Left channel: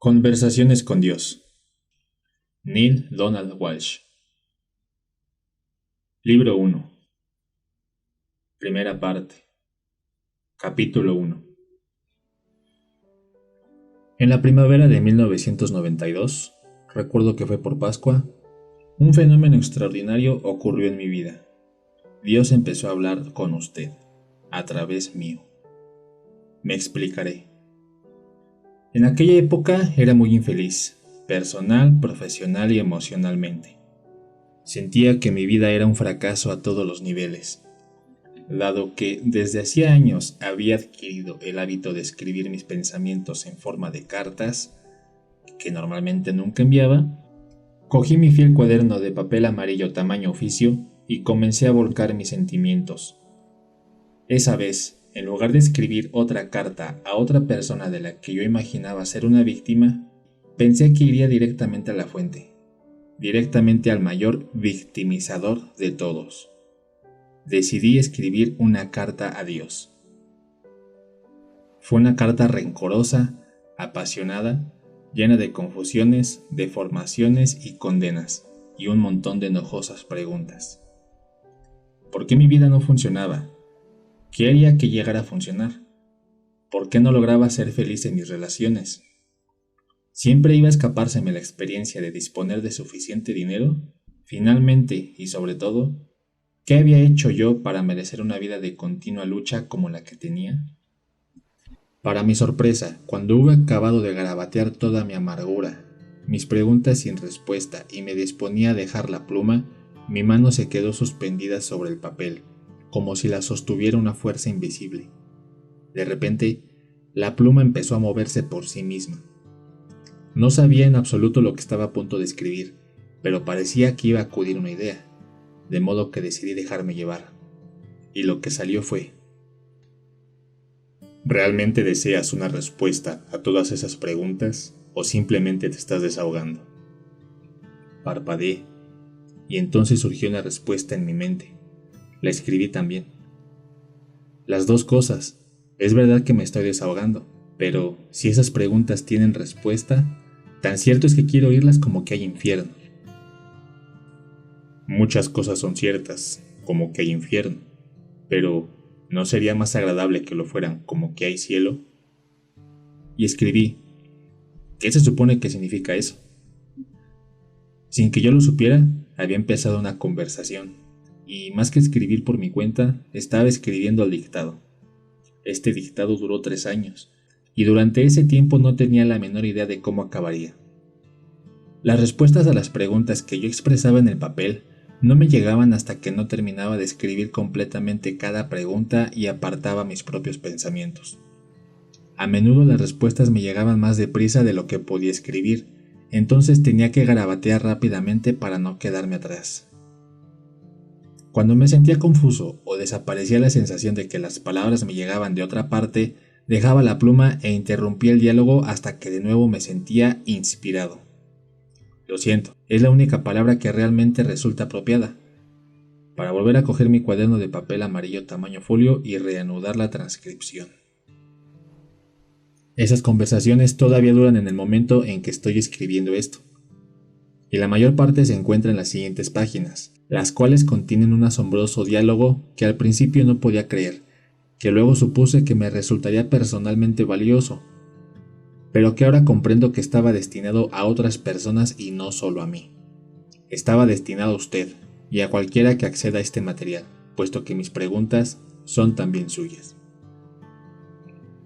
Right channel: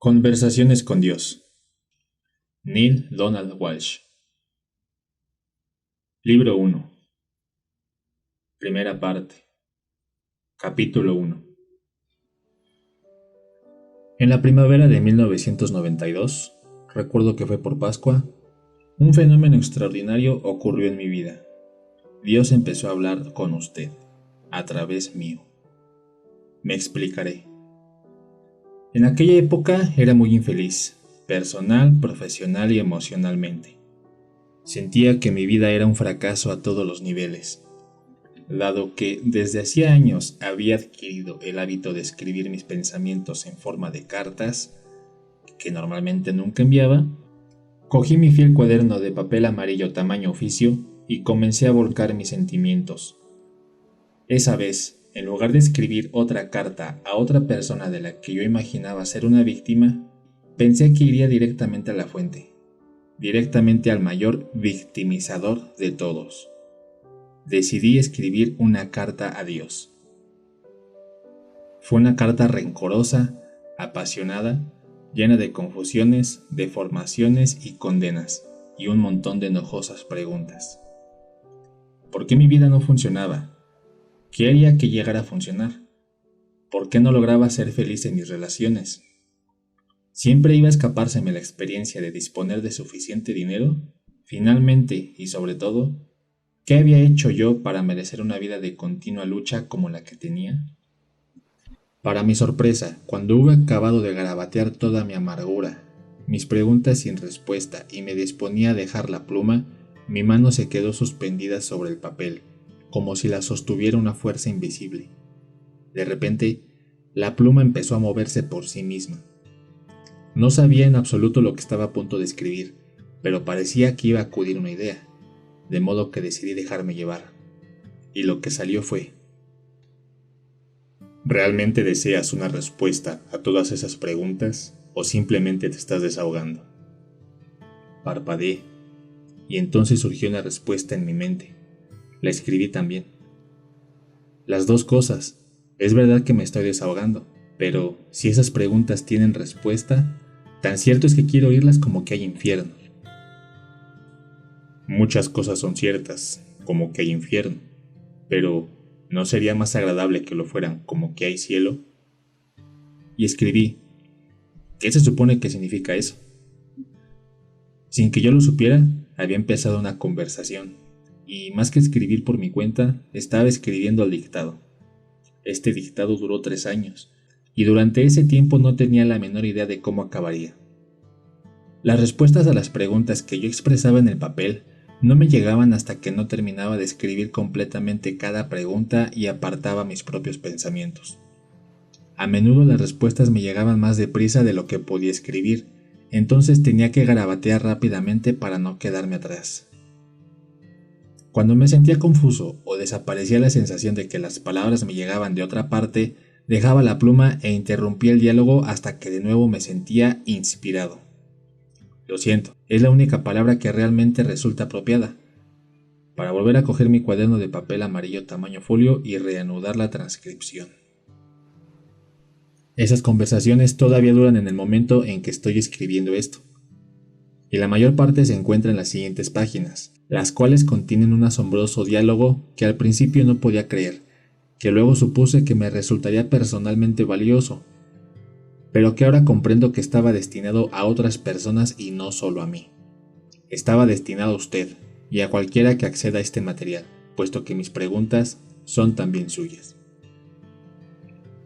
Conversaciones con Dios. Neil Donald Walsh. Libro 1. Primera parte. Capítulo 1. En la primavera de 1992, recuerdo que fue por Pascua, un fenómeno extraordinario ocurrió en mi vida. Dios empezó a hablar con usted, a través mío. Me explicaré. En aquella época era muy infeliz, personal, profesional y emocionalmente. Sentía que mi vida era un fracaso a todos los niveles. Dado que desde hacía años había adquirido el hábito de escribir mis pensamientos en forma de cartas, que normalmente nunca enviaba, cogí mi fiel cuaderno de papel amarillo tamaño oficio y comencé a volcar mis sentimientos. Esa vez, en lugar de escribir otra carta a otra persona de la que yo imaginaba ser una víctima, pensé que iría directamente a la fuente, directamente al mayor victimizador de todos. Decidí escribir una carta a Dios. Fue una carta rencorosa, apasionada, llena de confusiones, deformaciones y condenas, y un montón de enojosas preguntas. ¿Por qué mi vida no funcionaba? ¿Qué haría que llegara a funcionar? ¿Por qué no lograba ser feliz en mis relaciones? ¿Siempre iba a escapárseme la experiencia de disponer de suficiente dinero? Finalmente, y sobre todo, ¿qué había hecho yo para merecer una vida de continua lucha como la que tenía? Para mi sorpresa, cuando hube acabado de garabatear toda mi amargura, mis preguntas sin respuesta y me disponía a dejar la pluma, mi mano se quedó suspendida sobre el papel, como si la sostuviera una fuerza invisible. De repente, la pluma empezó a moverse por sí misma. No sabía en absoluto lo que estaba a punto de escribir, pero parecía que iba a acudir una idea, de modo que decidí dejarme llevar. Y lo que salió fue: ¿realmente deseas una respuesta a todas esas preguntas o simplemente te estás desahogando? Parpadeé, y entonces surgió una respuesta en mi mente. La escribí también. Las dos cosas. Es verdad que me estoy desahogando, pero si esas preguntas tienen respuesta, tan cierto es que quiero oírlas como que hay infierno. Muchas cosas son ciertas, como que hay infierno, pero ¿no sería más agradable que lo fueran como que hay cielo? Y escribí: ¿qué se supone que significa eso? Sin que yo lo supiera, había empezado una conversación, y más que escribir por mi cuenta, estaba escribiendo al dictado. Este dictado duró 3 años, y durante ese tiempo no tenía la menor idea de cómo acabaría. Las respuestas a las preguntas que yo expresaba en el papel no me llegaban hasta que no terminaba de escribir completamente cada pregunta y apartaba mis propios pensamientos. A menudo las respuestas me llegaban más deprisa de lo que podía escribir, entonces tenía que garabatear rápidamente para no quedarme atrás. Cuando me sentía confuso o desaparecía la sensación de que las palabras me llegaban de otra parte, dejaba la pluma e interrumpía el diálogo hasta que de nuevo me sentía inspirado. Lo siento, es la única palabra que realmente resulta apropiada. Para volver a coger mi cuaderno de papel amarillo tamaño folio y reanudar la transcripción. Esas conversaciones todavía duran en el momento en que estoy escribiendo esto, y la mayor parte se encuentra en las siguientes páginas, las cuales contienen un asombroso diálogo que al principio no podía creer, que luego supuse que me resultaría personalmente valioso, pero que ahora comprendo que estaba destinado a otras personas y no solo a mí. Estaba destinado a usted y a cualquiera que acceda a este material, puesto que mis preguntas son también suyas.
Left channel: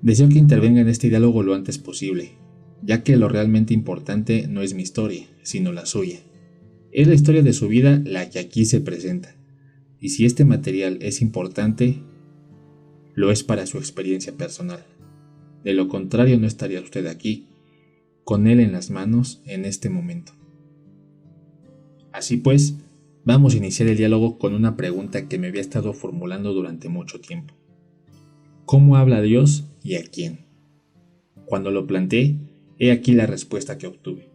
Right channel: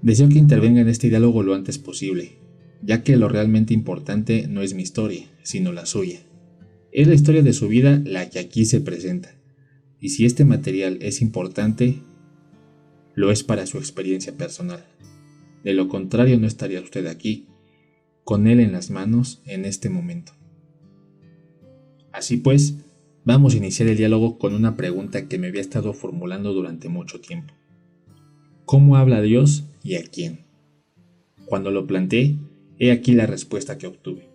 Deseo que intervenga en este diálogo lo antes posible, ya que lo realmente importante no es mi historia, sino la suya. Es la historia de su vida la que aquí se presenta, y si este material es importante, lo es para su experiencia personal. De lo contrario, no estaría usted aquí, con él en las manos en este momento. Así pues, vamos a iniciar el diálogo con una pregunta que me había estado formulando durante mucho tiempo. ¿Cómo habla Dios y a quién? Cuando lo planteé, he aquí la respuesta que obtuve.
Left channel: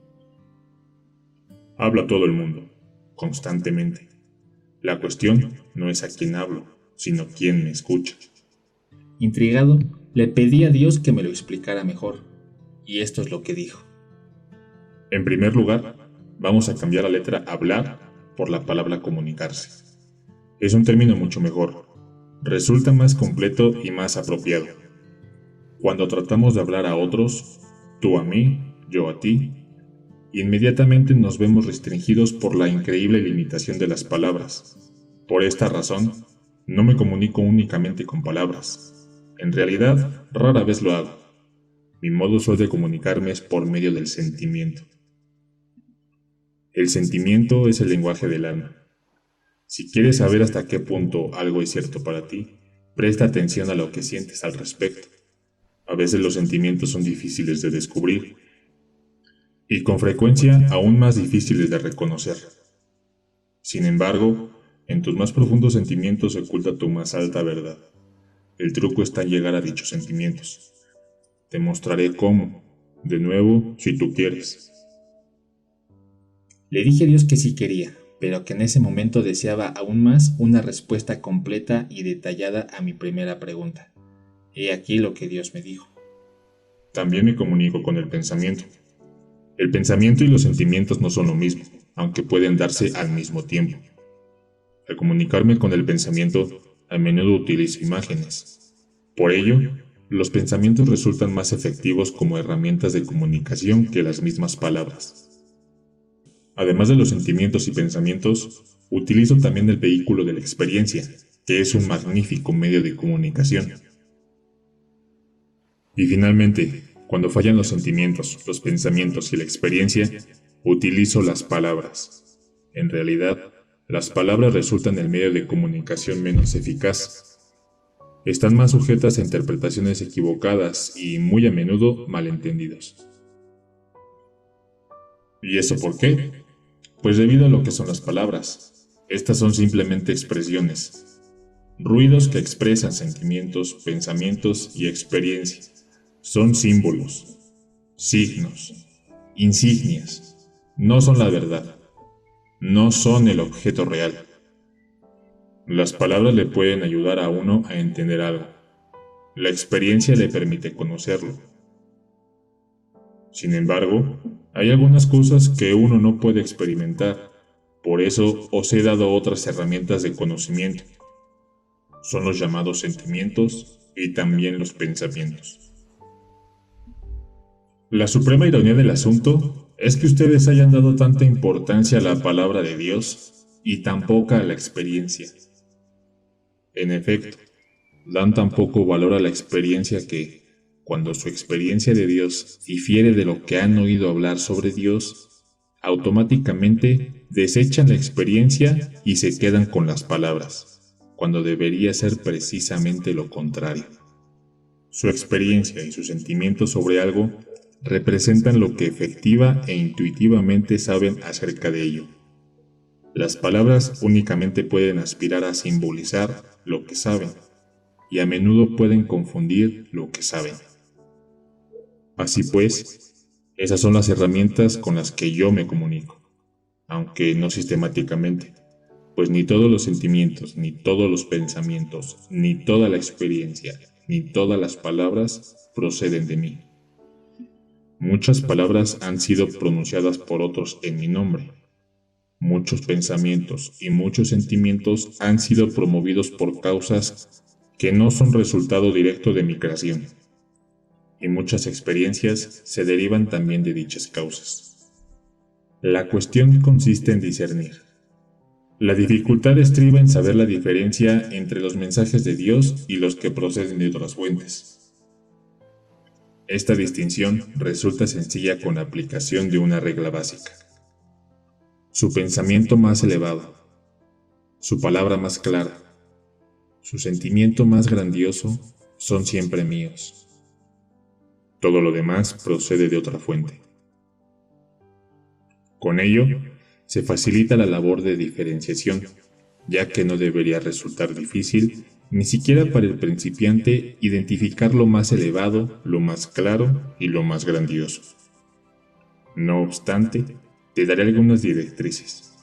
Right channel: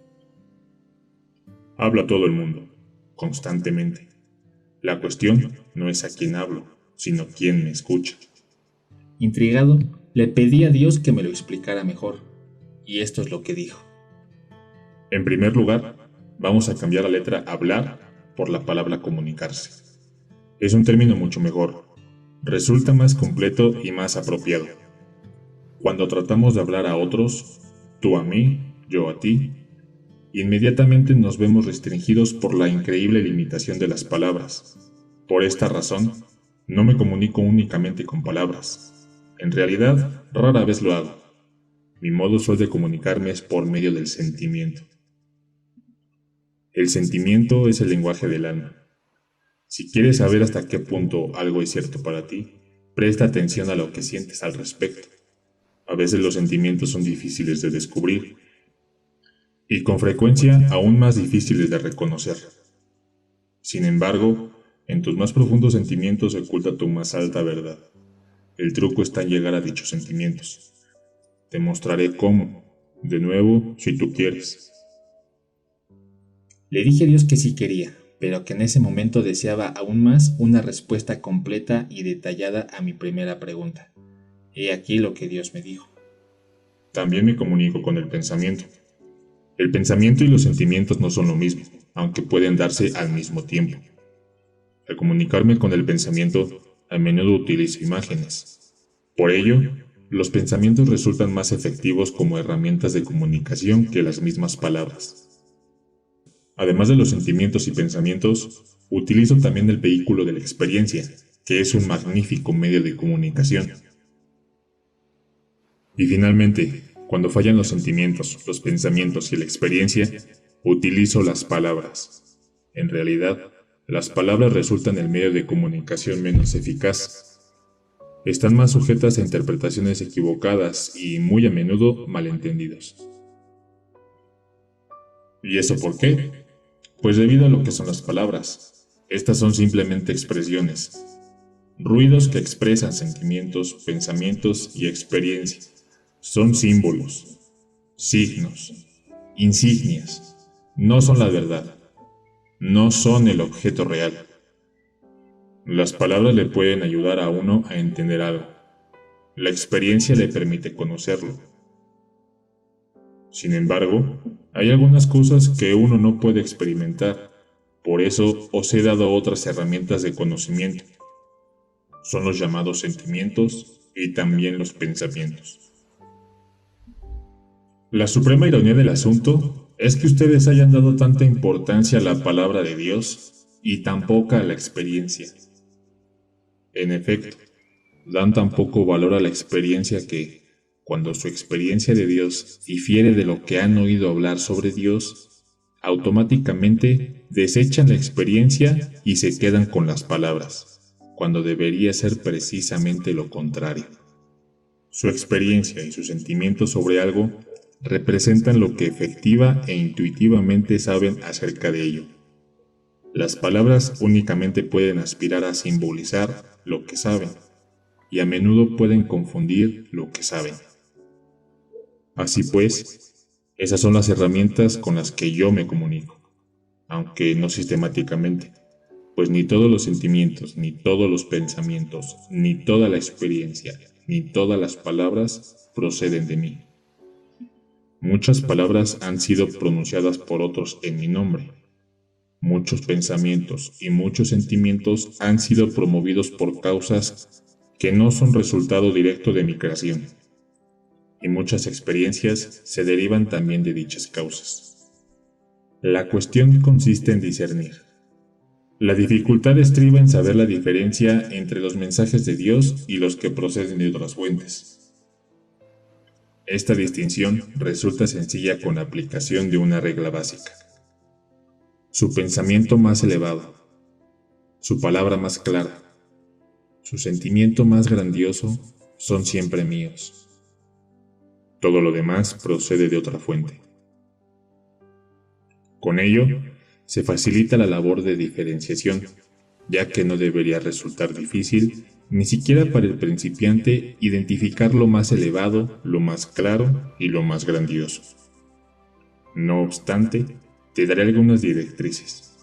Habla todo el mundo, constantemente. La cuestión no es a quién hablo, sino quién me escucha. Intrigado, le pedí a Dios que me lo explicara mejor, y esto es lo que dijo. En primer lugar, vamos a cambiar la letra hablar por la palabra comunicarse. Es un término mucho mejor, resulta más completo y más apropiado. Cuando tratamos de hablar a otros, tú a mí, yo a ti, inmediatamente nos vemos restringidos por la increíble limitación de las palabras. Por esta razón, no me comunico únicamente con palabras. En realidad, rara vez lo hago. Mi modo usual de comunicarme es por medio del sentimiento. El sentimiento es el lenguaje del alma. Si quieres saber hasta qué punto algo es cierto para ti, presta atención a lo que sientes al respecto. A veces los sentimientos son difíciles de descubrir y con frecuencia aún más difíciles de reconocer. Sin embargo, en tus más profundos sentimientos se oculta tu más alta verdad. El truco está en llegar a dichos sentimientos. Te mostraré cómo, de nuevo, si tú quieres. Le dije a Dios que sí quería, pero que en ese momento deseaba aún más una respuesta completa y detallada a mi primera pregunta. He aquí lo que Dios me dijo. También me comunico con el pensamiento. El pensamiento y los sentimientos no son lo mismo, aunque pueden darse al mismo tiempo. Al comunicarme con el pensamiento, a menudo utilizo imágenes. Por ello, los pensamientos resultan más efectivos como herramientas de comunicación que las mismas palabras. Además de los sentimientos y pensamientos, utilizo también el vehículo de la experiencia, que es un magnífico medio de comunicación. Y finalmente, cuando fallan los sentimientos, los pensamientos y la experiencia, utilizo las palabras. En realidad, las palabras resultan el medio de comunicación menos eficaz. Están más sujetas a interpretaciones equivocadas y muy a menudo malentendidas. ¿Y eso por qué? Pues debido a lo que son las palabras. Estas son simplemente expresiones, ruidos que expresan sentimientos, pensamientos y experiencias. Son símbolos, signos, insignias. No son la verdad. No son el objeto real. Las palabras le pueden ayudar a uno a entender algo. La experiencia le permite conocerlo. Sin embargo, hay algunas cosas que uno no puede experimentar. Por eso os he dado otras herramientas de conocimiento. Son los llamados sentimientos y también los pensamientos. La suprema ironía del asunto es que ustedes hayan dado tanta importancia a la palabra de Dios y tan poca a la experiencia. En efecto, dan tan poco valor a la experiencia que, cuando su experiencia de Dios difiere de lo que han oído hablar sobre Dios, automáticamente desechan la experiencia y se quedan con las palabras, cuando debería ser precisamente lo contrario. Su experiencia y sus sentimientos sobre algo representan lo que efectiva e intuitivamente saben acerca de ello. Las palabras únicamente pueden aspirar a simbolizar lo que saben, y a menudo pueden confundir lo que saben. Así pues, esas son las herramientas con las que yo me comunico, aunque no sistemáticamente, pues ni todos los sentimientos, ni todos los pensamientos, ni toda la experiencia, ni todas las palabras proceden de mí. Muchas palabras han sido pronunciadas por otros en mi nombre. Muchos pensamientos y muchos sentimientos han sido promovidos por causas que no son resultado directo de mi creación. Y muchas experiencias se derivan también de dichas causas. La cuestión consiste en discernir. La dificultad estriba en saber la diferencia entre los mensajes de Dios y los que proceden de otras fuentes. Esta distinción resulta sencilla con la aplicación de una regla básica. Su pensamiento más elevado, su palabra más clara, su sentimiento más grandioso son siempre míos. Todo lo demás procede de otra fuente. Con ello, se facilita la labor de diferenciación, ya que no debería resultar difícil, ni siquiera para el principiante, identificar lo más elevado, lo más claro y lo más grandioso. No obstante, te daré algunas directrices.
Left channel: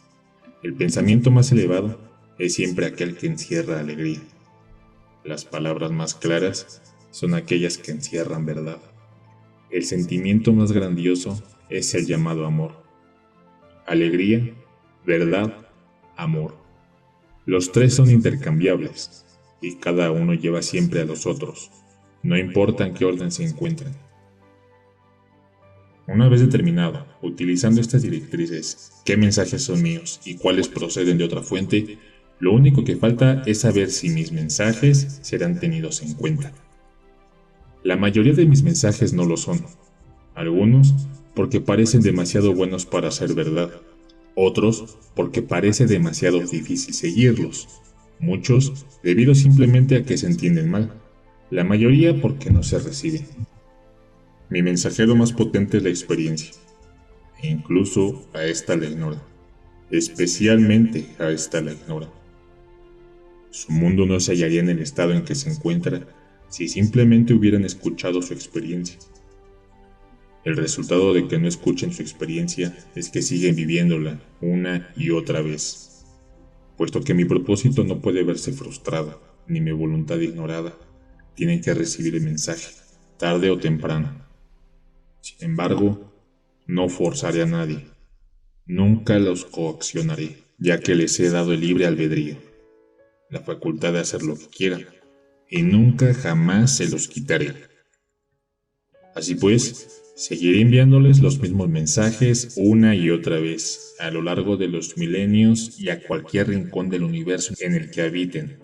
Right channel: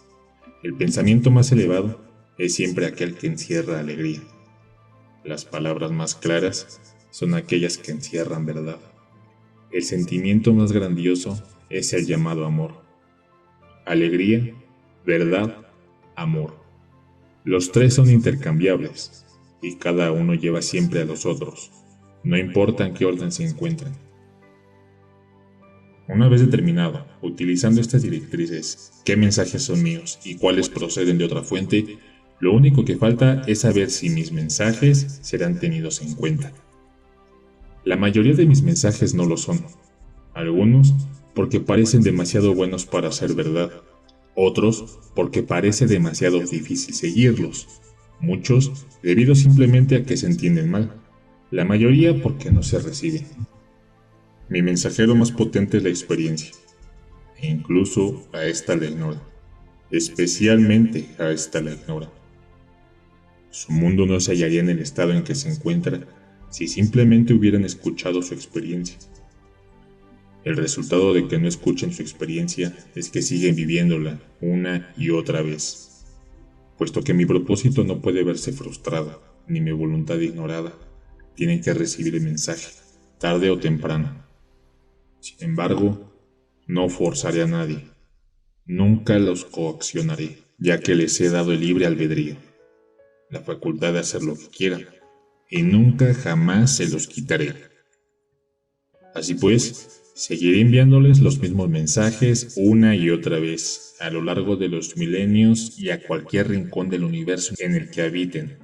El pensamiento más elevado es siempre aquel que encierra alegría. Las palabras más claras son aquellas que encierran verdad. El sentimiento más grandioso es el llamado amor. Alegría, verdad, amor. Los tres son intercambiables y cada uno lleva siempre a los otros, no importa en qué orden se encuentren. Una vez determinado, utilizando estas directrices, qué mensajes son míos y cuáles proceden de otra fuente, lo único que falta es saber si mis mensajes serán tenidos en cuenta. La mayoría de mis mensajes no lo son. Algunos porque parecen demasiado buenos para ser verdad. Otros porque parece demasiado difícil seguirlos. Muchos debido simplemente a que se entienden mal. La mayoría porque no se reciben. Mi mensajero más potente es la experiencia. E incluso a esta la ignora. Especialmente a esta la ignora. Su mundo no se hallaría en el estado en que se encuentra si simplemente hubieran escuchado su experiencia. El resultado de que no escuchen su experiencia es que siguen viviéndola una y otra vez, puesto que mi propósito no puede verse frustrado, ni mi voluntad ignorada. Tienen que recibir el mensaje, tarde o temprano. Sin embargo, no forzaré a nadie. Nunca los coaccionaré, ya que les he dado el libre albedrío, la facultad de hacer lo que quieran, y nunca jamás se los quitaré. Así pues, seguiré enviándoles los mismos mensajes una y otra vez, a lo largo de los milenios y a cualquier rincón del universo en el que habiten.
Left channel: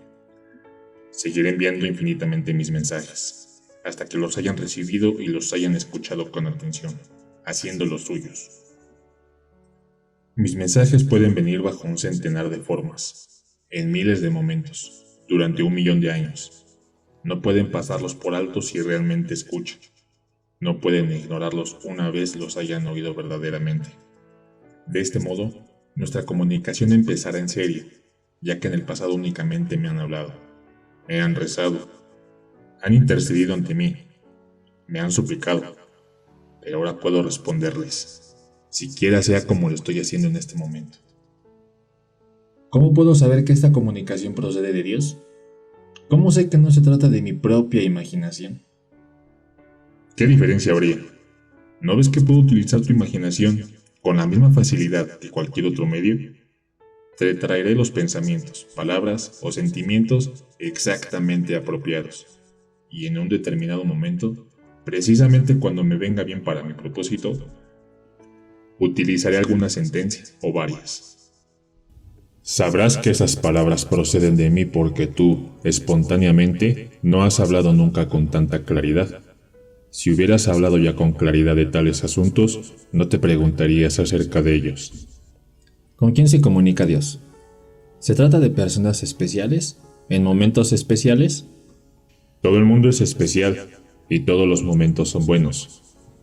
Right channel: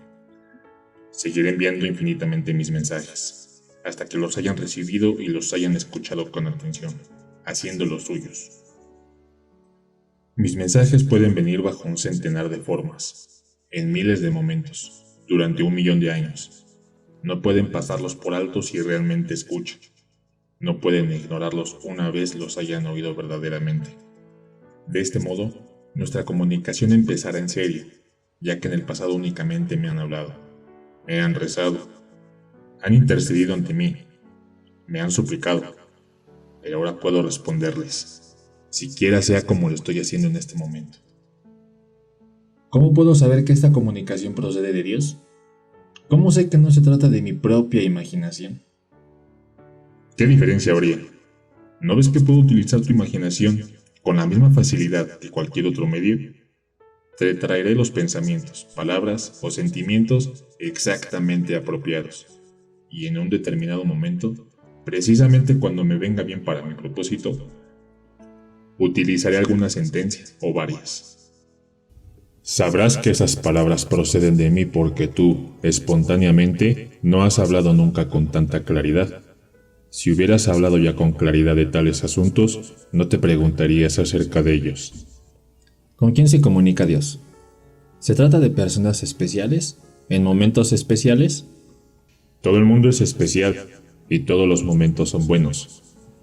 Seguiré enviando infinitamente mis mensajes, hasta que los hayan recibido y los hayan escuchado con atención, haciéndolos suyos. Mis mensajes pueden venir bajo un centenar de formas, en miles de momentos, durante 1.000.000 de años. No pueden pasarlos por alto si realmente escuchan. No pueden ignorarlos una vez los hayan oído verdaderamente. De este modo, nuestra comunicación empezará en serio, ya que en el pasado únicamente me han hablado, me han rezado, han intercedido ante mí, me han suplicado, pero ahora puedo responderles, siquiera sea como lo estoy haciendo en este momento. ¿Cómo puedo saber que esta comunicación procede de Dios? ¿Cómo sé que no se trata de mi propia imaginación? ¿Qué diferencia habría? ¿No ves que puedo utilizar tu imaginación con la misma facilidad que cualquier otro medio? Te traeré los pensamientos, palabras o sentimientos exactamente apropiados. Y en un determinado momento, precisamente cuando me venga bien para mi propósito, utilizaré alguna sentencia o varias. Sabrás que esas palabras proceden de mí porque tú, espontáneamente, no has hablado nunca con tanta claridad. Si hubieras hablado ya con claridad de tales asuntos, no te preguntarías acerca de ellos. ¿Con quién se comunica Dios? ¿Se trata de personas especiales? ¿En momentos especiales? Todo el mundo es especial y todos los momentos son buenos.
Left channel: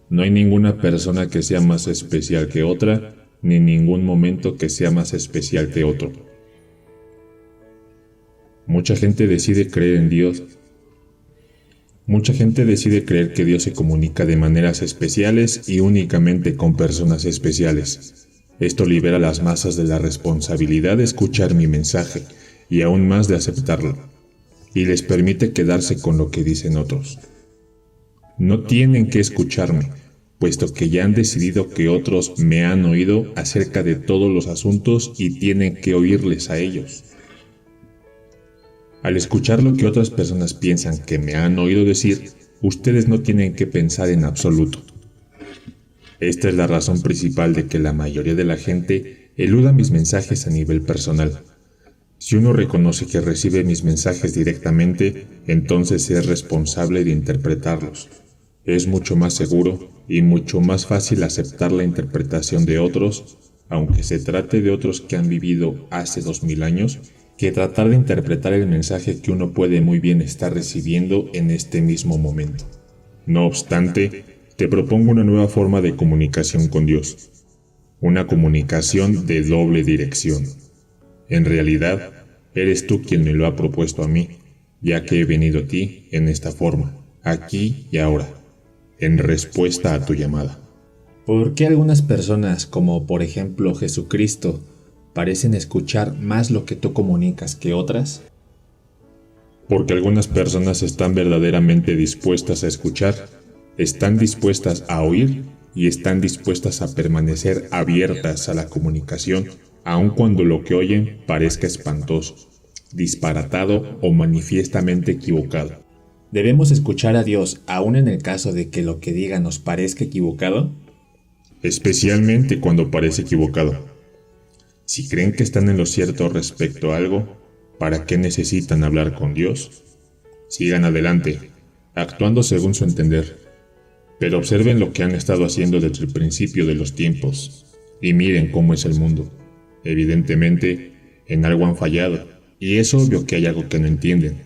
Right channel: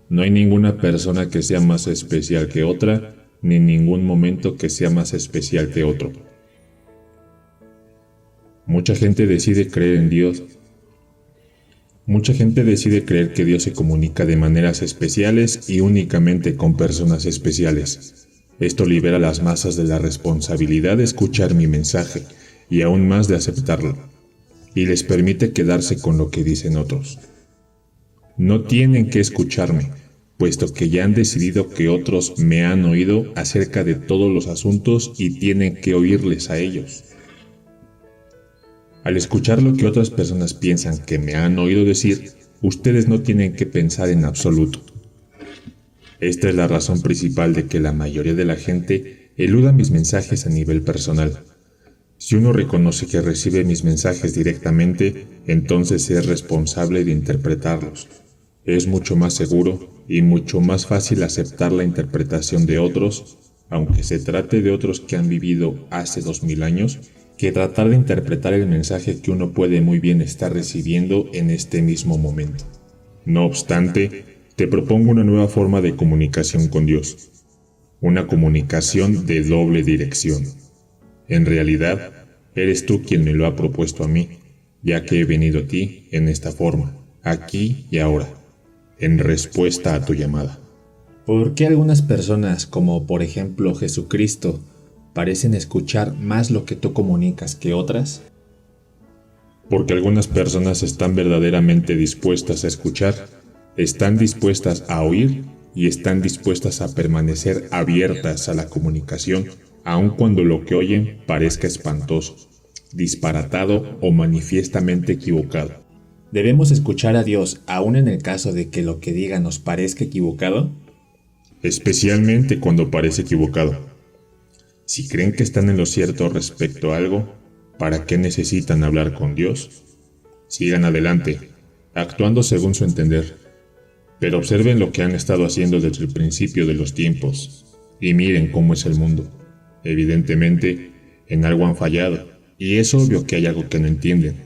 No hay ninguna persona que sea más especial que otra, ni ningún momento que sea más especial que otro. Mucha gente decide creer en Dios. Mucha gente decide creer que Dios se comunica de maneras especiales y únicamente con personas especiales. Esto libera a las masas de la responsabilidad de escuchar mi mensaje y aún más de aceptarlo, y les permite quedarse con lo que dicen otros. No tienen que escucharme, puesto que ya han decidido que otros me han oído acerca de todos los asuntos y tienen que oírles a ellos. Al escuchar lo que otras personas piensan que me han oído decir, ustedes no tienen que pensar en absoluto. Esta es la razón principal de que la mayoría de la gente eluda mis mensajes a nivel personal. Si uno reconoce que recibe mis mensajes directamente, entonces es responsable de interpretarlos. Es mucho más seguro y mucho más fácil aceptar la interpretación de otros, aunque se trate de otros que han vivido hace 2000 años, que tratar de interpretar el mensaje que uno puede muy bien estar recibiendo en este mismo momento. No obstante, te propongo una nueva forma de comunicación con Dios. Una comunicación de doble dirección. En realidad, eres tú quien me lo ha propuesto a mí, ya que he venido a ti en esta forma, aquí y ahora, en respuesta a tu llamada. ¿Por qué algunas personas, como por ejemplo Jesucristo, parecen escuchar más lo que tú comunicas que otras? Porque algunas personas están verdaderamente dispuestas a escuchar, están dispuestas a oír y están dispuestas a permanecer abiertas a la comunicación, aun cuando lo que oyen parezca espantoso, disparatado o manifiestamente equivocado. ¿Debemos escuchar a Dios aun en el caso de que lo que diga nos parezca equivocado? Especialmente cuando parece equivocado. Si creen que están en lo cierto respecto a algo, ¿para qué necesitan hablar con Dios? Sigan adelante, actuando según su entender. Pero observen lo que han estado haciendo desde el principio de los tiempos, y miren cómo es el mundo. Evidentemente, en algo han fallado, y es obvio que hay algo que no entienden.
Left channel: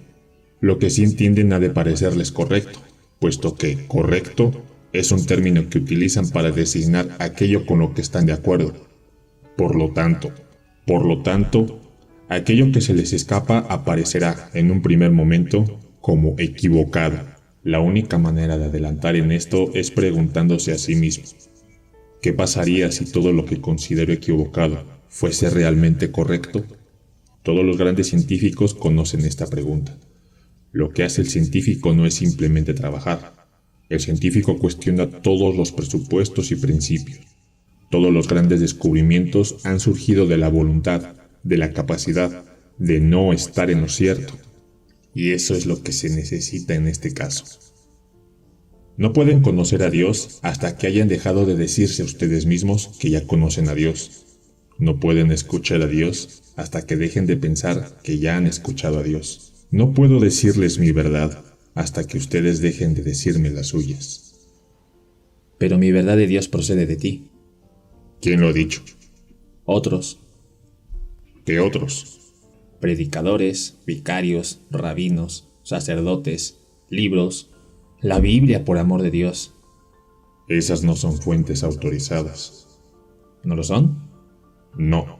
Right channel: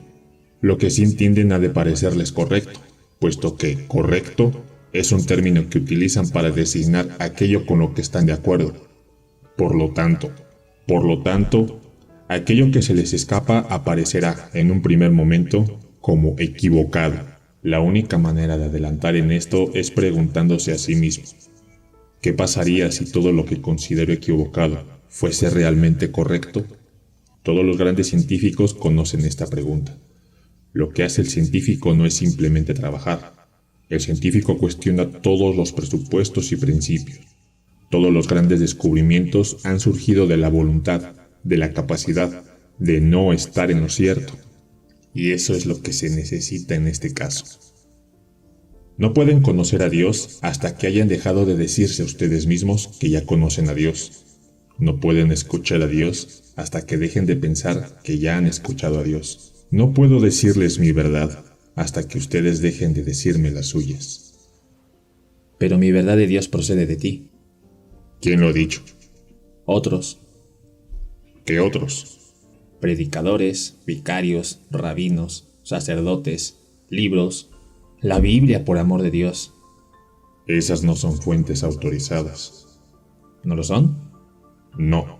Lo que sí entienden ha de parecerles correcto, puesto que correcto es un término que utilizan para designar aquello con lo que están de acuerdo. Por lo tanto, aquello que se les escapa aparecerá en un primer momento como equivocado. La única manera de adelantar en esto es preguntándose a sí mismo, ¿qué pasaría si todo lo que considero equivocado fuese realmente correcto? Todos los grandes científicos conocen esta pregunta. Lo que hace el científico no es simplemente trabajar. El científico cuestiona todos los presupuestos y principios. Todos los grandes descubrimientos han surgido de la voluntad, de la capacidad de no estar en lo cierto. Y eso es lo que se necesita en este caso. No pueden conocer a Dios hasta que hayan dejado de decirse a ustedes mismos que ya conocen a Dios. No pueden escuchar a Dios hasta que dejen de pensar que ya han escuchado a Dios. No puedo decirles mi verdad hasta que ustedes dejen de decirme las suyas. Pero mi verdad de Dios procede de ti. ¿Quién lo ha dicho? Otros, ¿Qué otros? predicadores, vicarios, rabinos, sacerdotes, libros, la Biblia, por amor de Dios. Esas no son fuentes autorizadas. ¿No lo son? No.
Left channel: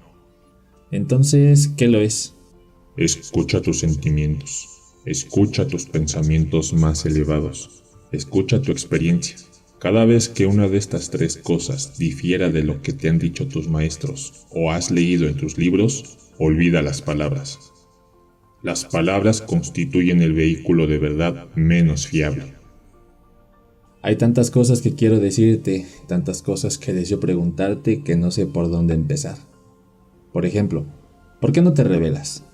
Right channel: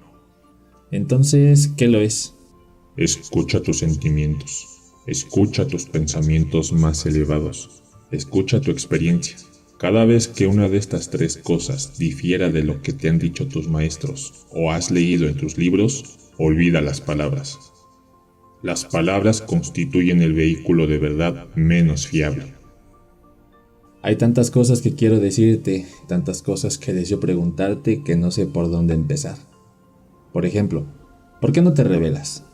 Entonces, ¿qué lo es? Escucha tus sentimientos. Escucha tus pensamientos más elevados. Escucha tu experiencia. Cada vez que una de estas tres cosas difiera de lo que te han dicho tus maestros o has leído en tus libros, olvida las palabras. Las palabras constituyen el vehículo de verdad menos fiable. Hay tantas cosas que quiero decirte, tantas cosas que deseo preguntarte que no sé por dónde empezar. Por ejemplo, ¿por qué no te revelas?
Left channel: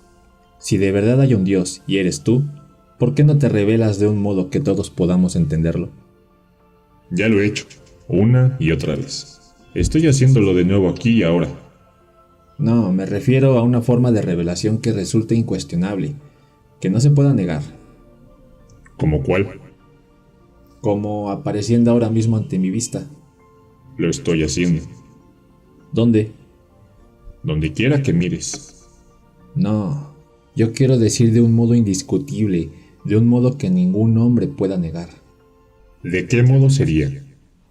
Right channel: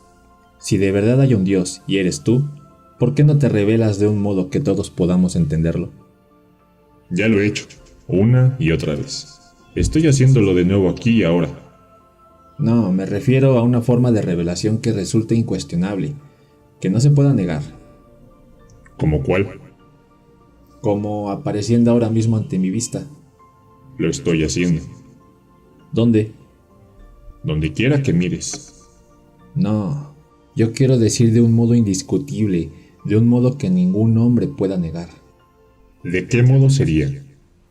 Si de verdad hay un Dios y eres tú, ¿por qué no te revelas de un modo que todos podamos entenderlo? Ya lo he hecho, una y otra vez. Estoy haciéndolo de nuevo aquí y ahora. No, me refiero a una forma de revelación que resulte incuestionable, que no se pueda negar. ¿Cómo cuál? Como apareciendo ahora mismo ante mi vista. Lo estoy haciendo. ¿Dónde? Donde quiera que mires. No, yo quiero decir de un modo indiscutible, de un modo que ningún hombre pueda negar. ¿De qué modo sería?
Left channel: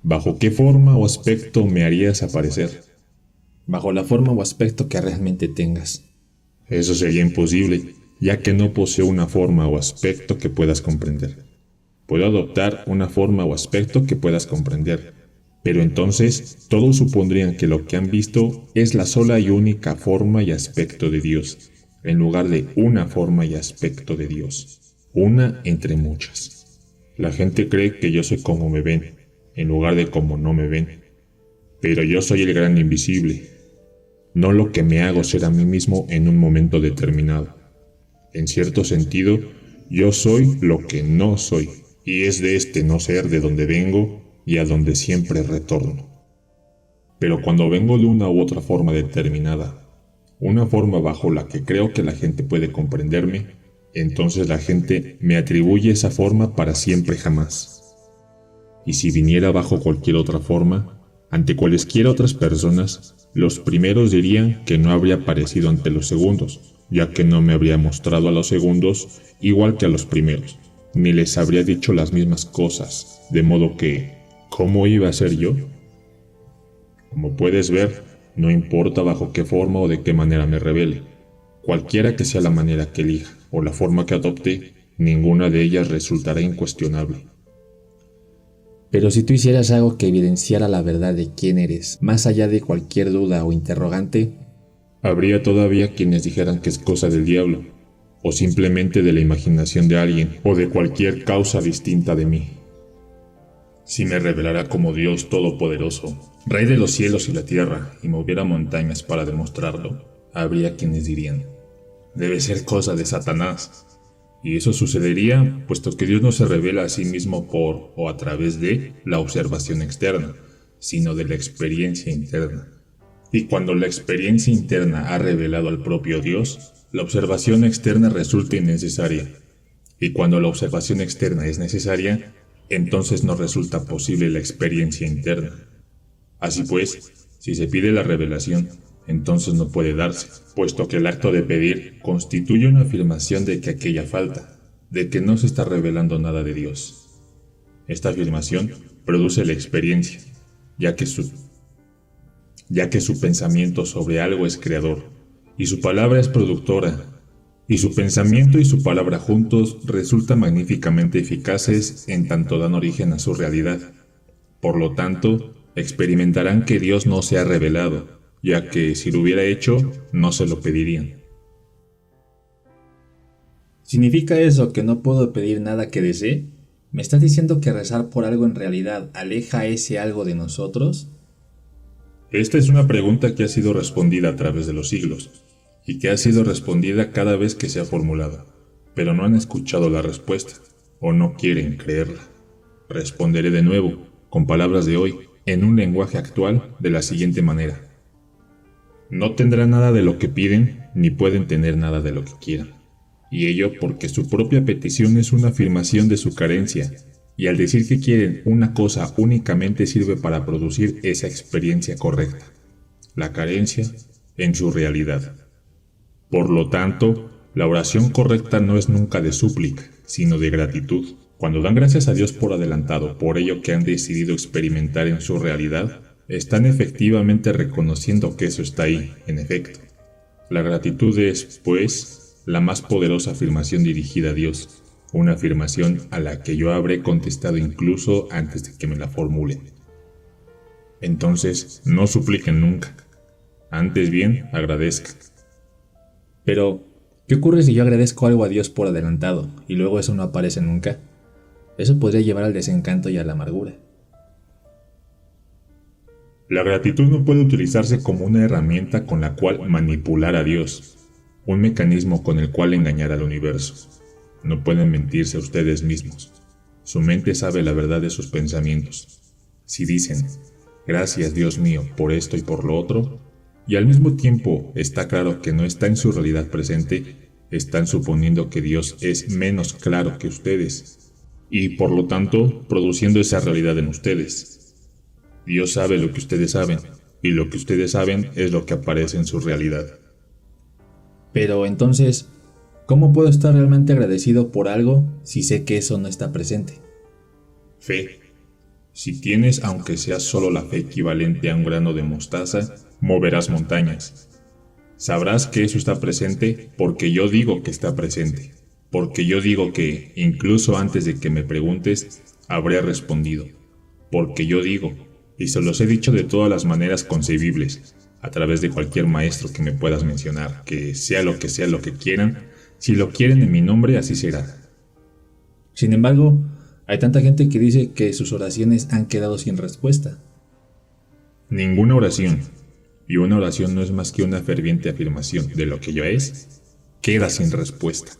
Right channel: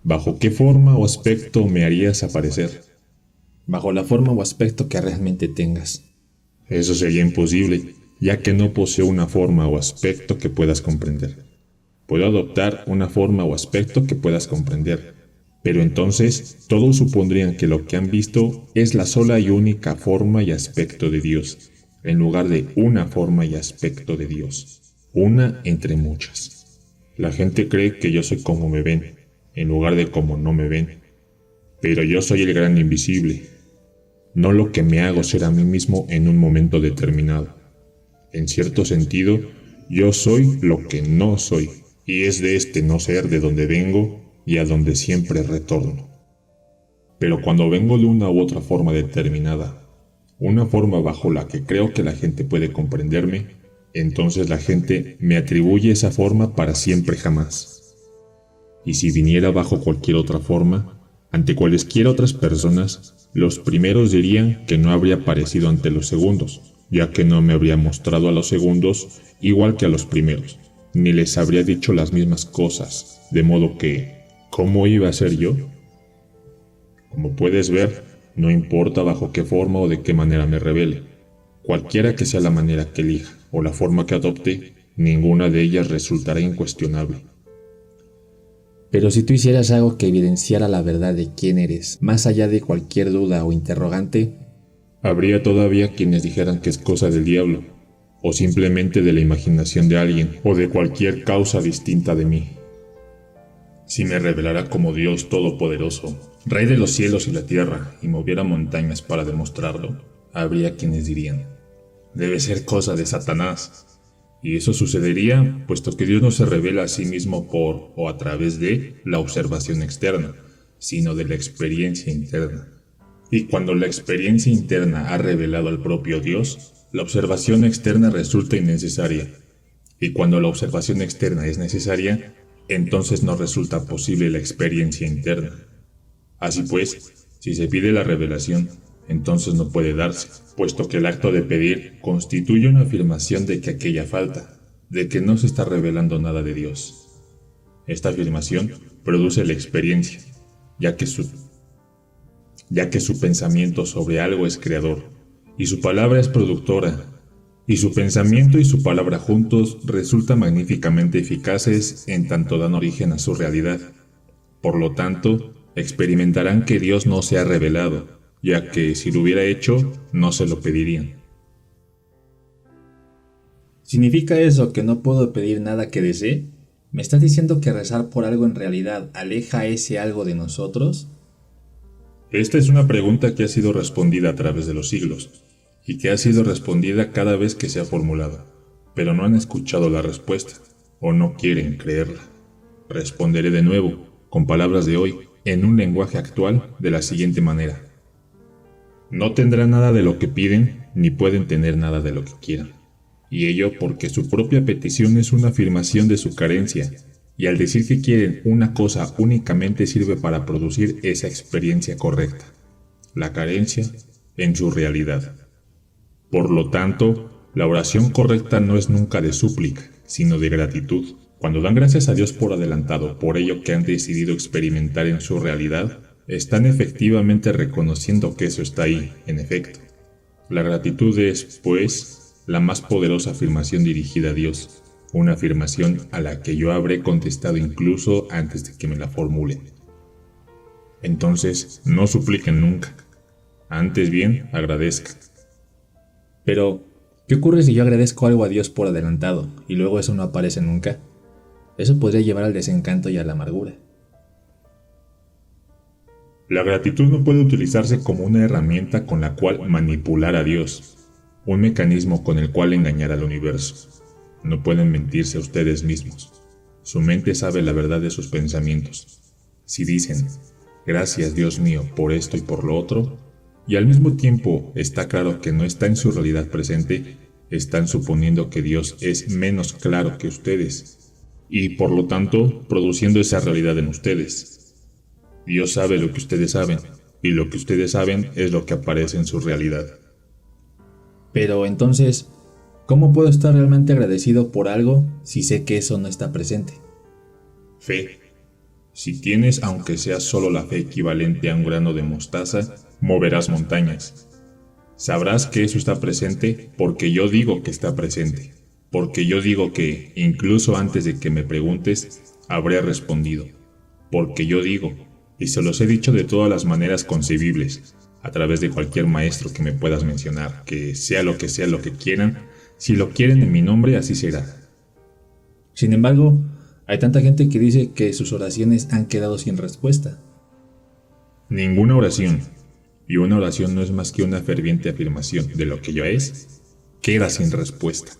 ¿Bajo qué forma o aspecto me harías aparecer? Bajo la forma o aspecto que realmente tengas. Eso sería imposible, ya que no poseo una forma o aspecto que puedas comprender. Puedo adoptar una forma o aspecto que puedas comprender, pero entonces todos supondrían que lo que han visto es la sola y única forma y aspecto de Dios, en lugar de una forma y aspecto de Dios, una entre muchas. La gente cree que yo soy como me ven, en lugar de como no me ven, pero yo soy el gran invisible. No lo que me hago ser a mí mismo en un momento determinado. En cierto sentido, yo soy lo que no soy, y es de este no ser de donde vengo y a donde siempre retorno. Pero cuando vengo de una u otra forma determinada, una forma bajo la que creo que la gente puede comprenderme, entonces la gente me atribuye esa forma para siempre jamás. Y si viniera bajo cualquier otra forma, ante cualesquiera otras personas, los primeros dirían que no habría aparecido ante los segundos, ya que no me habría mostrado a los segundos igual que a los primeros, ni les habría dicho las mismas cosas, de modo que, ¿cómo iba a ser yo? Como puedes ver, no importa bajo qué forma o de qué manera me revele. Cualquiera que sea la manera que elija o la forma que adopte, ninguna de ellas resultará incuestionable. Pero si tú hicieras algo que evidenciara la verdad de quién eres, más allá de cualquier duda o interrogante, Habría todavía quienes dijeran que es cosa del diablo, o simplemente de la imaginación de alguien, o de cualquier causa distinta de mí. Si me revelara como Dios Todopoderoso, Rey de los cielos y la tierra, y moviera montañas para demostrarlo, habría quienes dirían, debe ser cosa de Satanás. Y eso sucedería puesto que Dios no se revela a sí mismo por o a través de la observación externa, sino de la experiencia interna. Y cuando la experiencia interna ha revelado al propio Dios, la observación externa resulta innecesaria. Y cuando la observación externa es necesaria, entonces no resulta posible la experiencia interna. Así pues, si se pide la revelación, entonces no puede darse, puesto que el acto de pedir constituye una afirmación de que aquella falta, de que no se está revelando nada de Dios. Esta afirmación produce la experiencia, ya que su pensamiento sobre algo es creador, y su palabra es productora, y su pensamiento y su palabra juntos resultan magníficamente eficaces en tanto dan origen a su realidad. Por lo tanto, experimentarán que Dios no se ha revelado, ya que si lo hubiera hecho, no se lo pedirían. ¿Significa eso que no puedo pedir nada que desee? ¿Me estás diciendo que rezar por algo en realidad aleja ese algo de nosotros? Esta es una pregunta que ha sido respondida a través de los siglos, y que ha sido respondida cada vez que se ha formulado, pero no han escuchado la respuesta, o no quieren creerla. Responderé de nuevo, con palabras de hoy, en un lenguaje actual, de la siguiente manera. No tendrán nada de lo que piden, ni pueden tener nada de lo que quieran. Y ello porque su propia petición es una afirmación de su carencia, y al decir que quieren una cosa únicamente sirve para producir esa experiencia correcta, la carencia en su realidad. Por lo tanto, la oración correcta no es nunca de súplica, sino de gratitud. Cuando dan gracias a Dios por adelantado por ello que han decidido experimentar en su realidad, están efectivamente reconociendo que eso está ahí, en efecto. La gratitud es, pues, la más poderosa afirmación dirigida a Dios, una afirmación a la que yo habré contestado incluso antes de que me la formulen. Entonces, no supliquen nunca, antes bien agradezcan. Pero, ¿qué ocurre si yo agradezco algo a Dios por adelantado y luego eso no aparece nunca? Eso podría llevar al desencanto y a la amargura. La gratitud no puede utilizarse como una herramienta con la cual manipular a Dios, un mecanismo con el cual engañar al universo. No pueden mentirse a ustedes mismos. Su mente sabe la verdad de sus pensamientos. Si dicen, gracias Dios mío por esto y por lo otro, y al mismo tiempo está claro que no está en su realidad presente, están suponiendo que Dios es menos claro que ustedes, y por lo tanto produciendo esa realidad en ustedes. Dios sabe lo que ustedes saben, y lo que ustedes saben es lo que aparece en su realidad. Pero entonces, ¿cómo puedo estar realmente agradecido por algo si sé que eso no está presente? Fe. Si tienes, aunque sea solo la fe equivalente a un grano de mostaza, moverás montañas. Sabrás que eso está presente porque yo digo que está presente. Porque yo digo que, incluso antes de que me preguntes, habré respondido. Porque yo digo, y se los he dicho de todas las maneras concebibles, a través de cualquier maestro que me puedas mencionar, que sea lo que quieran, si lo quieren en mi nombre, así será. Sin embargo, hay tanta gente que dice que sus oraciones han quedado sin respuesta. Ninguna oración, y una oración no es más que una ferviente afirmación de lo que ya es, queda sin respuesta.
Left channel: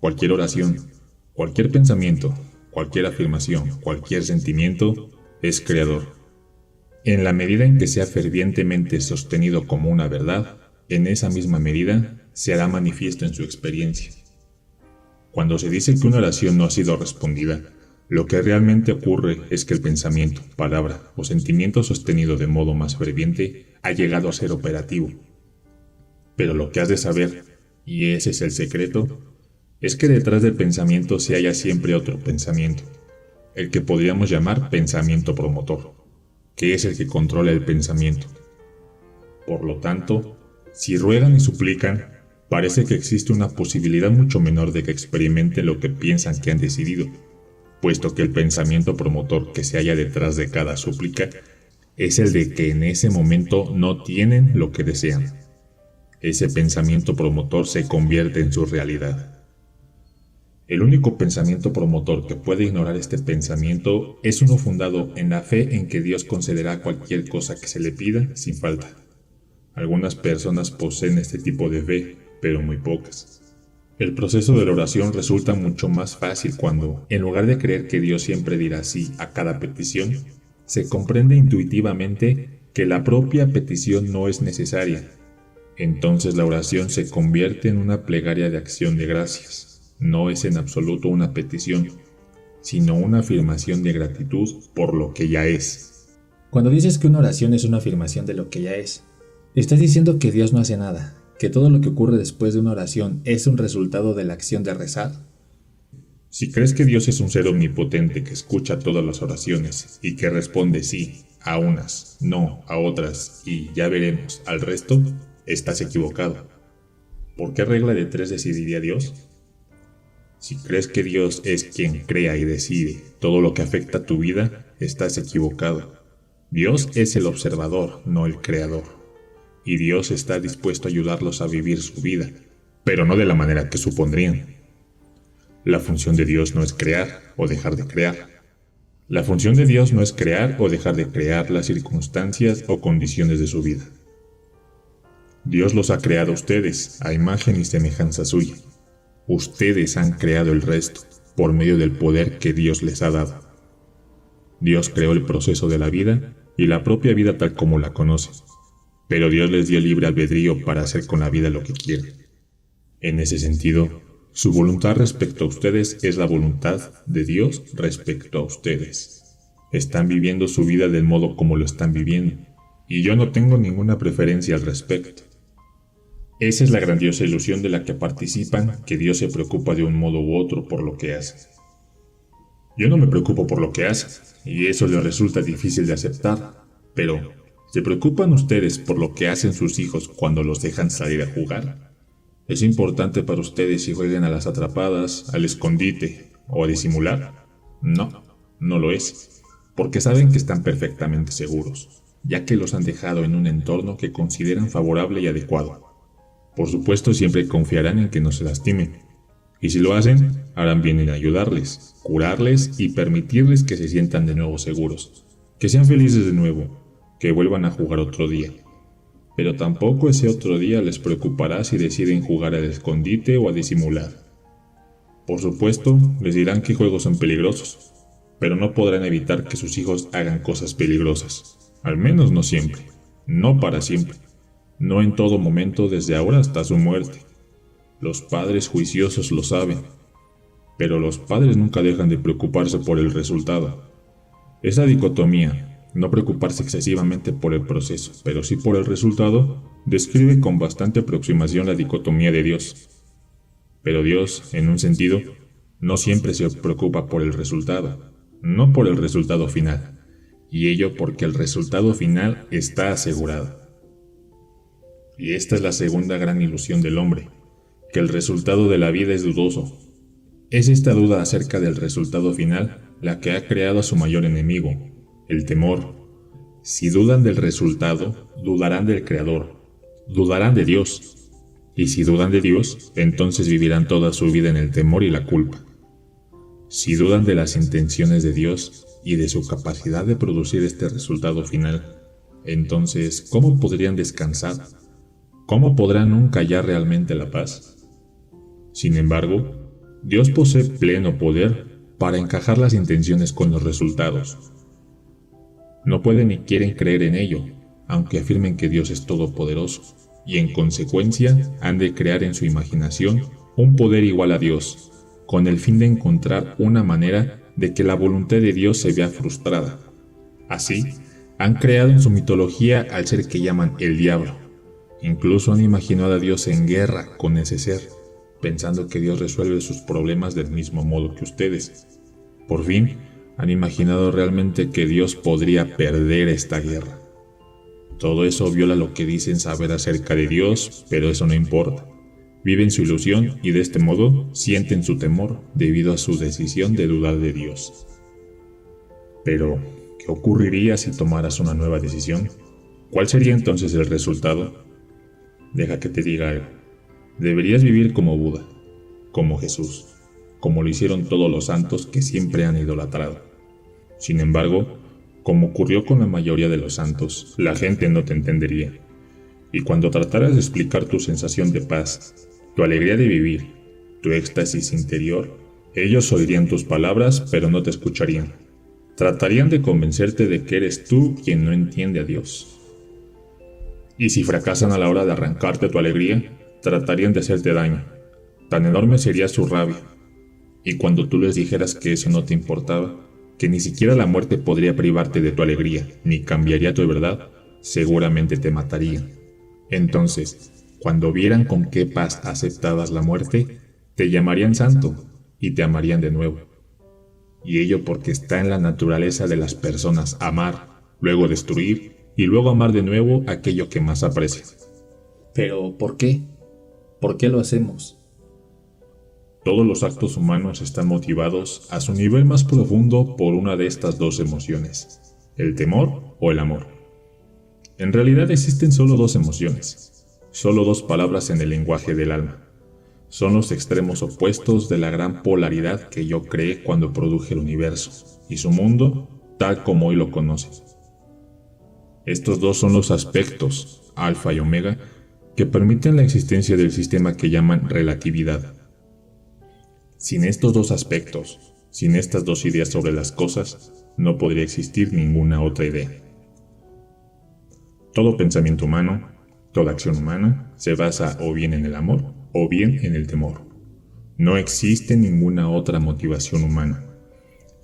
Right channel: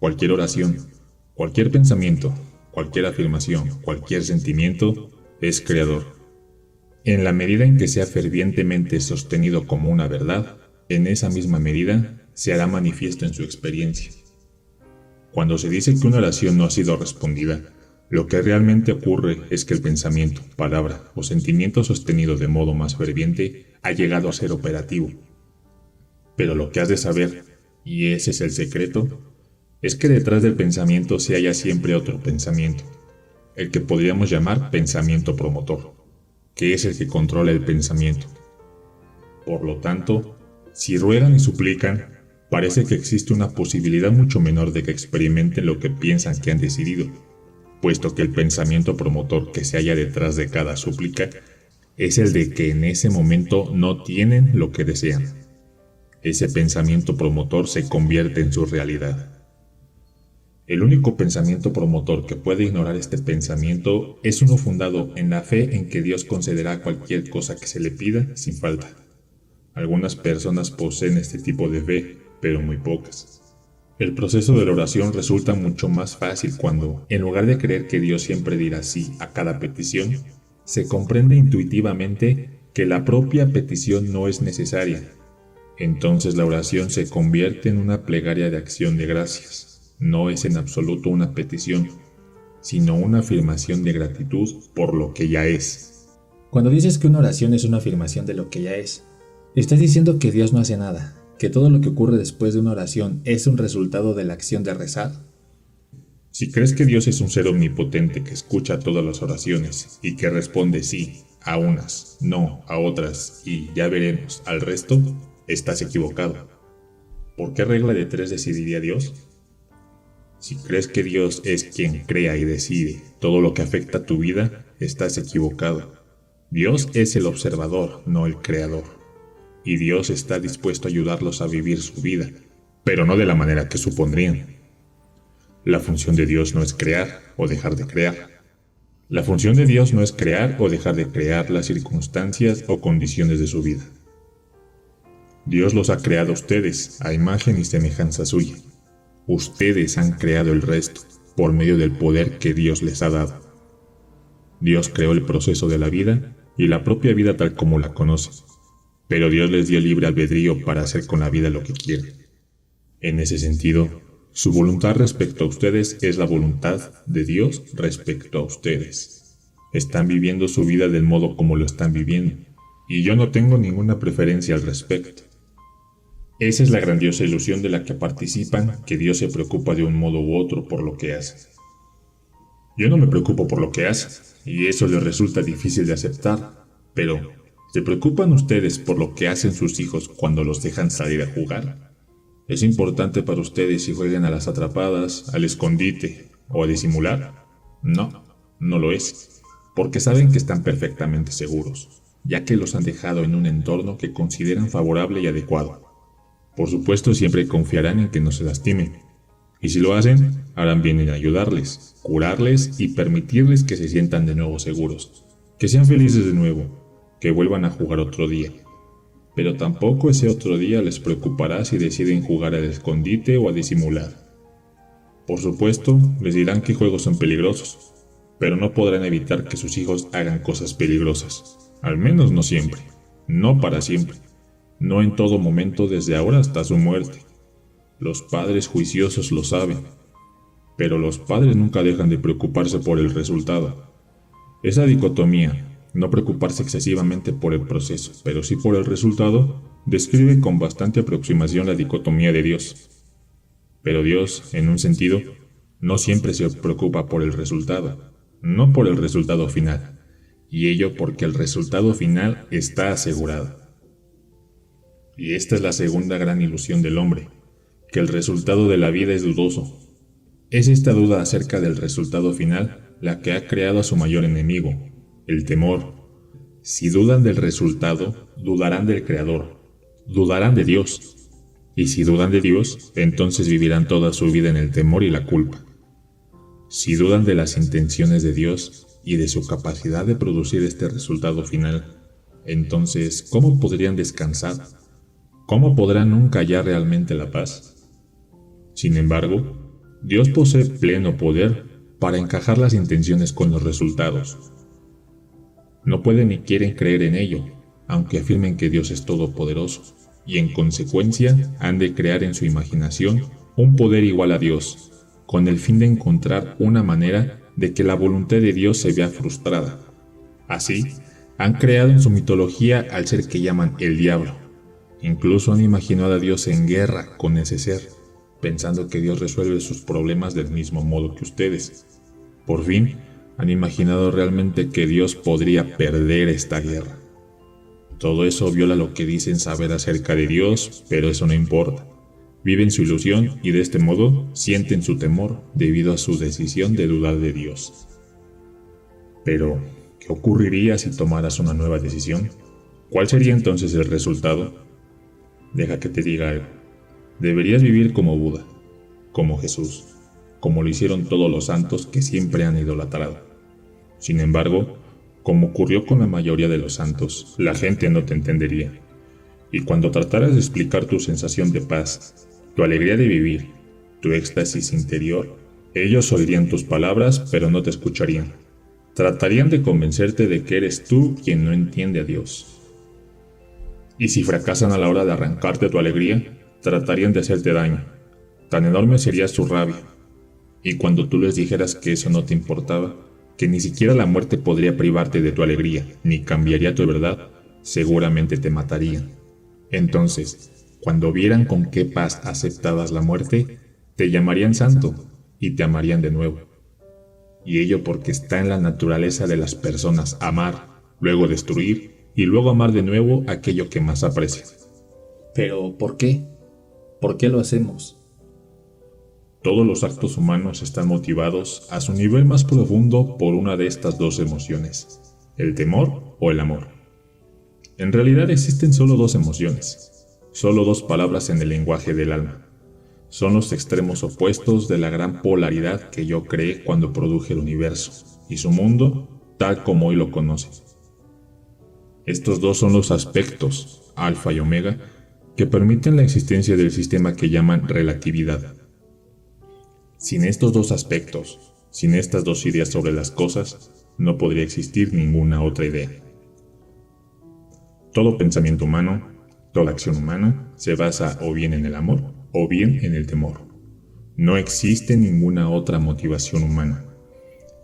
Cualquier oración, cualquier pensamiento, cualquier afirmación, cualquier sentimiento es creador. En la medida en que sea fervientemente sostenido como una verdad, en esa misma medida se hará manifiesto en su experiencia. Cuando se dice que una oración no ha sido respondida, lo que realmente ocurre es que el pensamiento, palabra o sentimiento sostenido de modo más ferviente ha llegado a ser operativo. Pero lo que has de saber, y ese es el secreto, es que detrás del pensamiento se halla siempre otro pensamiento, el que podríamos llamar pensamiento promotor, que es el que controla el pensamiento. Por lo tanto, si ruegan y suplican, parece que existe una posibilidad mucho menor de que experimenten lo que piensan que han decidido, puesto que el pensamiento promotor que se halla detrás de cada súplica es el de que en ese momento no tienen lo que desean. Ese pensamiento promotor se convierte en su realidad. El único pensamiento promotor que puede ignorar este pensamiento es uno fundado en la fe en que Dios concederá cualquier cosa que se le pida sin falta. Algunas personas poseen este tipo de fe, pero muy pocas. El proceso de la oración resulta mucho más fácil cuando, en lugar de creer que Dios siempre dirá sí a cada petición, se comprende intuitivamente que la propia petición no es necesaria. Entonces la oración se convierte en una plegaria de acción de gracias. No es en absoluto una petición, sino una afirmación de gratitud por lo que ya es. Cuando dices que una oración es una afirmación de lo que ya es, estás diciendo que Dios no hace nada, que todo lo que ocurre después de una oración es un resultado de la acción de rezar. Si crees que Dios es un ser omnipotente que escucha todas las oraciones y que responde sí a unas, no a otras y ya veremos al resto, estás equivocado. ¿Por qué regla de 3 decidiría Dios? Si crees que Dios es quien crea y decide todo lo que afecta a tu vida, estás equivocado. Dios es el observador, no el creador. Y Dios está dispuesto a ayudarlos a vivir su vida, pero no de la manera que supondrían. La función de Dios no es crear o dejar de crear. La función de Dios no es crear o dejar de crear las circunstancias o condiciones de su vida. Dios los ha creado a ustedes, a imagen y semejanza suya. Ustedes han creado el resto, por medio del poder que Dios les ha dado. Dios creó el proceso de la vida y la propia vida tal como la conocen, pero Dios les dio libre albedrío para hacer con la vida lo que quieran. En ese sentido, su voluntad respecto a ustedes es la voluntad de Dios respecto a ustedes. Están viviendo su vida del modo como lo están viviendo, y yo no tengo ninguna preferencia al respecto. Esa es la grandiosa ilusión de la que participan, que Dios se preocupa de un modo u otro por lo que hace. Yo no me preocupo por lo que hace, y eso les resulta difícil de aceptar, pero ¿se preocupan ustedes por lo que hacen sus hijos cuando los dejan salir a jugar? ¿Es importante para ustedes si juegan a las atrapadas, al escondite o a disimular? No, no lo es, porque saben que están perfectamente seguros, ya que los han dejado en un entorno que consideran favorable y adecuado. Por supuesto, siempre confiarán en que no se lastimen, y si lo hacen, harán bien en ayudarles, curarles y permitirles que se sientan de nuevo seguros, que sean felices de nuevo, que vuelvan a jugar otro día. Pero tampoco ese otro día les preocupará si deciden jugar al escondite o a disimular. Por supuesto, les dirán que juegos son peligrosos, pero no podrán evitar que sus hijos hagan cosas peligrosas, al menos no siempre, no para siempre. No en todo momento desde ahora hasta su muerte. Los padres juiciosos lo saben, pero los padres nunca dejan de preocuparse por el resultado. Esa dicotomía, no preocuparse excesivamente por el proceso, pero sí por el resultado, describe con bastante aproximación la dicotomía de Dios. Pero Dios, en un sentido, no siempre se preocupa por el resultado, no por el resultado final, y ello porque el resultado final está asegurado. Y esta es la segunda gran ilusión del hombre, que el resultado de la vida es dudoso. Es esta duda acerca del resultado final la que ha creado a su mayor enemigo, el temor. Si dudan del resultado, dudarán del Creador, dudarán de Dios. Y si dudan de Dios, entonces vivirán toda su vida en el temor y la culpa. Si dudan de las intenciones de Dios y de su capacidad de producir este resultado final, entonces, ¿cómo podrían descansar? ¿Cómo podrán nunca hallar realmente la paz? Sin embargo, Dios posee pleno poder para encajar las intenciones con los resultados. No pueden ni quieren creer en ello, aunque afirmen que Dios es todopoderoso, y en consecuencia han de crear en su imaginación un poder igual a Dios, con el fin de encontrar una manera de que la voluntad de Dios se vea frustrada. Así, han creado en su mitología al ser que llaman el diablo. Incluso han imaginado a Dios en guerra con ese ser, pensando que Dios resuelve sus problemas del mismo modo que ustedes. Por fin, han imaginado realmente que Dios podría perder esta guerra. Todo eso viola lo que dicen saber acerca de Dios, pero eso no importa. Viven su ilusión y de este modo sienten su temor debido a su decisión de dudar de Dios. Pero, ¿qué ocurriría si tomaras una nueva decisión? ¿Cuál sería entonces el resultado? Deja que te diga algo. Deberías vivir como Buda, como Jesús, como lo hicieron todos los santos que siempre han idolatrado. Sin embargo, como ocurrió con la mayoría de los santos, la gente no te entendería. Y cuando trataras de explicar tu sensación de paz, tu alegría de vivir, tu éxtasis interior, ellos oirían tus palabras, pero no te escucharían. Tratarían de convencerte de que eres tú quien no entiende a Dios. Y si fracasan a la hora de arrancarte tu alegría, tratarían de hacerte daño. Tan enorme sería su rabia. Y cuando tú les dijeras que eso no te importaba, que ni siquiera la muerte podría privarte de tu alegría, ni cambiaría tu verdad, seguramente te matarían. Entonces, cuando vieran con qué paz aceptabas la muerte, te llamarían santo y te amarían de nuevo. Y ello porque está en la naturaleza de las personas amar, luego destruir y luego amar de nuevo aquello que más aprecian. Pero, ¿por qué? ¿Por qué lo hacemos? Todos los actos humanos están motivados a su nivel más profundo por una de estas dos emociones, el temor o el amor. En realidad existen solo dos emociones, solo dos palabras en el lenguaje del alma. Son los extremos opuestos de la gran polaridad que yo creé cuando produje el universo y su mundo tal como hoy lo conoces. Estos dos son los aspectos, alfa y omega, que permiten la existencia del sistema que llaman relatividad. Sin estos dos aspectos, sin estas dos ideas sobre las cosas, no podría existir ninguna otra idea. Todo pensamiento humano, toda acción humana, se basa o bien en el amor o bien en el temor. No existe ninguna otra motivación humana,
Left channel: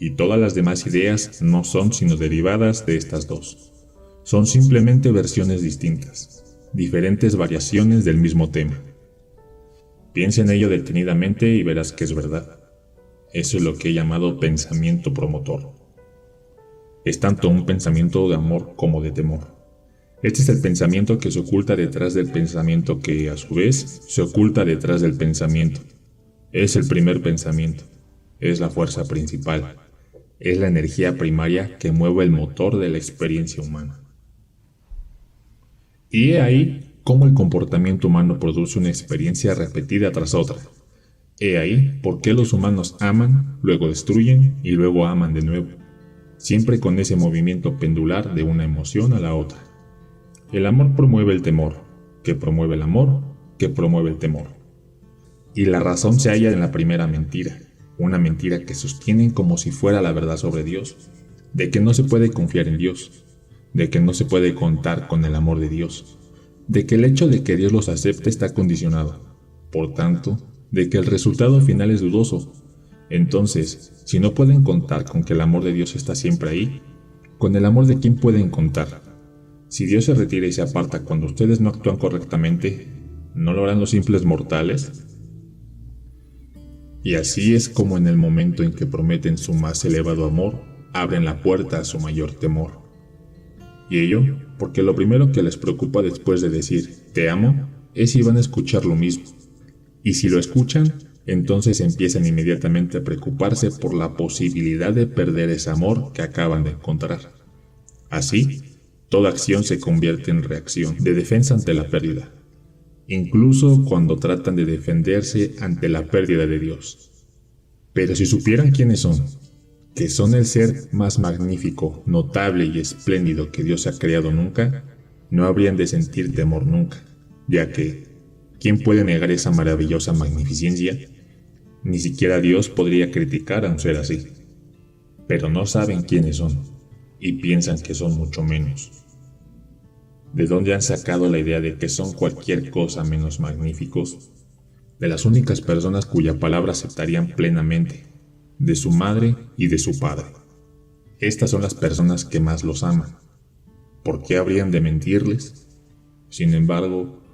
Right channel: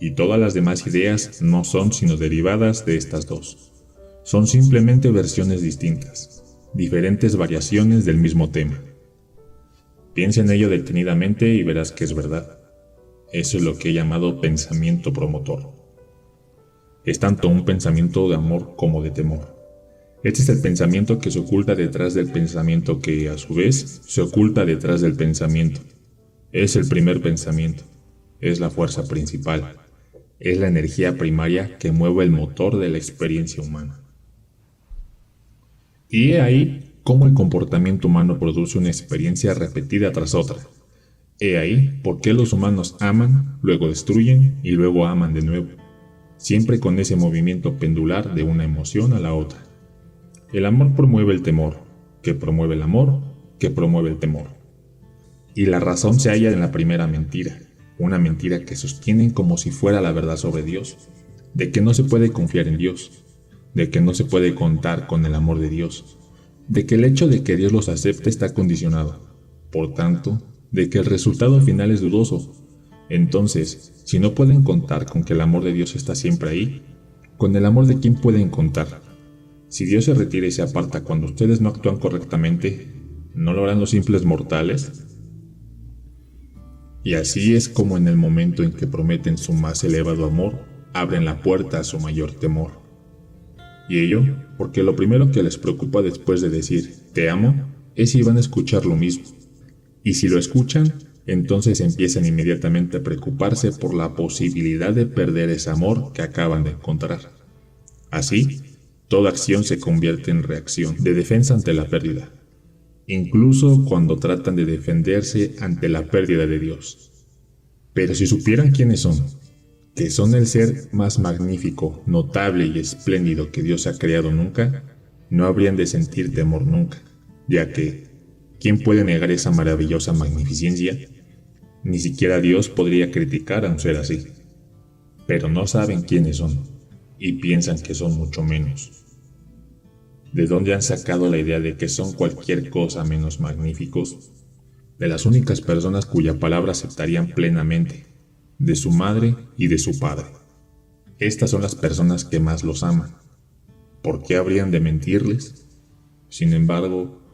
y todas las demás ideas no son sino derivadas de estas dos. Son simplemente versiones distintas, diferentes variaciones del mismo tema. Piensa en ello detenidamente y verás que es verdad. Eso es lo que he llamado pensamiento promotor. Es tanto un pensamiento de amor como de temor. Este es el pensamiento que se oculta detrás del pensamiento que, a su vez, se oculta detrás del pensamiento. Es el primer pensamiento. Es la fuerza principal. Es la energía primaria que mueve el motor de la experiencia humana. Y he ahí cómo el comportamiento humano produce una experiencia repetida tras otra. He ahí por qué los humanos aman, luego destruyen y luego aman de nuevo, siempre con ese movimiento pendular de una emoción a la otra. El amor promueve el temor, que promueve el amor, que promueve el temor. Y la razón se halla en la primera mentira, una mentira que sostienen como si fuera la verdad sobre Dios, de que no se puede confiar en Dios, de que no se puede contar con el amor de Dios, de que el hecho de que Dios los acepte está condicionado, por tanto, de que el resultado final es dudoso. Entonces, si no pueden contar con que el amor de Dios está siempre ahí, ¿con el amor de quién pueden contar? Si Dios se retira y se aparta cuando ustedes no actúan correctamente, ¿no lo harán los simples mortales? Y así es como en el momento en que prometen su más elevado amor, abren la puerta a su mayor temor. Y ello, porque lo primero que les preocupa después de decir «te amo» es si van a escuchar lo mismo. Y si lo escuchan, entonces empiezan inmediatamente a preocuparse por la posibilidad de perder ese amor que acaban de encontrar. Así, toda acción se convierte en reacción de defensa ante la pérdida, incluso cuando tratan de defenderse ante la pérdida de Dios. Pero si supieran quiénes son, que son el ser más magnífico, notable y espléndido que Dios ha creado nunca, no habrían de sentir temor nunca, ya que, ¿quién puede negar esa maravillosa magnificencia? Ni siquiera Dios podría criticar a un ser así. Pero no saben quiénes son, y piensan que son mucho menos. ¿De dónde han sacado la idea de que son cualquier cosa menos magníficos? De las únicas personas cuya palabra aceptarían plenamente, de su madre y de su padre. Estas son las personas que más los aman. ¿Por qué habrían de mentirles? Sin embargo,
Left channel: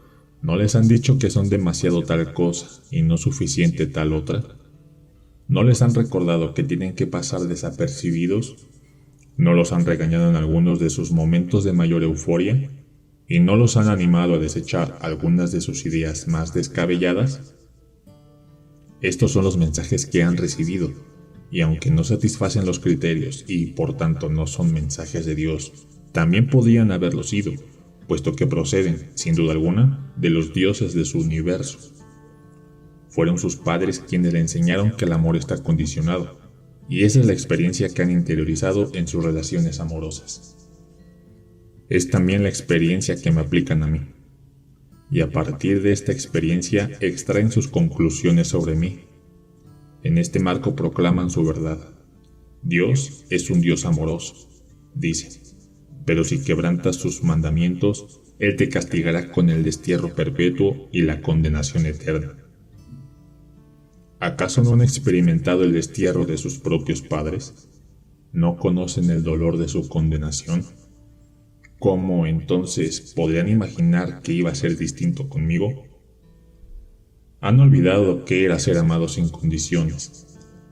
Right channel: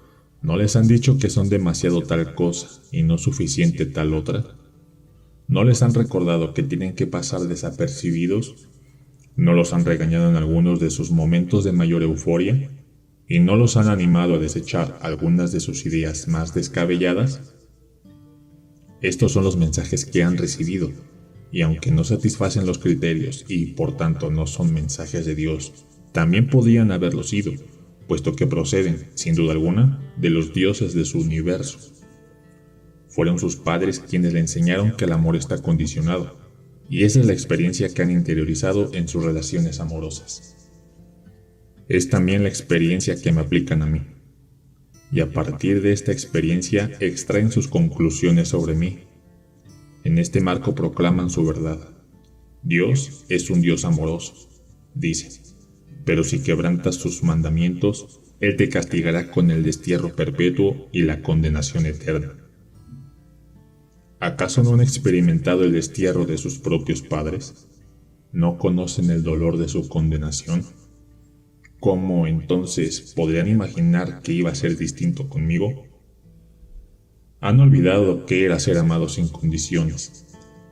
¿no les han dicho que son demasiado tal cosa y no suficiente tal otra? ¿No les han recordado que tienen que pasar desapercibidos? ¿No los han regañado en algunos de sus momentos de mayor euforia? ¿Y no los han animado a desechar algunas de sus ideas más descabelladas? Estos son los mensajes que han recibido, y aunque no satisfacen los criterios y por tanto no son mensajes de Dios, también podrían haberlo sido, puesto que proceden, sin duda alguna, de los dioses de su universo. fueron sus padres quienes le enseñaron que el amor está condicionado, y esa es la experiencia que han interiorizado en sus relaciones amorosas. Es también la experiencia que me aplican a mí, y a partir de esta experiencia extraen sus conclusiones sobre mí. En este marco proclaman su verdad. Dios es un Dios amoroso, dice, pero si quebrantas sus mandamientos, Él te castigará con el destierro perpetuo y la condenación eterna. ¿Acaso no han experimentado el destierro de sus propios padres? ¿No conocen el dolor de su condenación? ¿Cómo entonces podrían imaginar que iba a ser distinto conmigo? Han olvidado que era ser amado sin condiciones.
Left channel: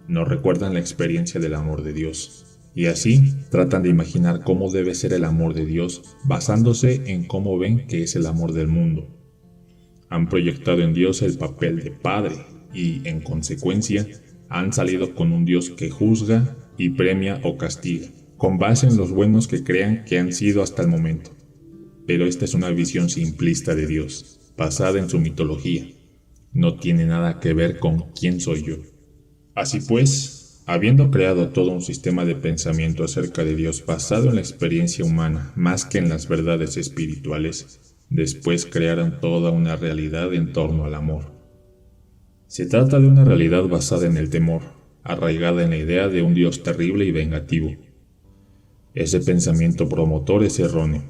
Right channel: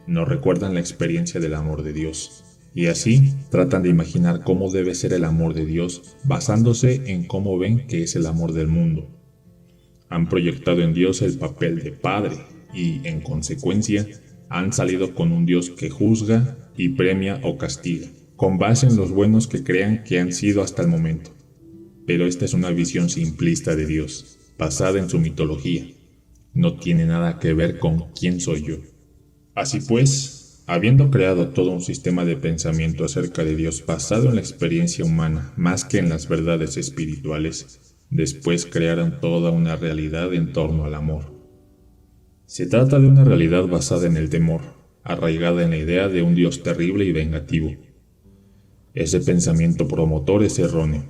No recuerdan la experiencia del amor de Dios. Y así tratan de imaginar cómo debe ser el amor de Dios basándose en cómo ven que es el amor del mundo. Han proyectado en Dios el papel de padre y, en consecuencia, han salido con un Dios que juzga y premia o castiga, con base en los buenos que creen que han sido hasta el momento. Pero esta es una visión simplista de Dios, basada en su mitología. No tiene nada que ver con quién soy yo. Así pues, habiendo creado todo un sistema de pensamiento acerca de Dios basado en la experiencia humana más que en las verdades espirituales, después crearon toda una realidad en torno al amor. Se trata de una realidad basada en el temor, arraigada en la idea de un Dios terrible y vengativo. Ese pensamiento promotor es erróneo,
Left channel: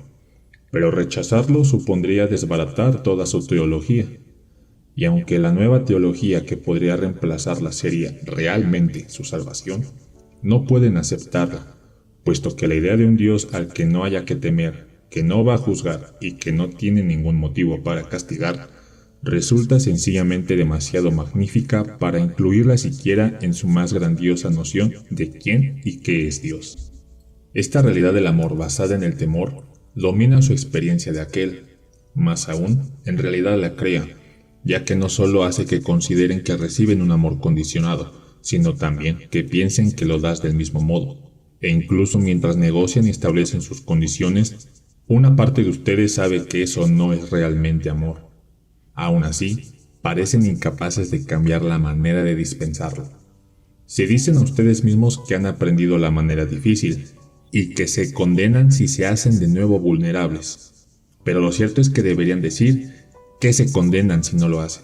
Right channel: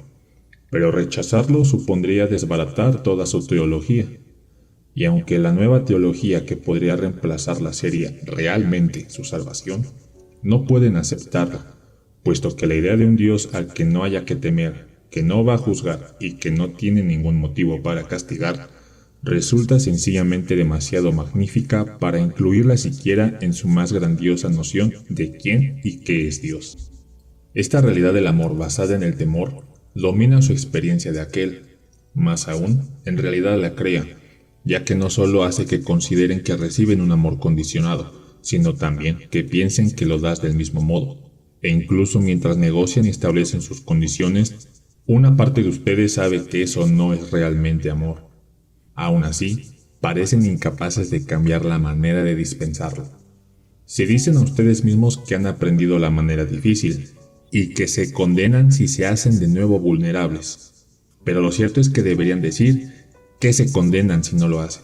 pero rechazarlo supondría desbaratar toda su teología. Y aunque la nueva teología que podría reemplazarla sería realmente su salvación, no pueden aceptarla, puesto que la idea de un Dios al que no haya que temer, que no va a juzgar y que no tiene ningún motivo para castigar, resulta sencillamente demasiado magnífica para incluirla siquiera en su más grandiosa noción de quién y qué es Dios. Esta realidad del amor basada en el temor domina su experiencia de aquel, más aún, en realidad la crea, ya que no solo hace que consideren que reciben un amor condicionado, sino también que piensen que lo das del mismo modo, e incluso mientras negocian y establecen sus condiciones, una parte de ustedes sabe que eso no es realmente amor. Aún así, parecen incapaces de cambiar la manera de dispensarlo. Si dicen a ustedes mismos que han aprendido la manera difícil, y que se condenan si se hacen de nuevo vulnerables, pero lo cierto es que deberían decir que se condenan si no lo hacen.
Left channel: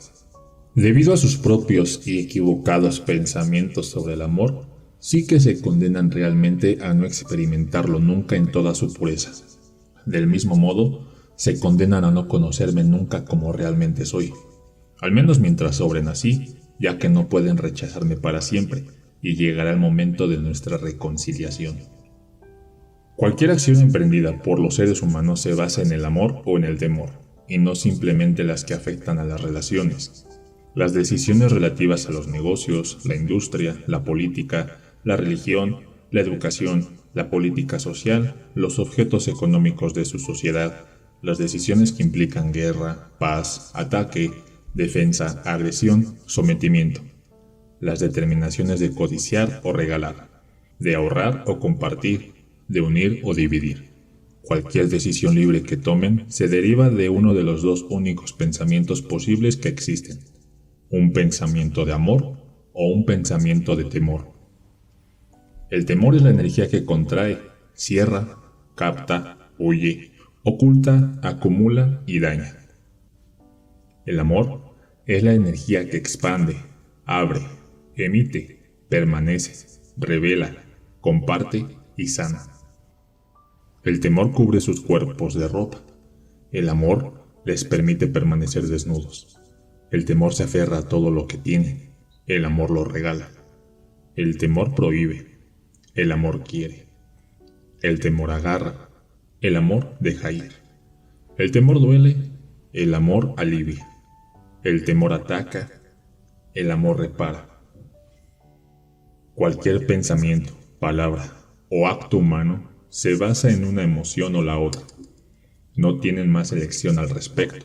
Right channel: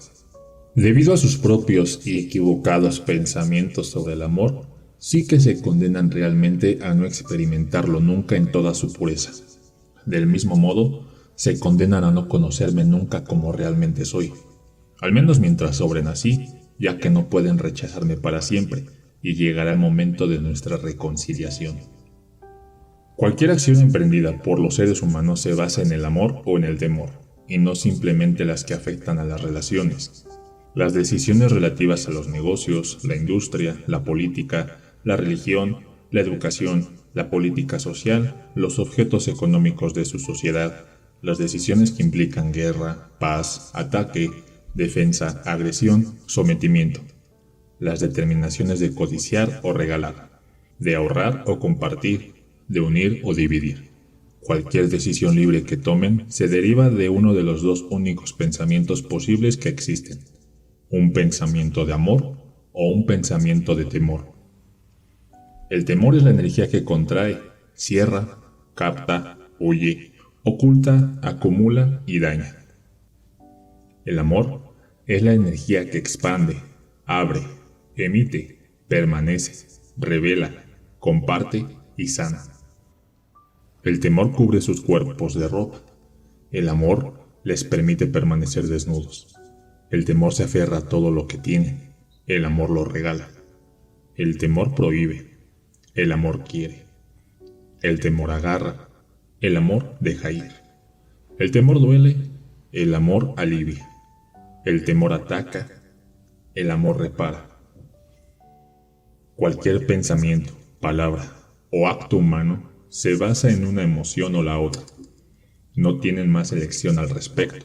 Debido a sus propios y equivocados pensamientos sobre el amor, sí que se condenan realmente a no experimentarlo nunca en toda su pureza. Del mismo modo, se condenan a no conocerme nunca como realmente soy, al menos mientras sobren así, ya que no pueden rechazarme para siempre, y llegará el momento de nuestra reconciliación. Cualquier acción emprendida por los seres humanos se basa en el amor o en el temor, y no simplemente las que afectan a las relaciones. Las decisiones relativas a los negocios, la industria, la política, la religión, la educación, la política social, los objetos económicos de su sociedad, las decisiones que implican guerra, paz, ataque, defensa, agresión, sometimiento, las determinaciones de codiciar o regalar, de ahorrar o compartir, de unir o dividir. Cualquier decisión libre que tomen se deriva de uno de los dos únicos pensamientos posibles que existen: un pensamiento de amor o un pensamiento de temor. El temor es la energía que contrae, cierra, capta, huye, oculta, acumula y daña. El amor es la energía que expande, abre, emite, permanece, revela, comparte y sana. El temor cubre sus cuerpos de ropa. El amor les permite permanecer desnudos. El temor se aferra a todo lo que tiene. El amor lo regala. El temor prohíbe. El amor quiere. El temor agarra. El amor deja ir. El temor duele. El amor alivia. El temor ataca. El amor repara. Cualquier pensamiento, palabra o acto humano se basa en una emoción o la otra. No tienen más elección al respecto,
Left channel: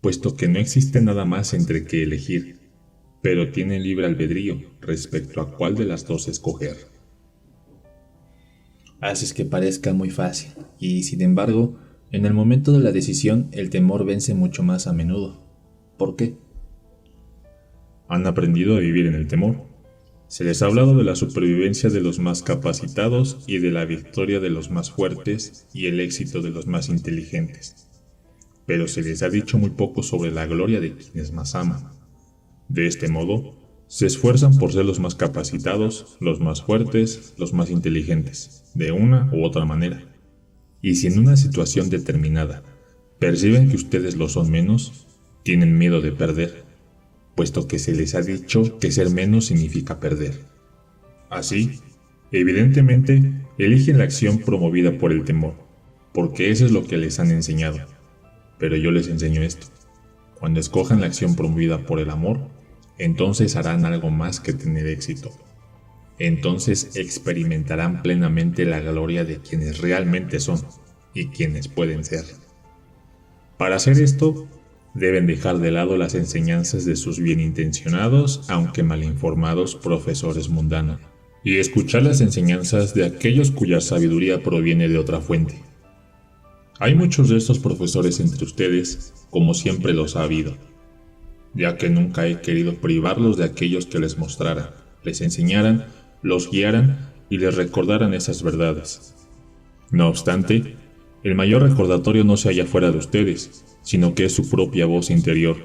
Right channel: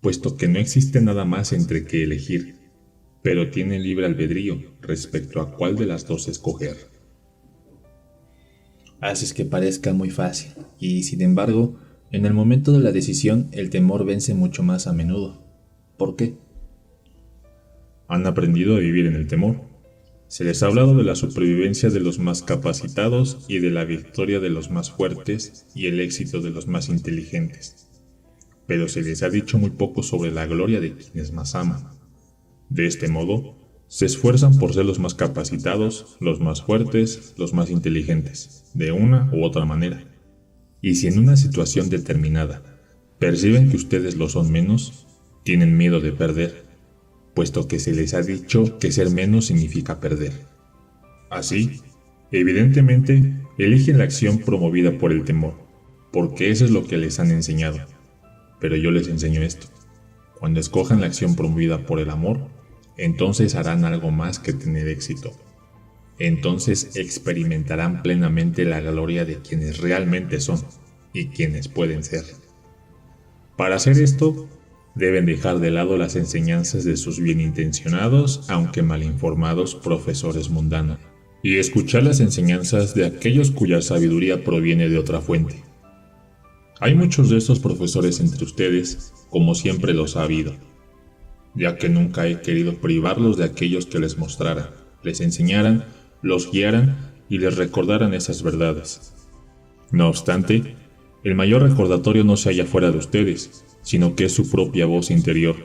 puesto que no existe nada más entre que elegir, pero tienen libre albedrío respecto a cuál de las dos escoger. Haces que parezca muy fácil, y sin embargo, en el momento de la decisión el temor vence mucho más a menudo. ¿Por qué? Han aprendido a vivir en el temor. Se les ha hablado de la supervivencia de los más capacitados y de la victoria de los más fuertes y el éxito de los más inteligentes. Pero se les ha dicho muy poco sobre la gloria de quienes más aman. De este modo, se esfuerzan por ser los más capacitados, los más fuertes, los más inteligentes, de una u otra manera. Y si en una situación determinada perciben que ustedes lo son menos, tienen miedo de perder, puesto que se les ha dicho que ser menos significa perder. Así, evidentemente, eligen la acción promovida por el temor, porque eso es lo que les han enseñado. Pero yo les enseño esto. Cuando escojan la acción promovida por el amor, entonces harán algo más que tener éxito. Entonces experimentarán plenamente la gloria de quienes realmente son y quienes pueden ser. Para hacer esto, deben dejar de lado las enseñanzas de sus bien intencionados, aunque mal informados profesores mundanos, y escuchar las enseñanzas de aquellos cuya sabiduría proviene de otra fuente. Hay muchos de estos profesores entre ustedes, como siempre los ha habido, ya que nunca he querido privarlos de aquellos que les mostraran, les enseñaran, los guiaran y les recordaran esas verdades. No obstante, el mayor recordatorio no se halla fuera de ustedes, sino que es su propia voz interior.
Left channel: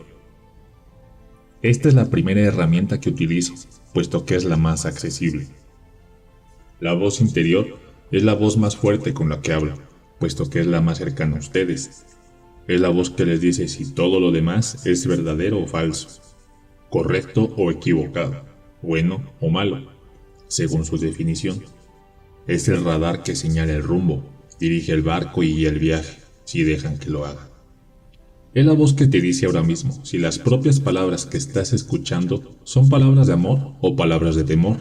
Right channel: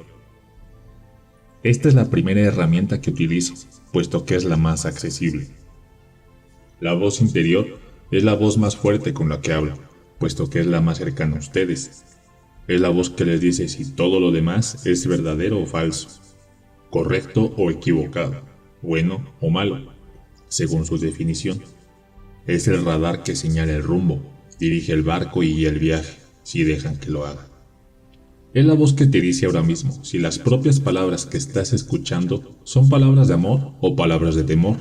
Esta es la primera herramienta que utilizo, puesto que es la más accesible. La voz interior es la voz más fuerte con la que hablo, puesto que es la más cercana a ustedes. Es la voz que les dice si todo lo demás es verdadero o falso, correcto o equivocado, bueno o malo, según su definición. Es el radar que señala el rumbo, dirige el barco y guía el viaje, si dejan que lo haga. Es la voz que te dice ahora mismo si las propias palabras que estás escuchando son palabras de amor o palabras de temor.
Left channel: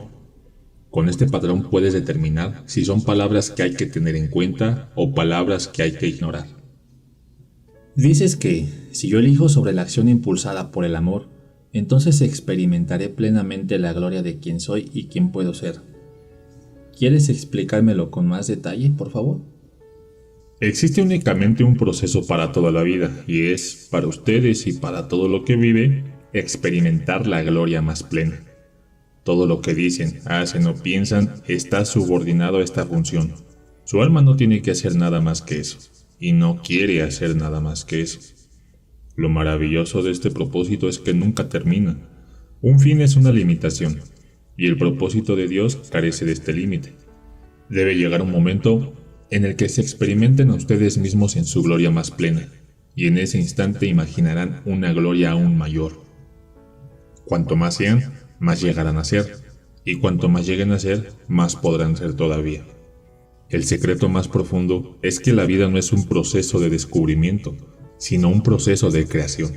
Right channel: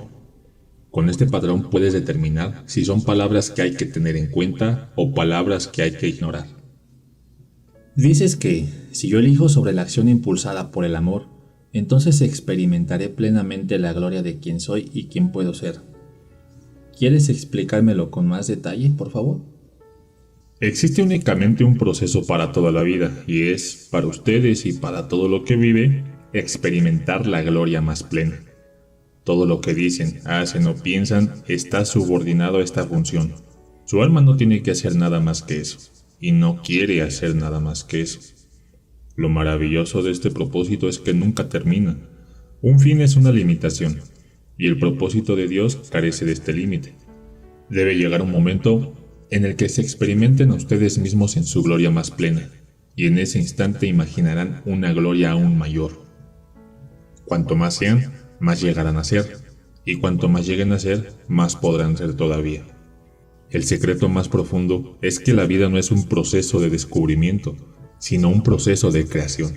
Con este patrón puedes determinar si son palabras que hay que tener en cuenta o palabras que hay que ignorar. Dices que, si yo elijo sobre la acción impulsada por el amor, entonces experimentaré plenamente la gloria de quién soy y quién puedo ser. ¿Quieres explicármelo con más detalle, por favor? Existe únicamente un proceso para toda la vida, y es, para ustedes y para todo lo que vive, experimentar la gloria más plena. Todo lo que dicen, hacen o piensan está subordinado a esta función. Su alma no tiene que hacer nada más que eso, y no quiere hacer nada más que eso. Lo maravilloso de este propósito es que nunca termina. Un fin es una limitación, y el propósito de Dios carece de este límite. Debe llegar un momento en el que se experimenten a ustedes mismos en su gloria más plena, y en ese instante imaginarán una gloria aún mayor. Cuanto más sean, más llegarán a ser, y cuanto más lleguen a ser, más podrán ser todavía. El secreto más profundo es que la vida no es un proceso de descubrimiento, sino un proceso de creación.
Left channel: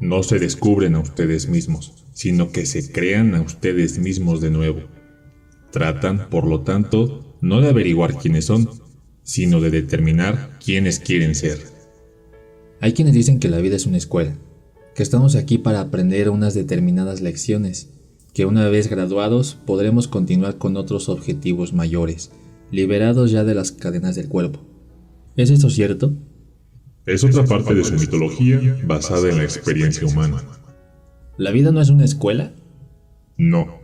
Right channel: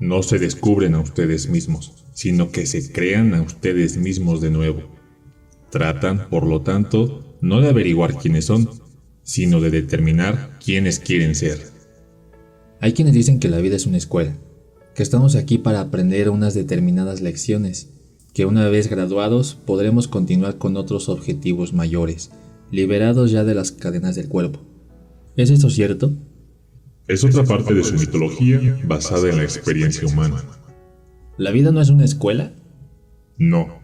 No se descubren a ustedes mismos, sino que se crean a ustedes mismos de nuevo. Tratan, por lo tanto, no de averiguar quiénes son, sino de determinar quiénes quieren ser. Hay quienes dicen que la vida es una escuela, que estamos aquí para aprender unas determinadas lecciones, que una vez graduados podremos continuar con otros objetivos mayores, liberados ya de las cadenas del cuerpo. ¿Es esto cierto? Es otra parte de su mitología basada en la experiencia humana. ¿La vida no es una escuela? No,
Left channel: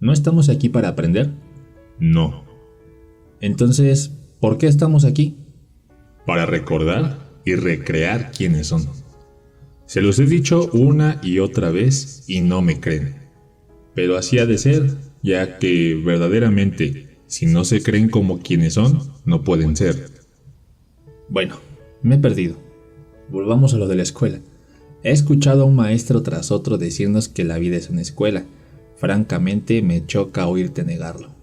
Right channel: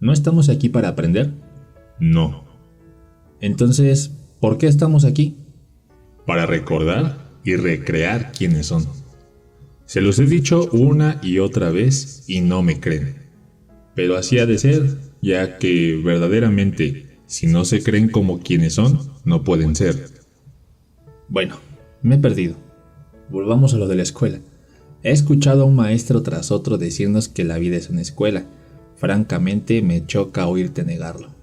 ¿No estamos aquí para aprender? no. Entonces, ¿por qué estamos aquí? Para recordar y recrear quiénes son. Se los he dicho una y otra vez y no me creen. Pero así ha de ser, ya que verdaderamente, si no se creen como quienes son, no pueden ser. Bueno, me he perdido. Volvamos a lo de la escuela. He escuchado a un maestro tras otro decirnos que la vida es una escuela. Francamente, me choca oírte negarlo.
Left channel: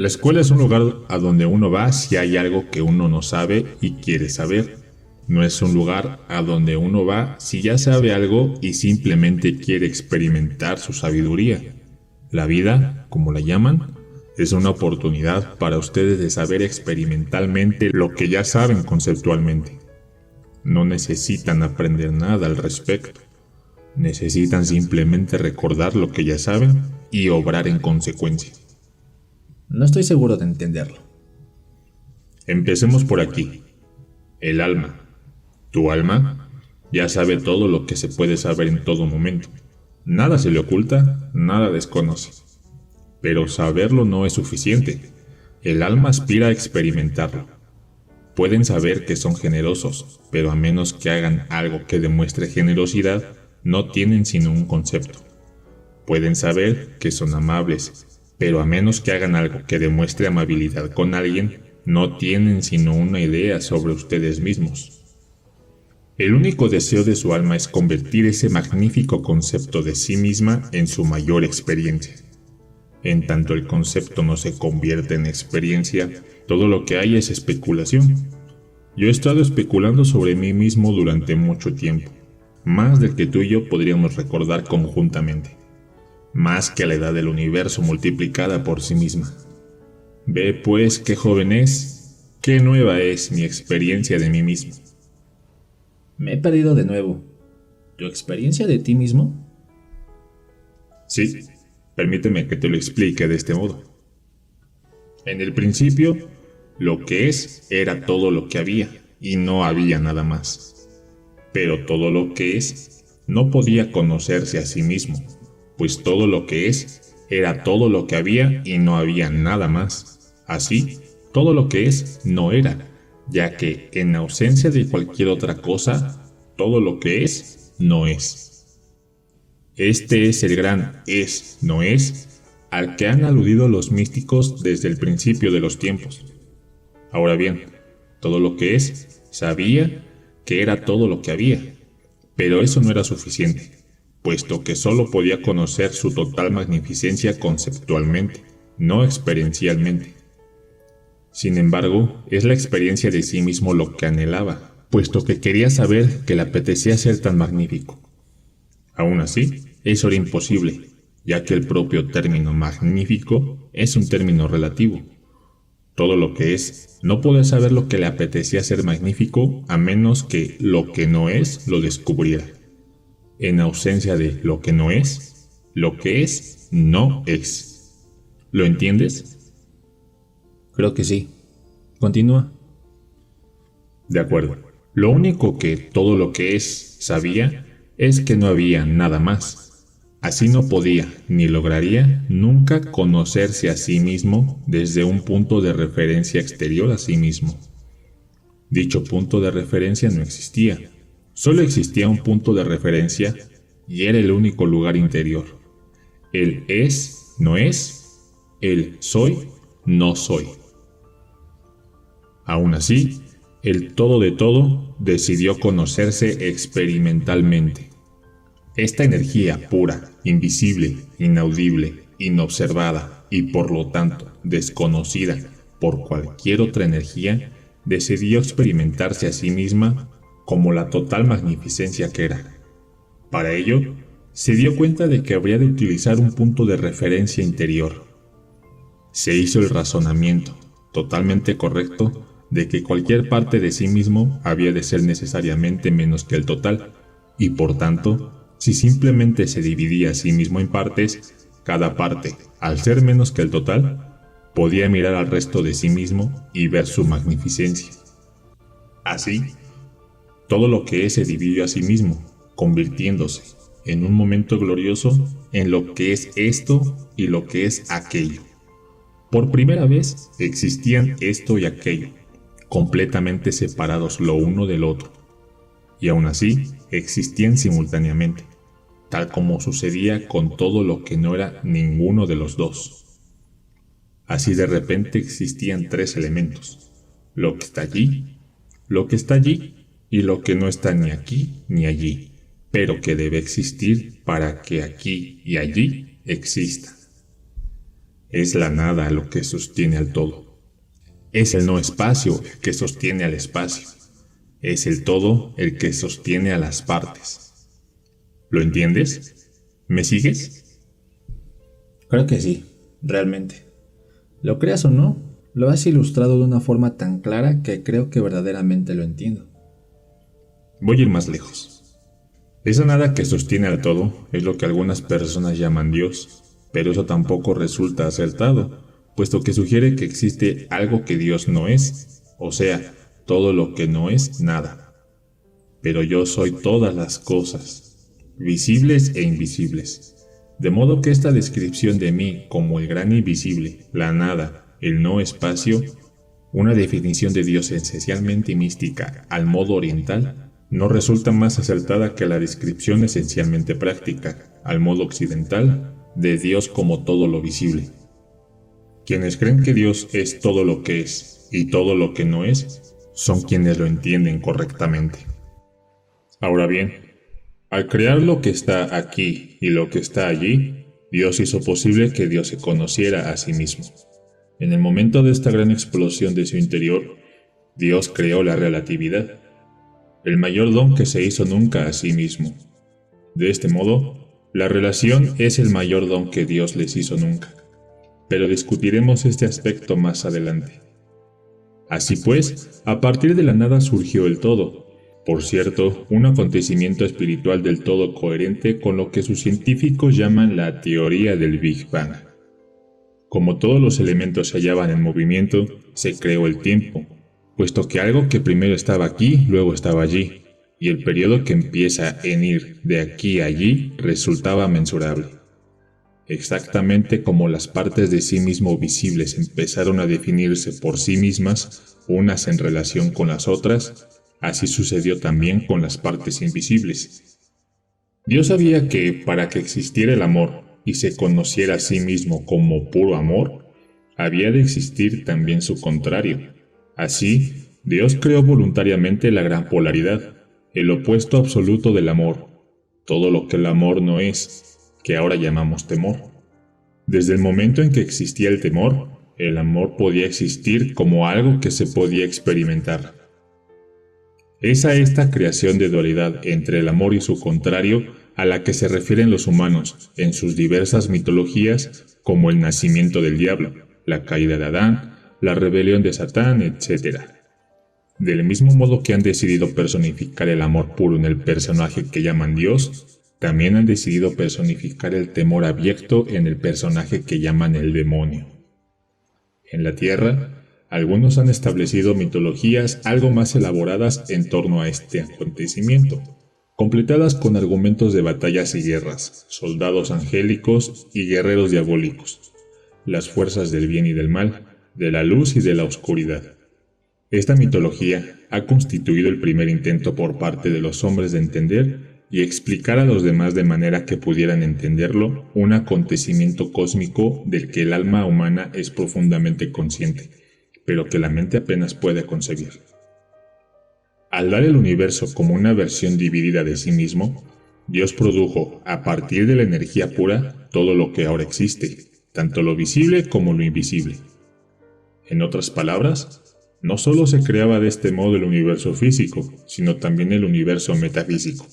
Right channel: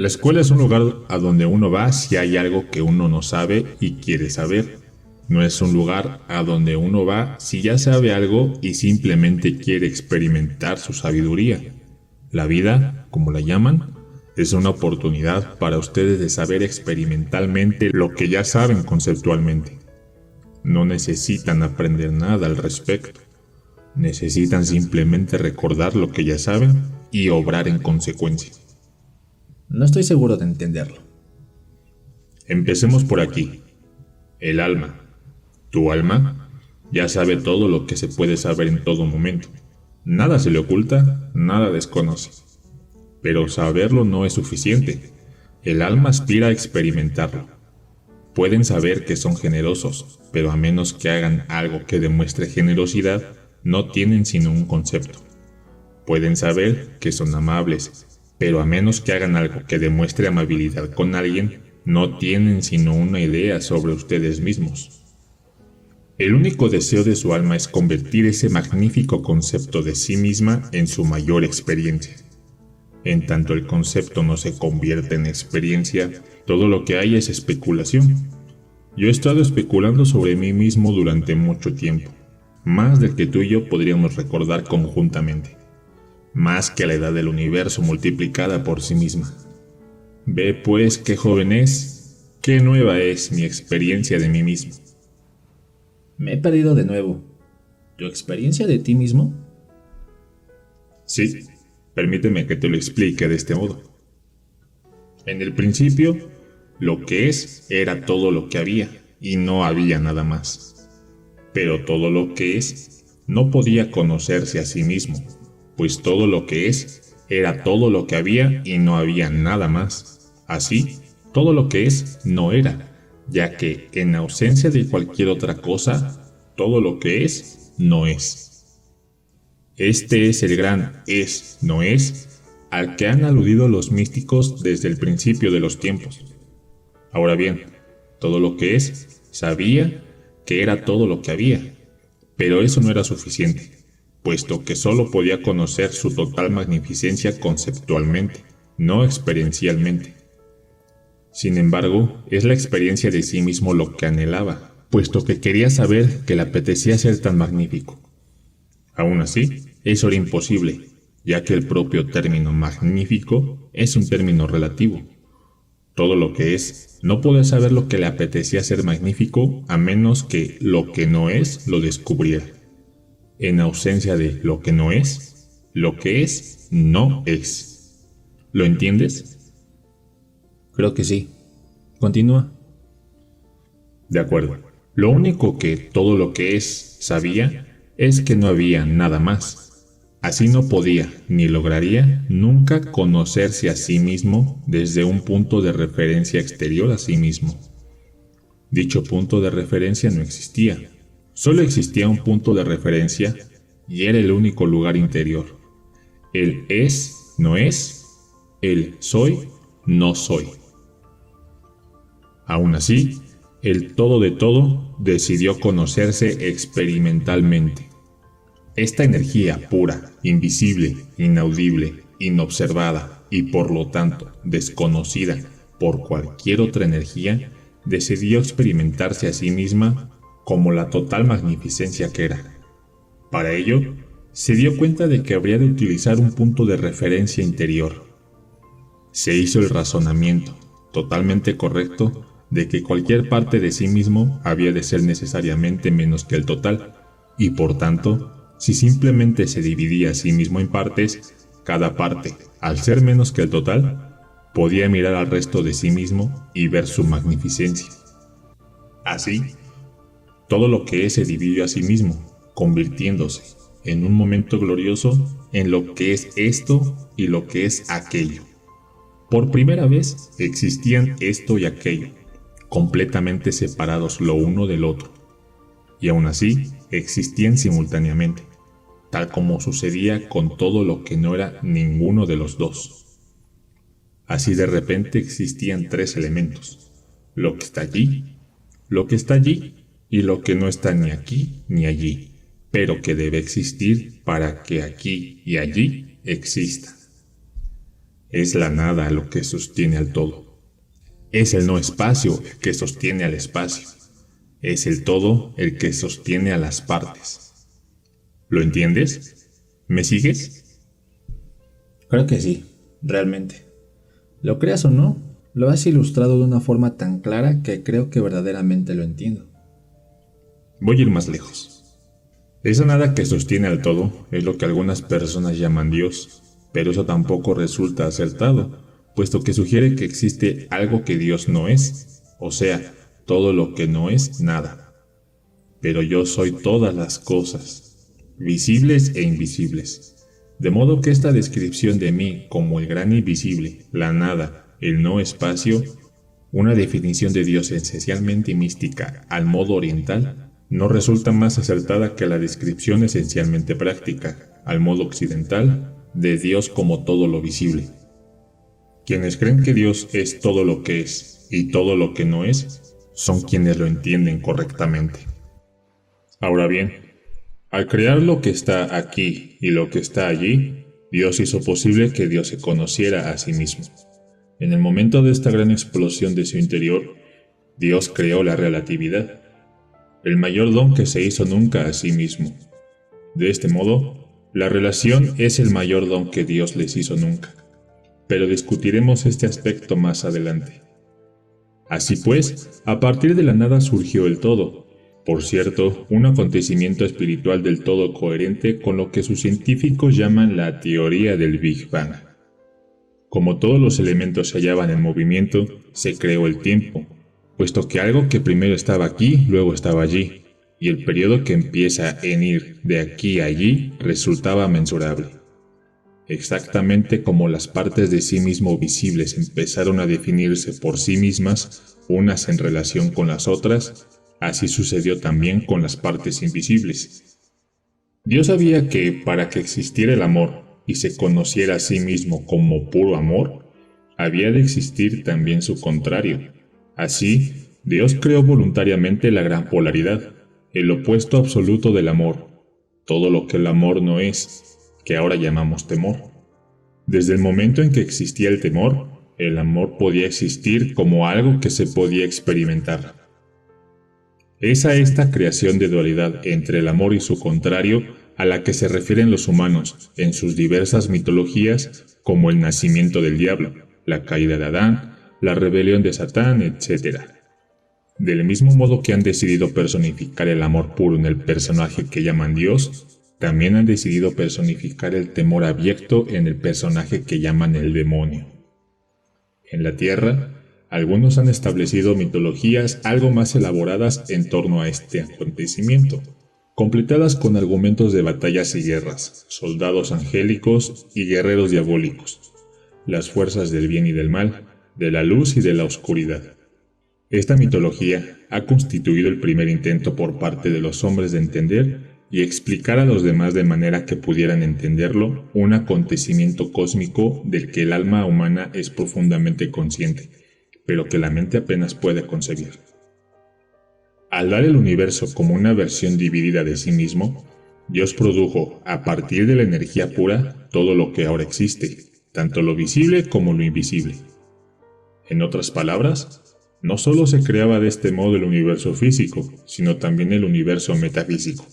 La escuela es un lugar a donde uno va si hay algo que uno no sabe y quiere saber. No es un lugar a donde uno va si ya sabe algo y simplemente quiere experimentar su sabiduría. La vida, como la llaman, es una oportunidad para ustedes de saber experimentalmente lo que ya saben conceptualmente. No necesitan aprender nada al respecto. Necesitan simplemente recordar lo que ya saben y obrar en consecuencia. No estoy seguro de entenderlo. Empecemos por aquí. El alma. ¿Tu alma? Ya sabe todo lo que se puede saber en todo momento. Nada se le oculta, nada desconoce. Pero saberlo no es suficiente. El alma aspira a experimentarlo. Pueden saber que son generosos, pero a menos que hagan algo que demuestre generosidad, no tienen sino un concepto. Pueden saber que son amables, pero a menos que hagan algo que demuestre amabilidad con alguien, no tienen sino una idea sobre ustedes mismos. El único deseo de su alma es convertir ese magnífico concepto de sí misma en su mayor experiencia. En tanto el concepto no se convierte en experiencia, todo lo que hay es especulación. Yo he estado especulando sobre mí mismo durante mucho tiempo, más del que tú y yo podríamos recordar conjuntamente, más que la edad del universo multiplicada por sí misma. Ve pues qué joven es, qué nueva es mi experiencia de mí mismo. Me he perdido de nuevo. ¿Tu experiencia de ti mismo? Sí, permíteme que te lo explique de este modo. En el principio, lo que es era todo lo que había, y no había nada más. Pero todo lo que es no podía conocerse a sí mismo, pues todo lo que es era todo lo que había y no había nada más. Así, todo lo que es no era, ya que en ausencia de cualquier otra cosa, todo lo que es no es. Este es el gran es, no es, al que han aludido los místicos desde el principio de los tiempos. Ahora bien, todo lo que es sabía que era todo lo que había, pero eso no era suficiente, puesto que solo podía conocer su total magnificencia conceptualmente, no experiencialmente. Sin embargo, es la experiencia de sí mismo lo que anhelaba, puesto que quería saber que le apetecía ser tan magnífico. Aún así, eso era imposible, ya que el propio término magnífico es un término relativo. Todo lo que es no puede saber lo que le apetecía ser magnífico a menos que lo que no es lo descubriera. En ausencia de lo que es no es. ¿Lo entiendes? Creo que sí. Continúa. De acuerdo. Lo único que todo lo que es sabía es que no había nada más. Así no podía, ni lograría, nunca conocerse a sí mismo desde un punto de referencia exterior a sí mismo. Dicho punto de referencia no existía. Solo existía un punto de referencia y era el único lugar interior. El es, no es. El soy, no soy. Aún así, el todo de todo decidió conocerse experimentalmente. Esta energía pura, invisible, inaudible, inobservada y por lo tanto desconocida por cualquier otra energía, decidió experimentarse a sí misma como la total magnificencia que era. Para ello, se dio cuenta de que habría de utilizar un punto de referencia interior. Se hizo el razonamiento, totalmente correcto, de que cualquier parte de sí mismo había de ser necesariamente menos que el total, y por tanto, si simplemente se dividía a sí mismo en partes, cada parte, al ser menos que el total, podía mirar al resto de sí mismo y ver su magnificencia. Así, todo lo que es se dividió a sí mismo, convirtiéndose, en un momento glorioso, en lo que es esto y lo que es aquello. Por primera vez existían esto y aquello, completamente separados lo uno del otro, y aún así existían simultáneamente, tal como sucedía con todo lo que no era ninguno de los dos. Así de repente existían tres elementos: lo que está allí, lo que está allí y lo que no está ni aquí ni allí, pero que debe existir para que aquí y allí exista. Es la nada lo que sostiene al todo. Es el no espacio el que sostiene al espacio. Es el todo el que sostiene a las partes. ¿Lo entiendes? ¿Me sigues? Creo que sí, realmente. Lo creas o no, lo has ilustrado de una forma tan clara que creo que verdaderamente lo entiendo. Voy a ir más lejos. Esa nada que sostiene al todo es lo que algunas personas llaman Dios, pero eso tampoco resulta acertado, puesto que sugiere que existe algo que Dios no es, o sea, todo lo que no es nada. pero yo soy todas las cosas, visibles e invisibles. De modo que esta descripción de mí como el gran invisible, la nada, el no espacio, una definición de Dios esencialmente mística al modo oriental, no resulta más acertada que la descripción esencialmente práctica, al modo occidental, de Dios como todo lo visible. Quienes creen que Dios es todo lo que es y todo lo que no es, son quienes lo entienden correctamente. Ahora bien, al crear lo que está aquí y lo que está allí, Dios hizo posible que Dios se conociera a sí mismo. En el momento de esta gran explosión de su interior, Dios creó la relatividad, el mayor don que se hizo nunca a sí mismo. De este modo, la relación es el mayor don que Dios les hizo nunca, pero discutiremos este aspecto más adelante. Así pues, a partir de la nada surgió el todo. Por cierto, un acontecimiento espiritual del todo coherente con lo que sus científicos llaman la teoría del Big Bang. Como todos los elementos se hallaban en movimiento, se creó el tiempo, puesto que algo que primero estaba aquí, luego estaba allí, y el periodo que empieza en ir de aquí a allí resultaba mensurable. Exactamente como las partes de sí mismo visibles empezaron a definirse por sí mismas, unas en relación con las otras, así sucedió también con las partes invisibles. Dios sabía que para que existiera el amor y se conociera a sí mismo como puro amor, había de existir también su contrario. Así, Dios creó voluntariamente la gran polaridad, el opuesto absoluto del amor, todo lo que el amor no es, que ahora llamamos temor. Desde el momento en que existía el amor podía existir como algo que se podía experimentar. Es a esta creación de dualidad entre el amor y su contrario a la que se refieren los humanos en sus diversas mitologías como el nacimiento del diablo, la caída de Adán, la rebelión de Satán, etc. Del mismo modo que han decidido personificar el amor puro en el personaje que llaman Dios, también han decidido personificar el temor abyecto en el personaje que llaman el demonio. En la Tierra, algunos han establecido mitologías algo más elaboradas en torno a este acontecimiento, completadas con argumentos de batallas y guerras, soldados angélicos y guerreros diabólicos, las fuerzas del bien y del mal, de la luz y de la oscuridad. Esta mitología ha constituido el primer intento por parte de los hombres de entender y explicar a los demás de manera que pudieran entenderlo un acontecimiento cósmico del que el alma humana es profundamente consciente, pero que la mente apenas puede concebir. Al dar el universo como una versión dividida de sí mismo, Dios produjo, a partir de la energía pura, todo lo que ahora existe, tanto lo visible como lo invisible. En otras palabras, no solo se creaba de este modo el universo físico, sino también el universo metafísico.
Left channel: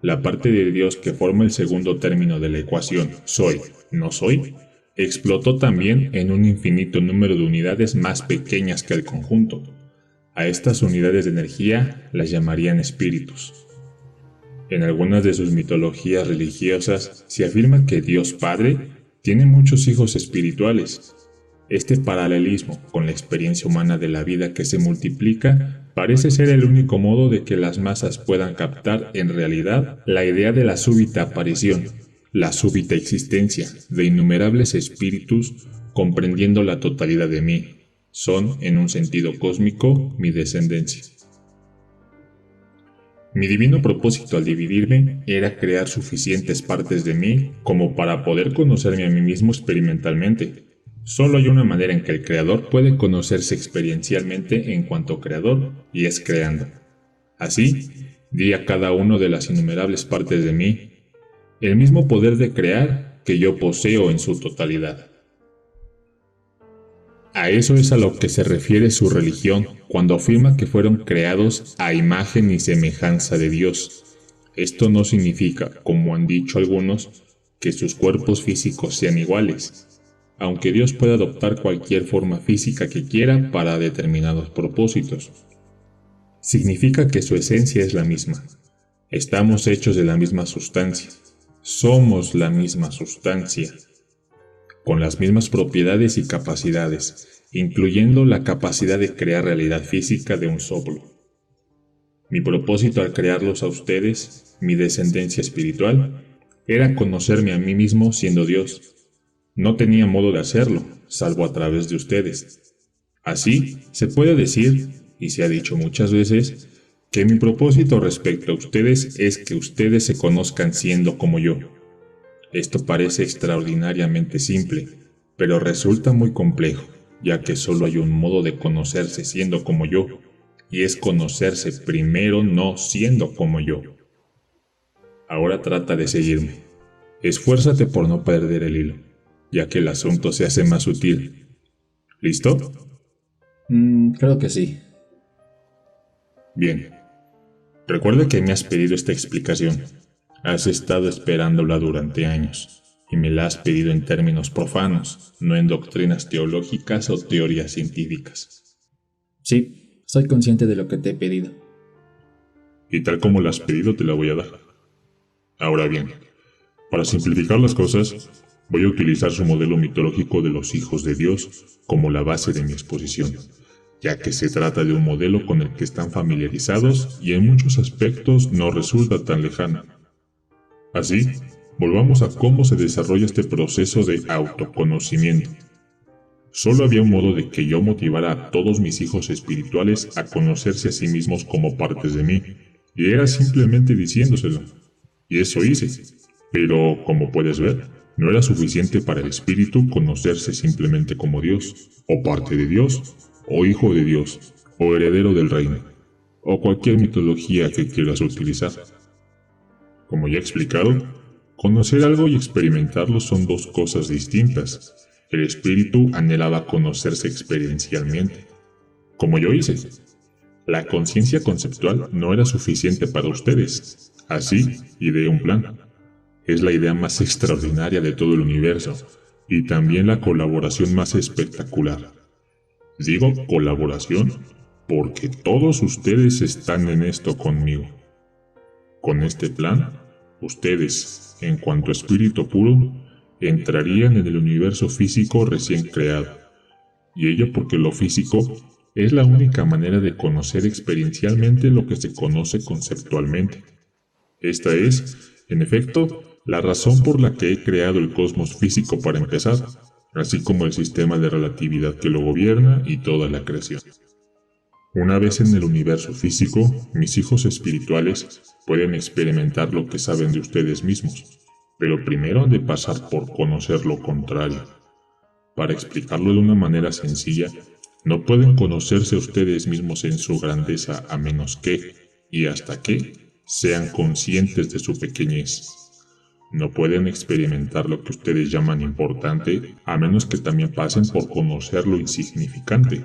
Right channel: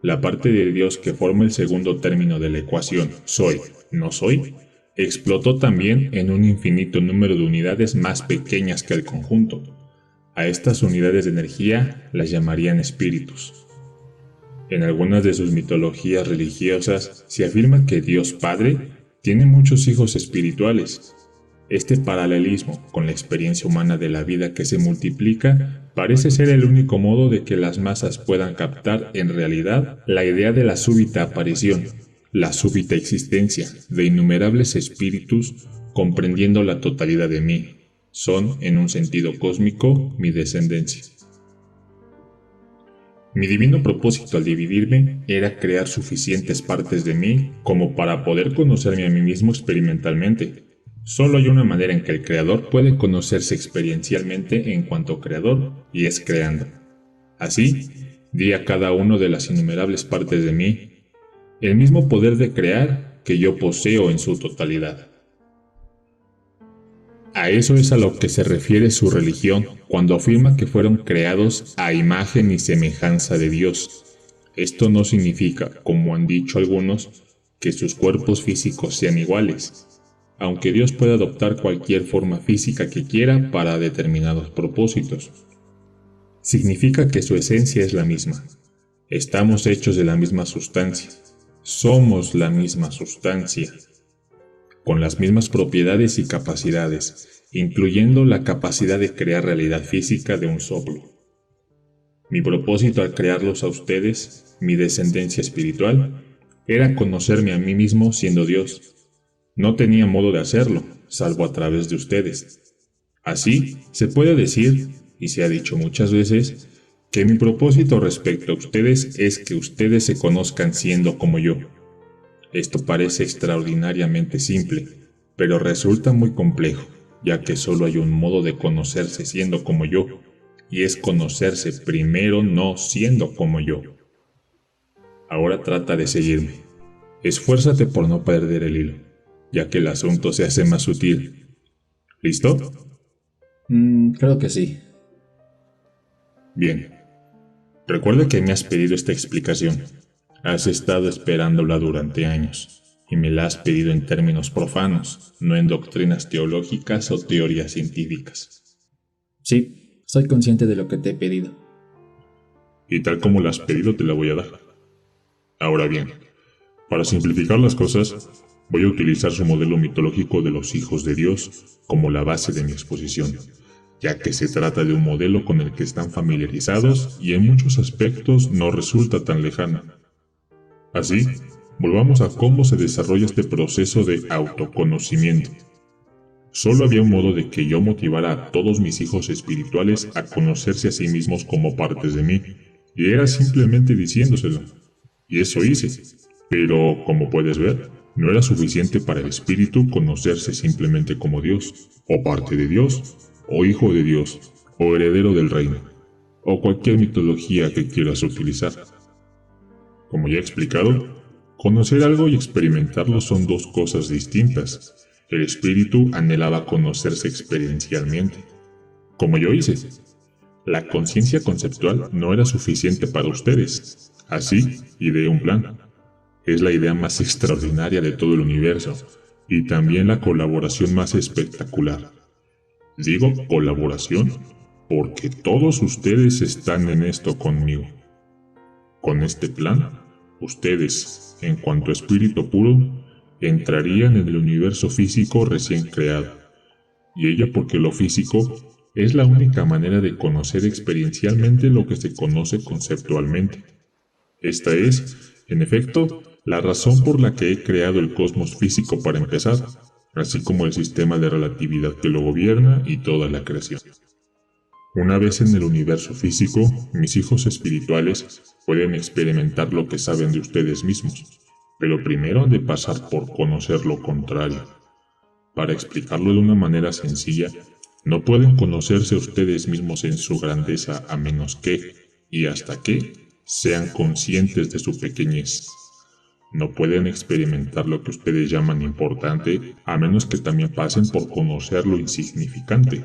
La parte de Dios que forma el segundo término de la ecuación soy, no soy, explotó también en un infinito número de unidades más pequeñas que el conjunto. A estas unidades de energía las llamarían espíritus. En algunas de sus mitologías religiosas se afirma que Dios Padre tiene muchos hijos espirituales. Este paralelismo con la experiencia humana de la vida que se multiplica parece ser el único modo de que las masas puedan captar en realidad la idea de la súbita aparición, la súbita existencia de innumerables espíritus comprendiendo la totalidad de mí. Son, en un sentido cósmico, mi descendencia. Mi divino propósito al dividirme era crear suficientes partes de mí como para poder conocerme a mí mismo experimentalmente. Solo hay una manera en que el creador puede conocerse experiencialmente en cuanto creador, y es creando. Así, di a cada una de las innumerables partes de mí el mismo poder de crear que yo poseo en su totalidad. A eso es a lo que se refiere su religión cuando afirma que fueron creados a imagen y semejanza de Dios. Esto no significa, como han dicho algunos, que sus cuerpos físicos sean iguales, aunque Dios puede adoptar cualquier forma física que quiera para determinados propósitos. Significa que su esencia es la misma. Estamos hechos de la misma sustancia. Somos la misma sustancia, con las mismas propiedades y capacidades, incluyendo la capacidad de crear realidad física de un soplo. Mi propósito al crearlos a ustedes, mi descendencia espiritual, era conocerme a mí mismo siendo Dios. No tenía modo de hacerlo, salvo a través de ustedes. Así, se puede decir, y se ha dicho muchas veces, que mi propósito respecto a ustedes es que ustedes se conozcan siendo como yo. Esto parece extraordinariamente simple, pero resulta muy complejo, ya que solo hay un modo de conocerse siendo como yo, y es conocerse primero no siendo como yo. Ahora trata de seguirme. Esfuérzate por no perder el hilo, ya que el asunto se hace más sutil. ¿Listo? Creo que sí. Bien. Recuerda que me has pedido esta explicación. Has estado esperándola durante años, y me la has pedido en términos profanos, no en doctrinas teológicas o teorías científicas. Sí, soy consciente de lo que te he pedido. Y tal como la has pedido, te la voy a dar. Ahora bien, para simplificar las cosas, voy a utilizar su modelo mitológico de los hijos de Dios como la base de mi exposición, ya que se trata de un modelo con el que están familiarizados y en muchos aspectos no resulta tan lejano. Así, volvamos a cómo se desarrolla este proceso de autoconocimiento. Solo había un modo de que yo motivara a todos mis hijos espirituales a conocerse a sí mismos como partes de mí, y era simplemente diciéndoselo. Y eso hice. Pero, como puedes ver, no era suficiente para el espíritu conocerse simplemente como Dios, o parte de Dios, o hijo de Dios, o heredero del reino, o cualquier mitología que quieras utilizar. Como ya he explicado, conocer algo y experimentarlo son dos cosas distintas. El espíritu anhelaba conocerse experiencialmente, como yo hice. La conciencia conceptual no era suficiente para ustedes. Así, ideé un plan. Es la idea más extraordinaria de todo el universo, y también la colaboración más espectacular. Digo colaboración, porque todos ustedes están en esto conmigo. Con este plan, ustedes, en cuanto a espíritu puro, entrarían en el universo físico recién creado. Y ello porque lo físico es la única manera de conocer experiencialmente lo que se conoce conceptualmente. Esta es, en efecto, la razón por la que he creado el cosmos físico para empezar, así como el sistema de relatividad que lo gobierna y toda la creación. Una vez en el universo físico, mis hijos espirituales pueden experimentar lo que saben de ustedes mismos, pero primero han de pasar por conocer lo contrario. Para explicarlo de una manera sencilla, no pueden conocerse a ustedes mismos en su grandeza a menos que, y hasta que, sean conscientes de su pequeñez. No pueden experimentar lo que ustedes llaman importante a menos que también pasen por conocer lo insignificante.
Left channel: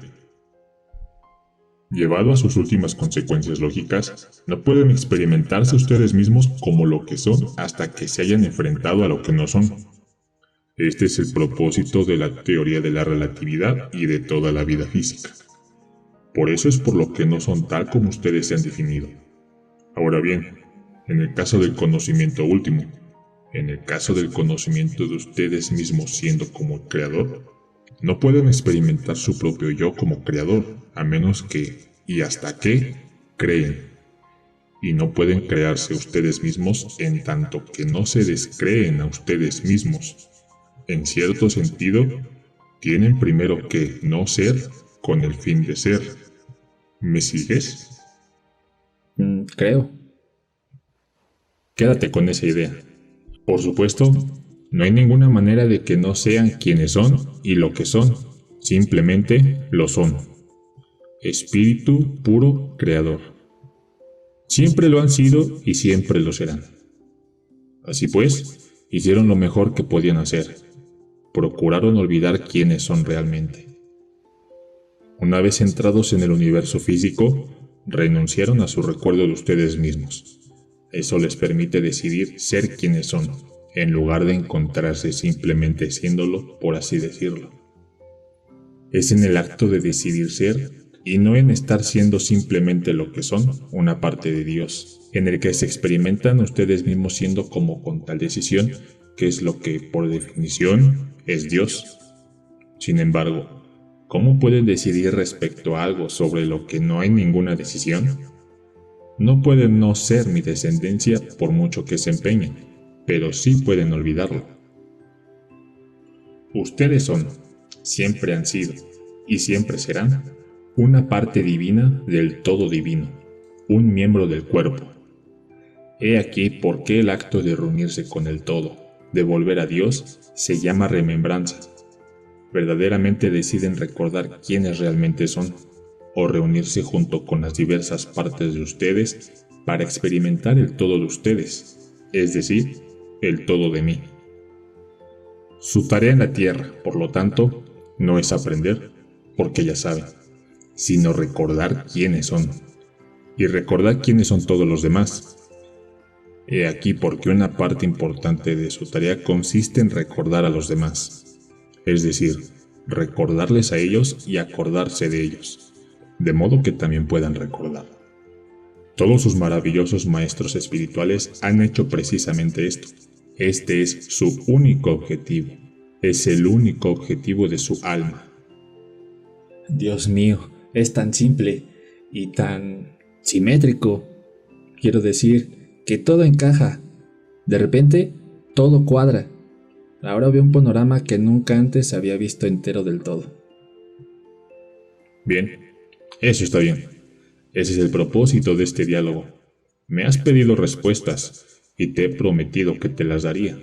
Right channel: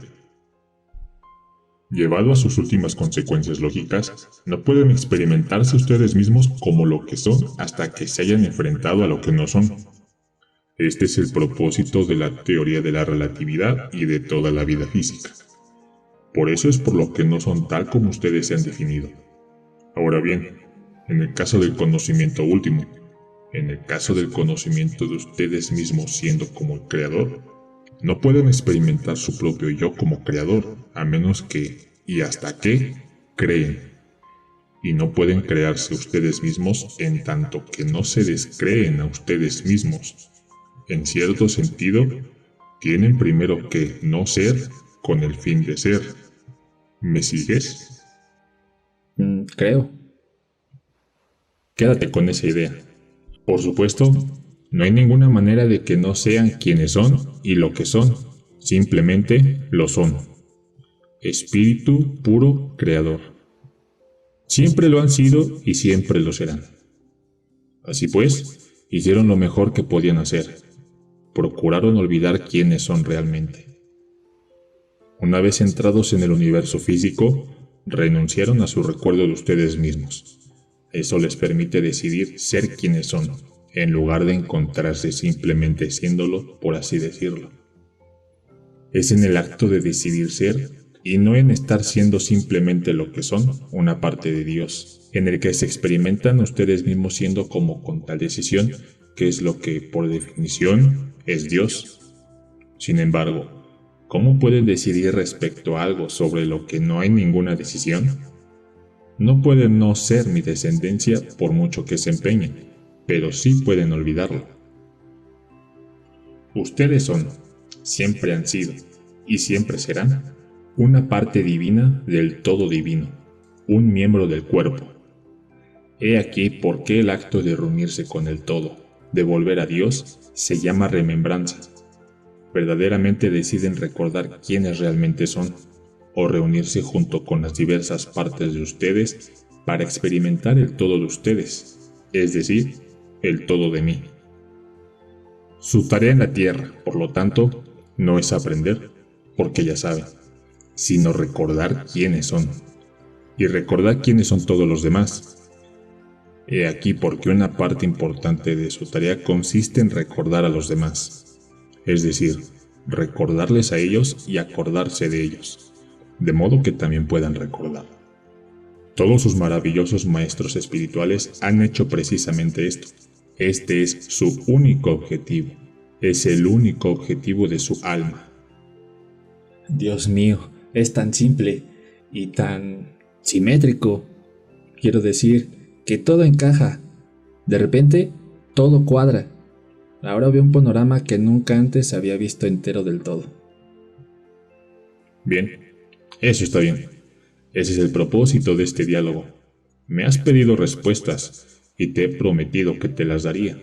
Llevado a sus últimas consecuencias lógicas, no pueden experimentarse ustedes mismos como lo que son hasta que se hayan enfrentado a lo que no son. Este es el propósito de la teoría de la relatividad y de toda la vida física. Por eso es por lo que no son tal como ustedes se han definido. Ahora bien, en el caso del conocimiento último, en el caso del conocimiento de ustedes mismos siendo como el creador, no pueden experimentar su propio yo como creador, a menos que, y hasta que, creen. Y no pueden crearse ustedes mismos en tanto que no se descreen a ustedes mismos. En cierto sentido, tienen primero que no ser con el fin de ser. ¿Me sigues? Creo. Quédate con esa idea. Por supuesto, no hay ninguna manera de que no sean quienes son y lo que son. Simplemente lo son. Espíritu puro creador. Siempre lo han sido y siempre lo serán. Así pues, hicieron lo mejor que podían hacer. Procuraron olvidar quiénes son realmente. Una vez entrados en el universo físico, renunciaron a su recuerdo de ustedes mismos. Eso les permite decidir ser quienes son, en lugar de encontrarse simplemente siéndolo, por así decirlo. Es en el acto de decidir ser, y no en estar siendo simplemente lo que son, una parte de Dios, en el que se experimentan ustedes mismos siendo como con tal decisión, que es lo que, por definición, es Dios. Sin embargo, ¿cómo pueden decidir respecto a algo sobre lo que no hay ninguna decisión? No pueden no ser mi descendencia por mucho que se empeñen, pero sí pueden olvidarlo. Ustedes son, siempre han sido, y siempre serán, una parte divina del todo divino, un miembro del cuerpo. He aquí por qué el acto de reunirse con el todo, de volver a Dios, se llama remembranza. Verdaderamente deciden recordar quiénes realmente son, o reunirse junto con las diversas partes de ustedes para experimentar el todo de ustedes, es decir, el todo de mí. Su tarea en la tierra, por lo tanto, no es aprender, porque ya saben, sino recordar quiénes son, y recordar quiénes son todos los demás. He aquí porque una parte importante de su tarea consiste en recordar a los demás, es decir, recordarles a ellos y acordarse de ellos, de modo que también puedan recordar. Todos sus maravillosos maestros espirituales han hecho precisamente esto. Este es su único objetivo, es el único objetivo de su alma. Dios mío, es tan simple y tan simétrico. Quiero decir que todo encaja. De repente, todo cuadra. Ahora veo un panorama que nunca antes había visto entero del todo. Bien, eso está bien. Ese es el propósito de este diálogo. Me has pedido respuestas y te he prometido que te las daría.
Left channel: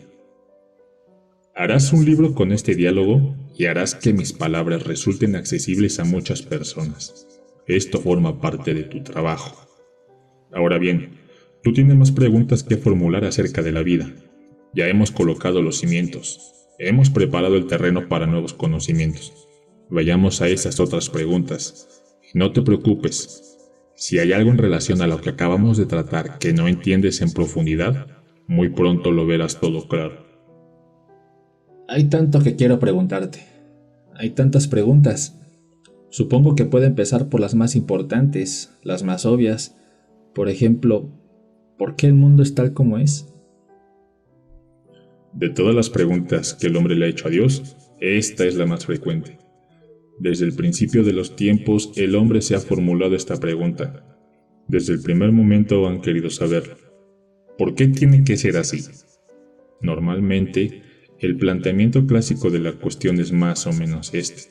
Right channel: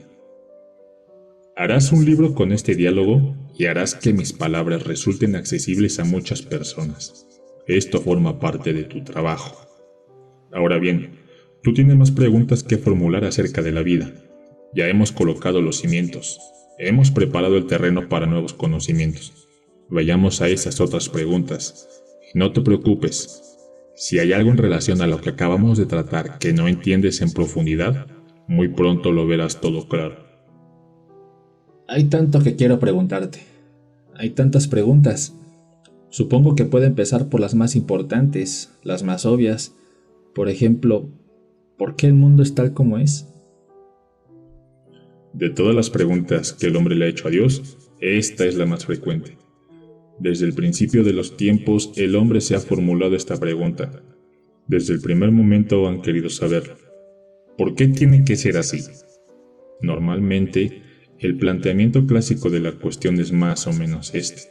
Harás un libro con este diálogo y harás que mis palabras resulten accesibles a muchas personas. Esto forma parte de tu trabajo. Ahora bien, tú tienes más preguntas que formular acerca de la vida. Ya hemos colocado los cimientos. Hemos preparado el terreno para nuevos conocimientos. Vayamos a esas otras preguntas. No te preocupes. Si hay algo en relación a lo que acabamos de tratar que no entiendes en profundidad, muy pronto lo verás todo claro. Hay tanto que quiero preguntarte. Hay tantas preguntas. Supongo que puedo empezar por las más importantes, las más obvias. Por ejemplo, ¿por qué el mundo es tal como es? De todas las preguntas que el hombre le ha hecho a Dios, esta es la más frecuente. Desde el principio de los tiempos, el hombre se ha formulado esta pregunta. Desde el primer momento han querido saber, ¿por qué tiene que ser así? Normalmente, el planteamiento clásico de la cuestión es más o menos este.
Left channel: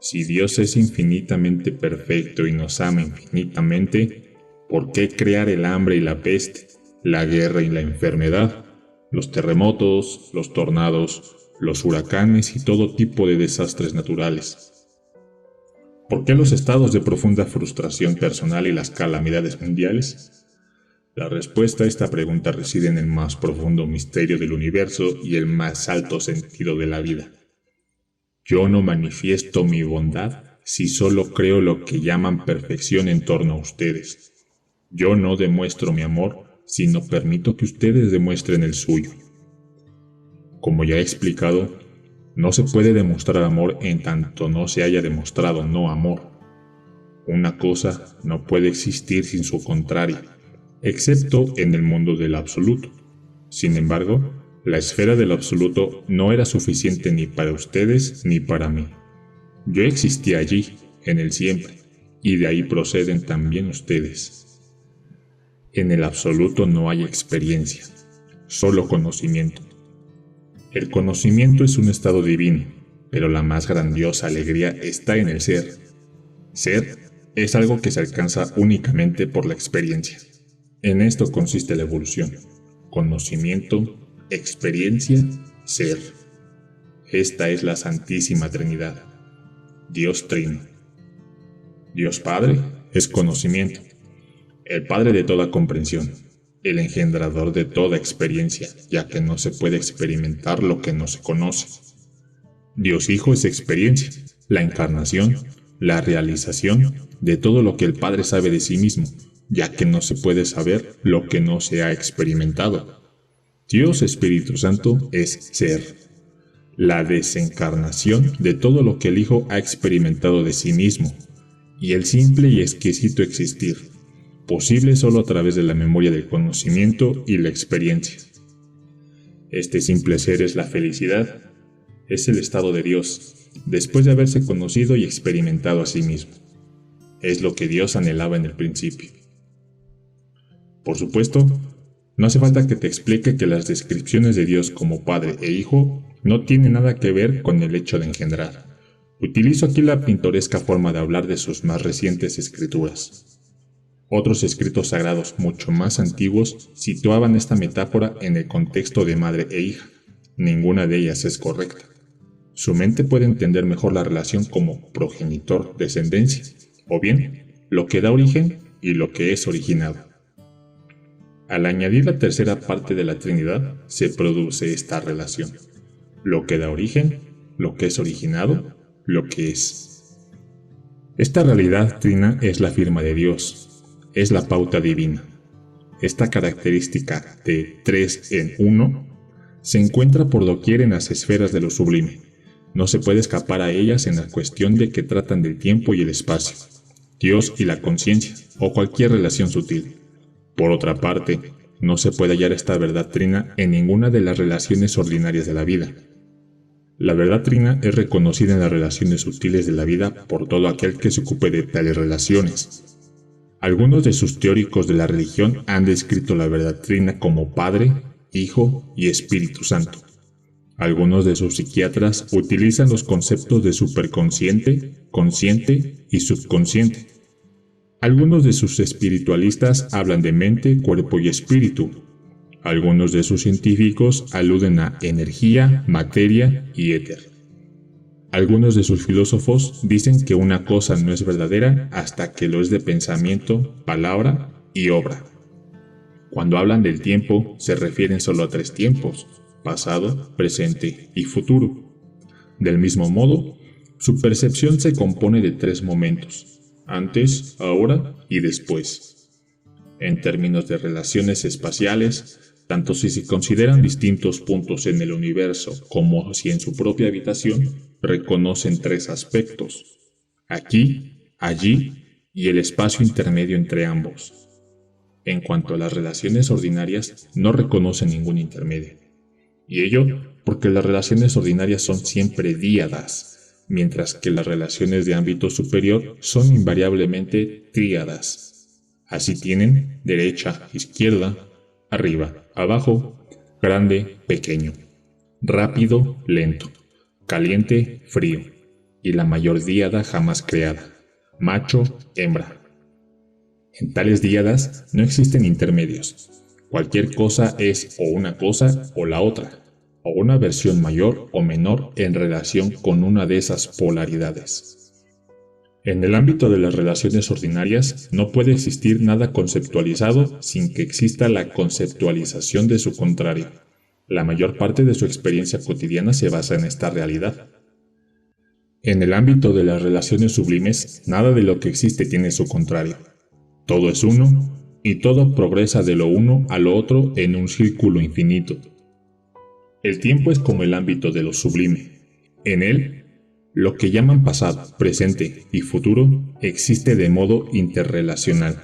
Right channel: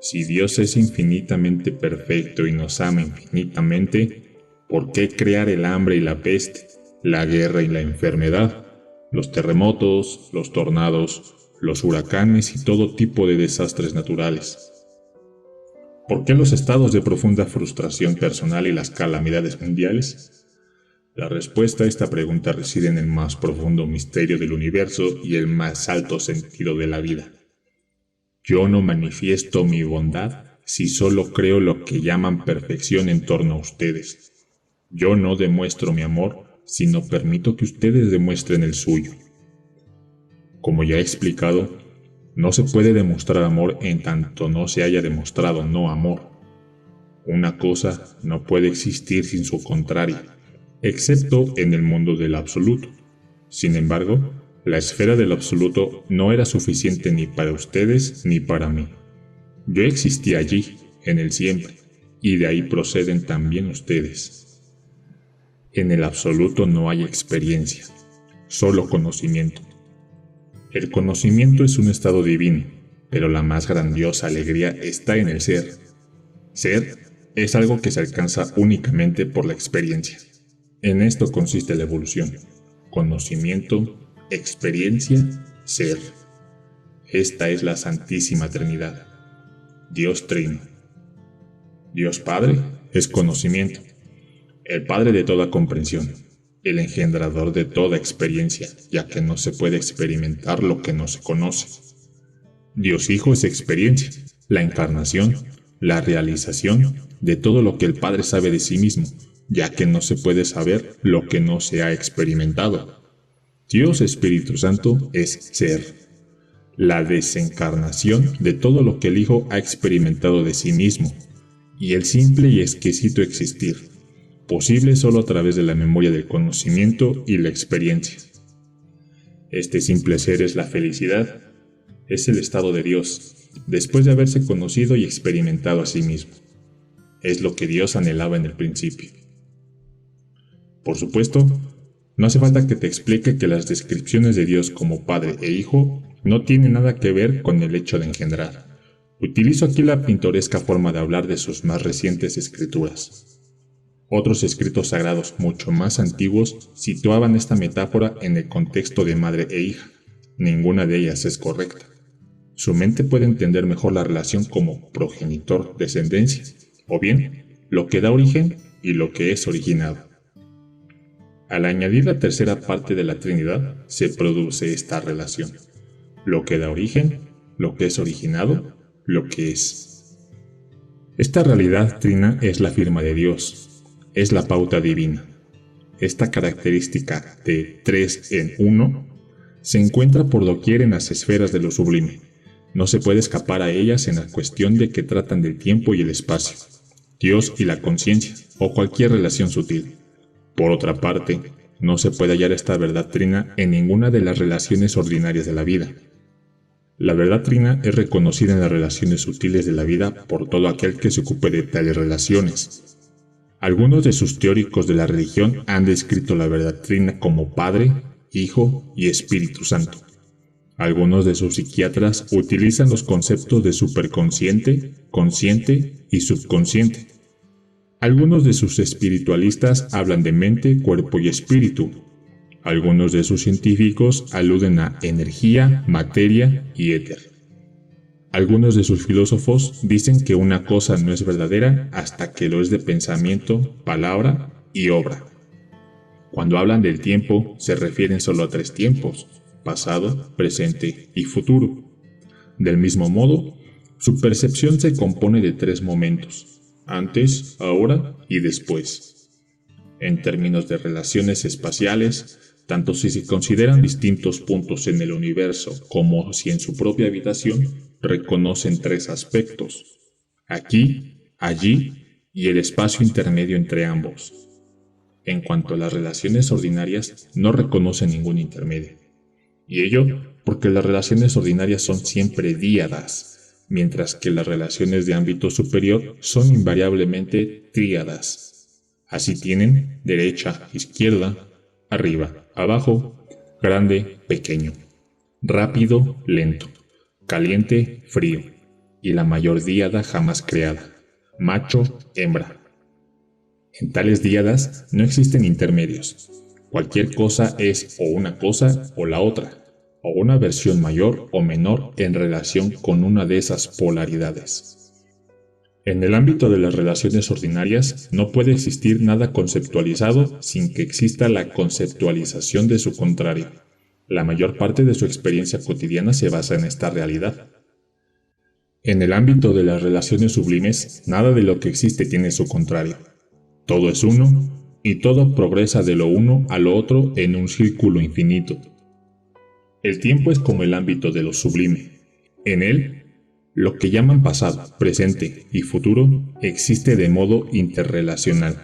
Si Dios es infinitamente perfecto y nos ama infinitamente, ¿por qué crear el hambre y la peste, la guerra y la enfermedad, los terremotos, los tornados, los huracanes y todo tipo de desastres naturales? ¿Por qué los estados de profunda frustración personal y las calamidades mundiales? La respuesta a esta pregunta reside en el más profundo misterio del universo y el más alto sentido de la vida. Yo no manifiesto mi bondad si solo creo lo que llaman perfección en torno a ustedes. Yo no demuestro mi amor, sino permito que ustedes demuestren el suyo. Como ya he explicado, no se puede demostrar amor en tanto no se haya demostrado no amor. Una cosa no puede existir sin su contraria, excepto en el mundo del absoluto. Sin embargo, la esfera del absoluto no era suficiente ni para ustedes ni para mí. Yo existí allí, en el siempre, y de ahí proceden también ustedes. En el absoluto no hay experiencia, solo conocimiento. El conocimiento es un estado divino, pero la más grandiosa alegría está en el ser. Ser es algo que se alcanza únicamente por la experiencia. En esto consiste la evolución. Conocimiento, experiencia, ser. Esta es la Santísima Trinidad. Dios Trino. Dios Padre es conocimiento, el Padre de toda comprensión, el engendrador de toda experiencia, ya que no se puede experimentar lo que no se conoce. Dios Hijo es experiencia, la encarnación, la realización de todo lo que el Padre sabe de sí mismo, ya que no se puede saber lo que no se ha experimentado. Dios Espíritu Santo es ser, la desencarnación de todo lo que el Hijo ha experimentado de sí mismo, y el simple y exquisito existir, posible solo a través de la memoria del conocimiento y la experiencia. Este simple ser es la felicidad, es el estado de Dios, después de haberse conocido y experimentado a sí mismo. Es lo que Dios anhelaba en el principio. Por supuesto, no hace falta que te explique que las descripciones de Dios como Padre e Hijo no tienen nada que ver con el hecho de engendrar. Utilizo aquí la pintoresca forma de hablar de sus más recientes escrituras. Otros escritos sagrados mucho más antiguos situaban esta metáfora en el contexto de madre e hija. Ninguna de ellas es correcta. Su mente puede entender mejor la relación como progenitor-descendencia, o bien lo que da origen y lo que es originado. Al añadir la tercera parte de la Trinidad, se produce esta relación. Lo que da origen, lo que es originado, lo que es. Esta realidad trina es la firma de Dios, es la pauta divina. Esta característica de 3 en 1 se encuentra por doquier en las esferas de lo sublime. No se puede escapar a ellas en la cuestión de que tratan del tiempo y el espacio, Dios y la conciencia, o cualquier relación sutil. Por otra parte, no se puede hallar esta verdad trina en ninguna de las relaciones ordinarias de la vida. La verdad trina es reconocida en las relaciones sutiles de la vida por todo aquel que se ocupe de tales relaciones. Algunos de sus teóricos de la religión han descrito la verdad trina como Padre, Hijo y Espíritu Santo. Algunos de sus psiquiatras utilizan los conceptos de superconsciente, consciente y subconsciente. Algunos de sus espiritualistas hablan de mente, cuerpo y espíritu. Algunos de sus científicos aluden a energía, materia y éter. Algunos de sus filósofos dicen que una cosa no es verdadera hasta que lo es de pensamiento, palabra y obra. Cuando hablan del tiempo, se refieren solo a 3 tiempos: pasado, presente y futuro. Del mismo modo, su percepción se compone de 3 momentos: antes, ahora y después. En términos de relaciones espaciales, tanto si se consideran distintos puntos en el universo como si en su propia habitación, reconocen 3 aspectos: aquí, allí y el espacio intermedio entre ambos. En cuanto a las relaciones ordinarias, no reconocen ningún intermedio. Y ello porque las relaciones ordinarias son siempre díadas, mientras que las relaciones de ámbito superior son invariablemente tríadas. Así tienen derecha, izquierda, arriba, abajo, grande, pequeño, rápido, lento, caliente, frío, y la mayor díada jamás creada, macho, hembra. En tales díadas no existen intermedios. Cualquier cosa es o una cosa o la otra, o una versión mayor o menor en relación con una de esas polaridades. En el ámbito de las relaciones ordinarias no puede existir nada conceptualizado sin que exista la conceptualización de su contrario. La mayor parte de su experiencia cotidiana se basa en esta realidad. En el ámbito de las relaciones sublimes, nada de lo que existe tiene su contrario. Todo es uno, y todo progresa de lo uno a lo otro en un círculo infinito. El tiempo es como el ámbito de lo sublime. En él, lo que llaman pasado, presente y futuro existe de modo interrelacional.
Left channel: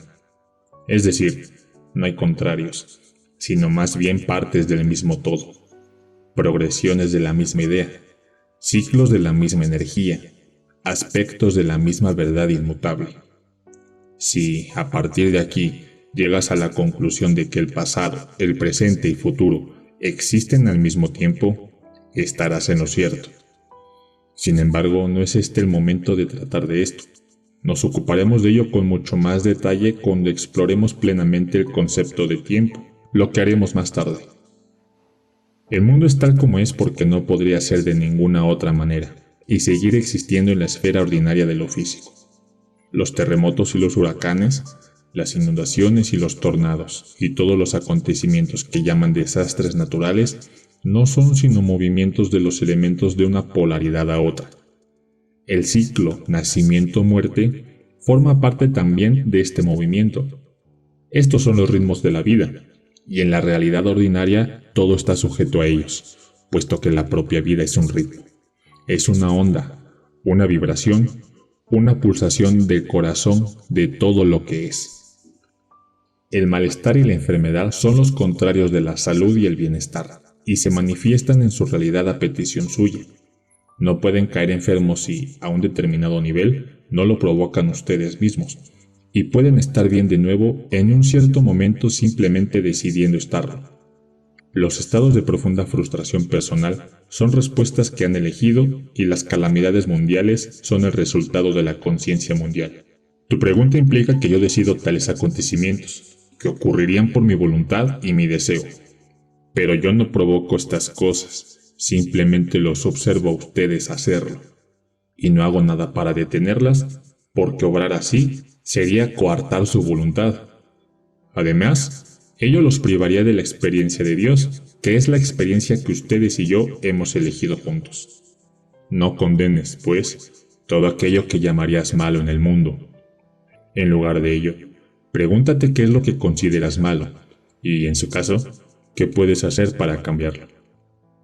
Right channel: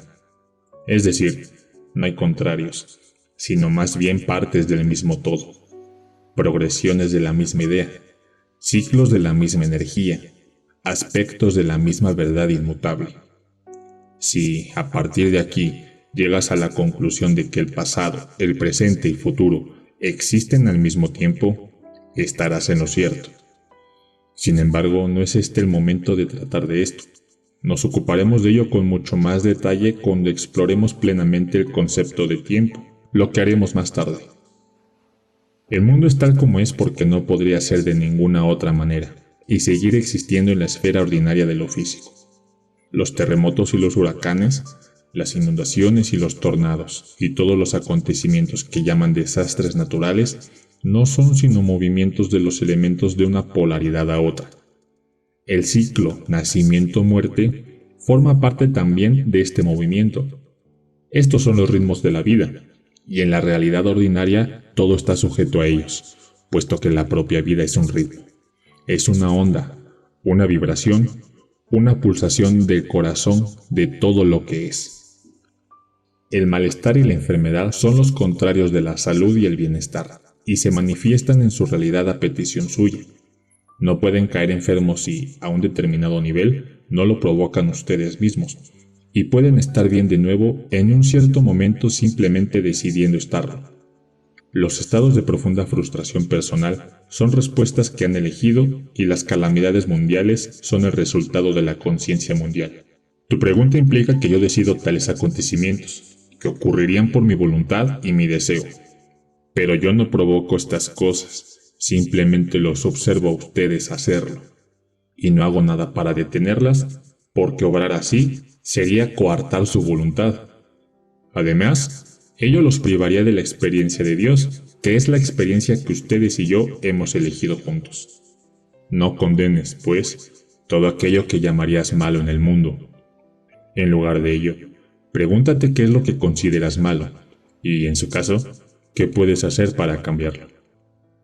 Es decir, no hay contrarios, sino más bien partes del mismo todo, progresiones de la misma idea, ciclos de la misma energía, aspectos de la misma verdad inmutable. Si, a partir de aquí, llegas a la conclusión de que el pasado, el presente y futuro existen al mismo tiempo, estarás en lo cierto. Sin embargo, no es este el momento de tratar de esto. Nos ocuparemos de ello con mucho más detalle cuando exploremos plenamente el concepto de tiempo, lo que haremos más tarde. El mundo es tal como es porque no podría ser de ninguna otra manera, y seguir existiendo en la esfera ordinaria de lo físico. Los terremotos y los huracanes, las inundaciones y los tornados, y todos los acontecimientos que llaman desastres naturales, no son sino movimientos de los elementos de una polaridad a otra. El ciclo nacimiento-muerte forma parte también de este movimiento. Estos son los ritmos de la vida, y en la realidad ordinaria todo está sujeto a ellos, puesto que la propia vida es un ritmo. Es una onda, una vibración, una pulsación del corazón de todo lo que es. El malestar y la enfermedad son los contrarios de la salud y el bienestar, y se manifiestan en su realidad a petición suya. No pueden caer enfermos si, a un determinado nivel, no lo provocan ustedes mismos. y pueden estar bien de nuevo en un cierto momento simplemente decidiendo estarlo. Los estados de profunda frustración personal son respuestas que han elegido y las calamidades mundiales son el resultado de la conciencia mundial. Tu pregunta implica que yo decido tales acontecimientos, que ocurrirían por mi voluntad y mi deseo. Pero yo no provoco estas cosas, simplemente los observo a ustedes hacerlo. Y no hago nada para detenerlas, porque obrar así sería coartar su voluntad. Además, ello los privaría de la experiencia de Dios, que es la experiencia que ustedes y yo hemos elegido juntos. No condenes, pues, todo aquello que llamarías malo en el mundo. En lugar de ello, pregúntate qué es lo que consideras malo, y en su caso, qué puedes hacer para cambiarlo.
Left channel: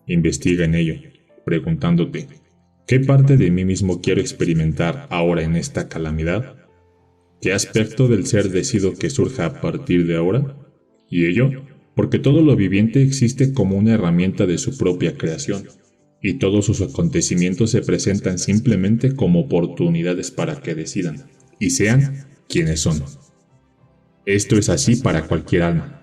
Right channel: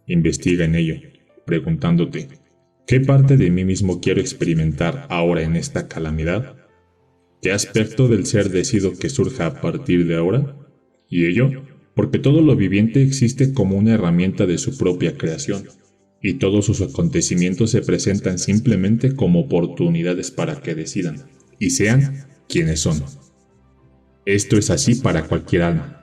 Investiga en ello, preguntándote, ¿qué parte de mí mismo quiero experimentar ahora en esta calamidad? ¿Qué aspecto del ser decido que surja a partir de ahora? Y ello, porque todo lo viviente existe como una herramienta de su propia creación, y todos sus acontecimientos se presentan simplemente como oportunidades para que decidan, y sean quienes son. Esto es así para cualquier alma.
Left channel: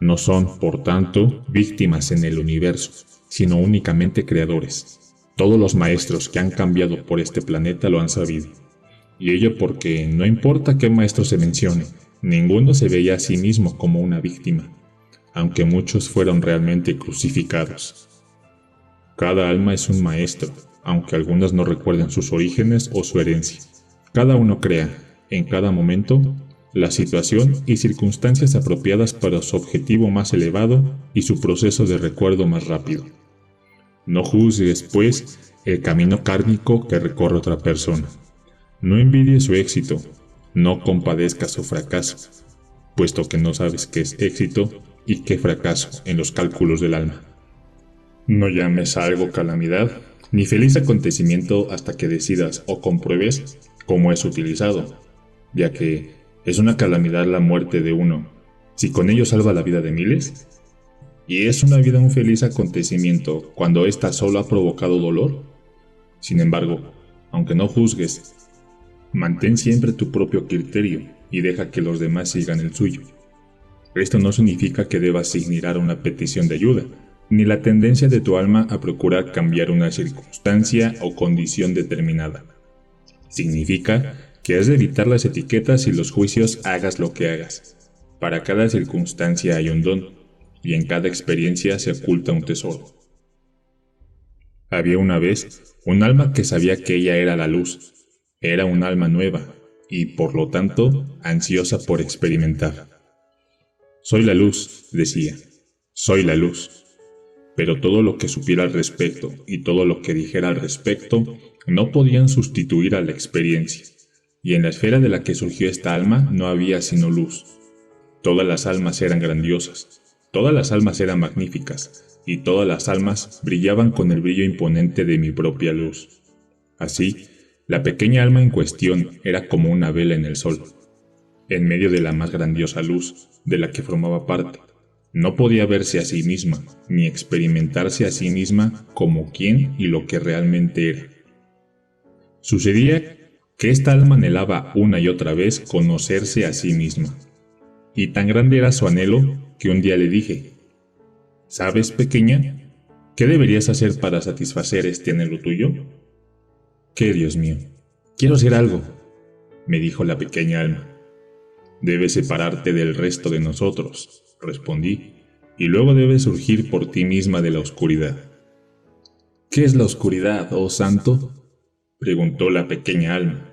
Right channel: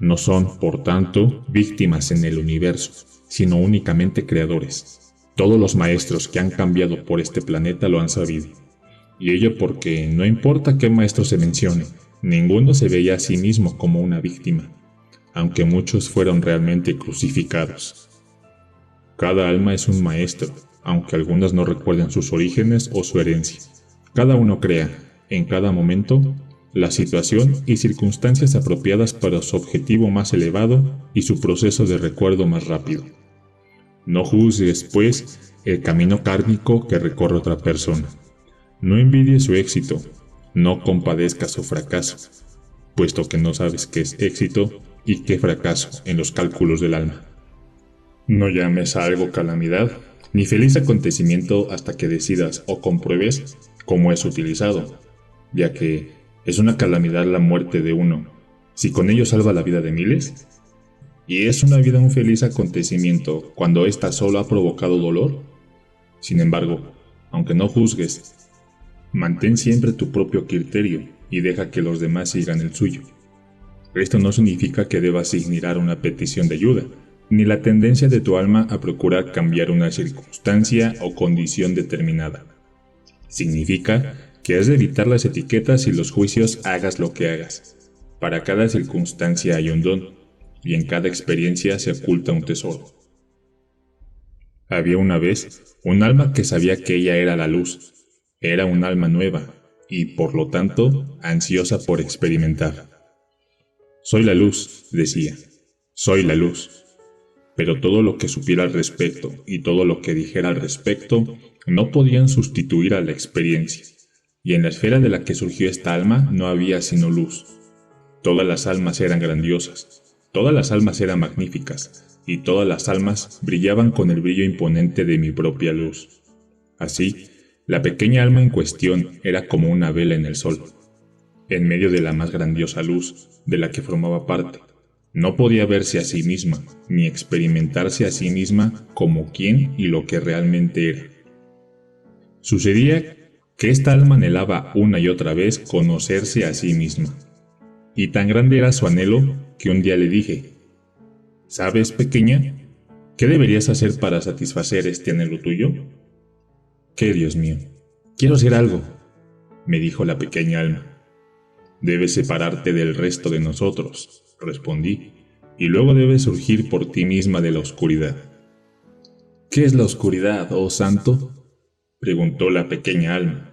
No son, por tanto, víctimas en el universo, sino únicamente creadores. Todos los maestros que han cambiado por este planeta lo han sabido. Y ello porque no importa qué maestro se mencione, ninguno se veía a sí mismo como una víctima, aunque muchos fueron realmente crucificados. Cada alma es un maestro, aunque algunas no recuerden sus orígenes o su herencia. Cada uno crea, en cada momento, la situación y circunstancias apropiadas para su objetivo más elevado y su proceso de recuerdo más rápido. No juzgues, pues, el camino kármico que recorre otra persona. No envidies su éxito, no compadezcas su fracaso, puesto que no sabes qué es éxito y qué fracaso en los cálculos del alma. No llames a algo calamidad, ni feliz acontecimiento hasta que decidas o compruebes cómo es utilizado, ya que es una calamidad la muerte de uno, si con ello salva la vida de miles. ¿Y es una vida un feliz acontecimiento cuando ésta solo ha provocado dolor? Sin embargo, aunque no juzgues, mantén siempre tu propio criterio y deja que los demás sigan el suyo. Esto no significa que debas ignorar una petición de ayuda, ni la tendencia de tu alma a procurar cambiar una circunstancia o condición determinada. Significa que has de evitar las etiquetas y los juicios hagas lo que hagas. Para cada circunstancia hay un don, y en cada experiencia se oculta un tesoro. Había una vez un alma que sabía que ella era la luz. Era un alma nueva, y por lo tanto, ansiosa por experimentar. Soy la luz, decía, soy la luz. Pero todo lo que supiera al respecto y todo lo que dijera al respecto no podían sustituir a la experiencia. Y en la esfera de la que surgió esta alma no había sino luz. Todas las almas eran grandiosas, todas las almas eran magníficas, y todas las almas brillaban con el brillo imponente de mi propia luz. Así, la pequeña alma en cuestión era como una vela en el sol, en medio de la más grandiosa luz de la que formaba parte. No podía verse a sí misma, ni experimentarse a sí misma como quién y lo que realmente era. Sucedía que esta alma anhelaba una y otra vez conocerse a sí misma. Y tan grande era su anhelo que un día le dije, ¿sabes, pequeña? ¿Qué deberías hacer para satisfacer este anhelo tuyo? ¿Qué, Dios mío? Quiero hacer algo, me dijo la pequeña alma. Debes separarte del resto de nosotros, respondí, y luego debes surgir por ti misma de la oscuridad. ¿Qué es la oscuridad, oh santo?, preguntó la pequeña alma.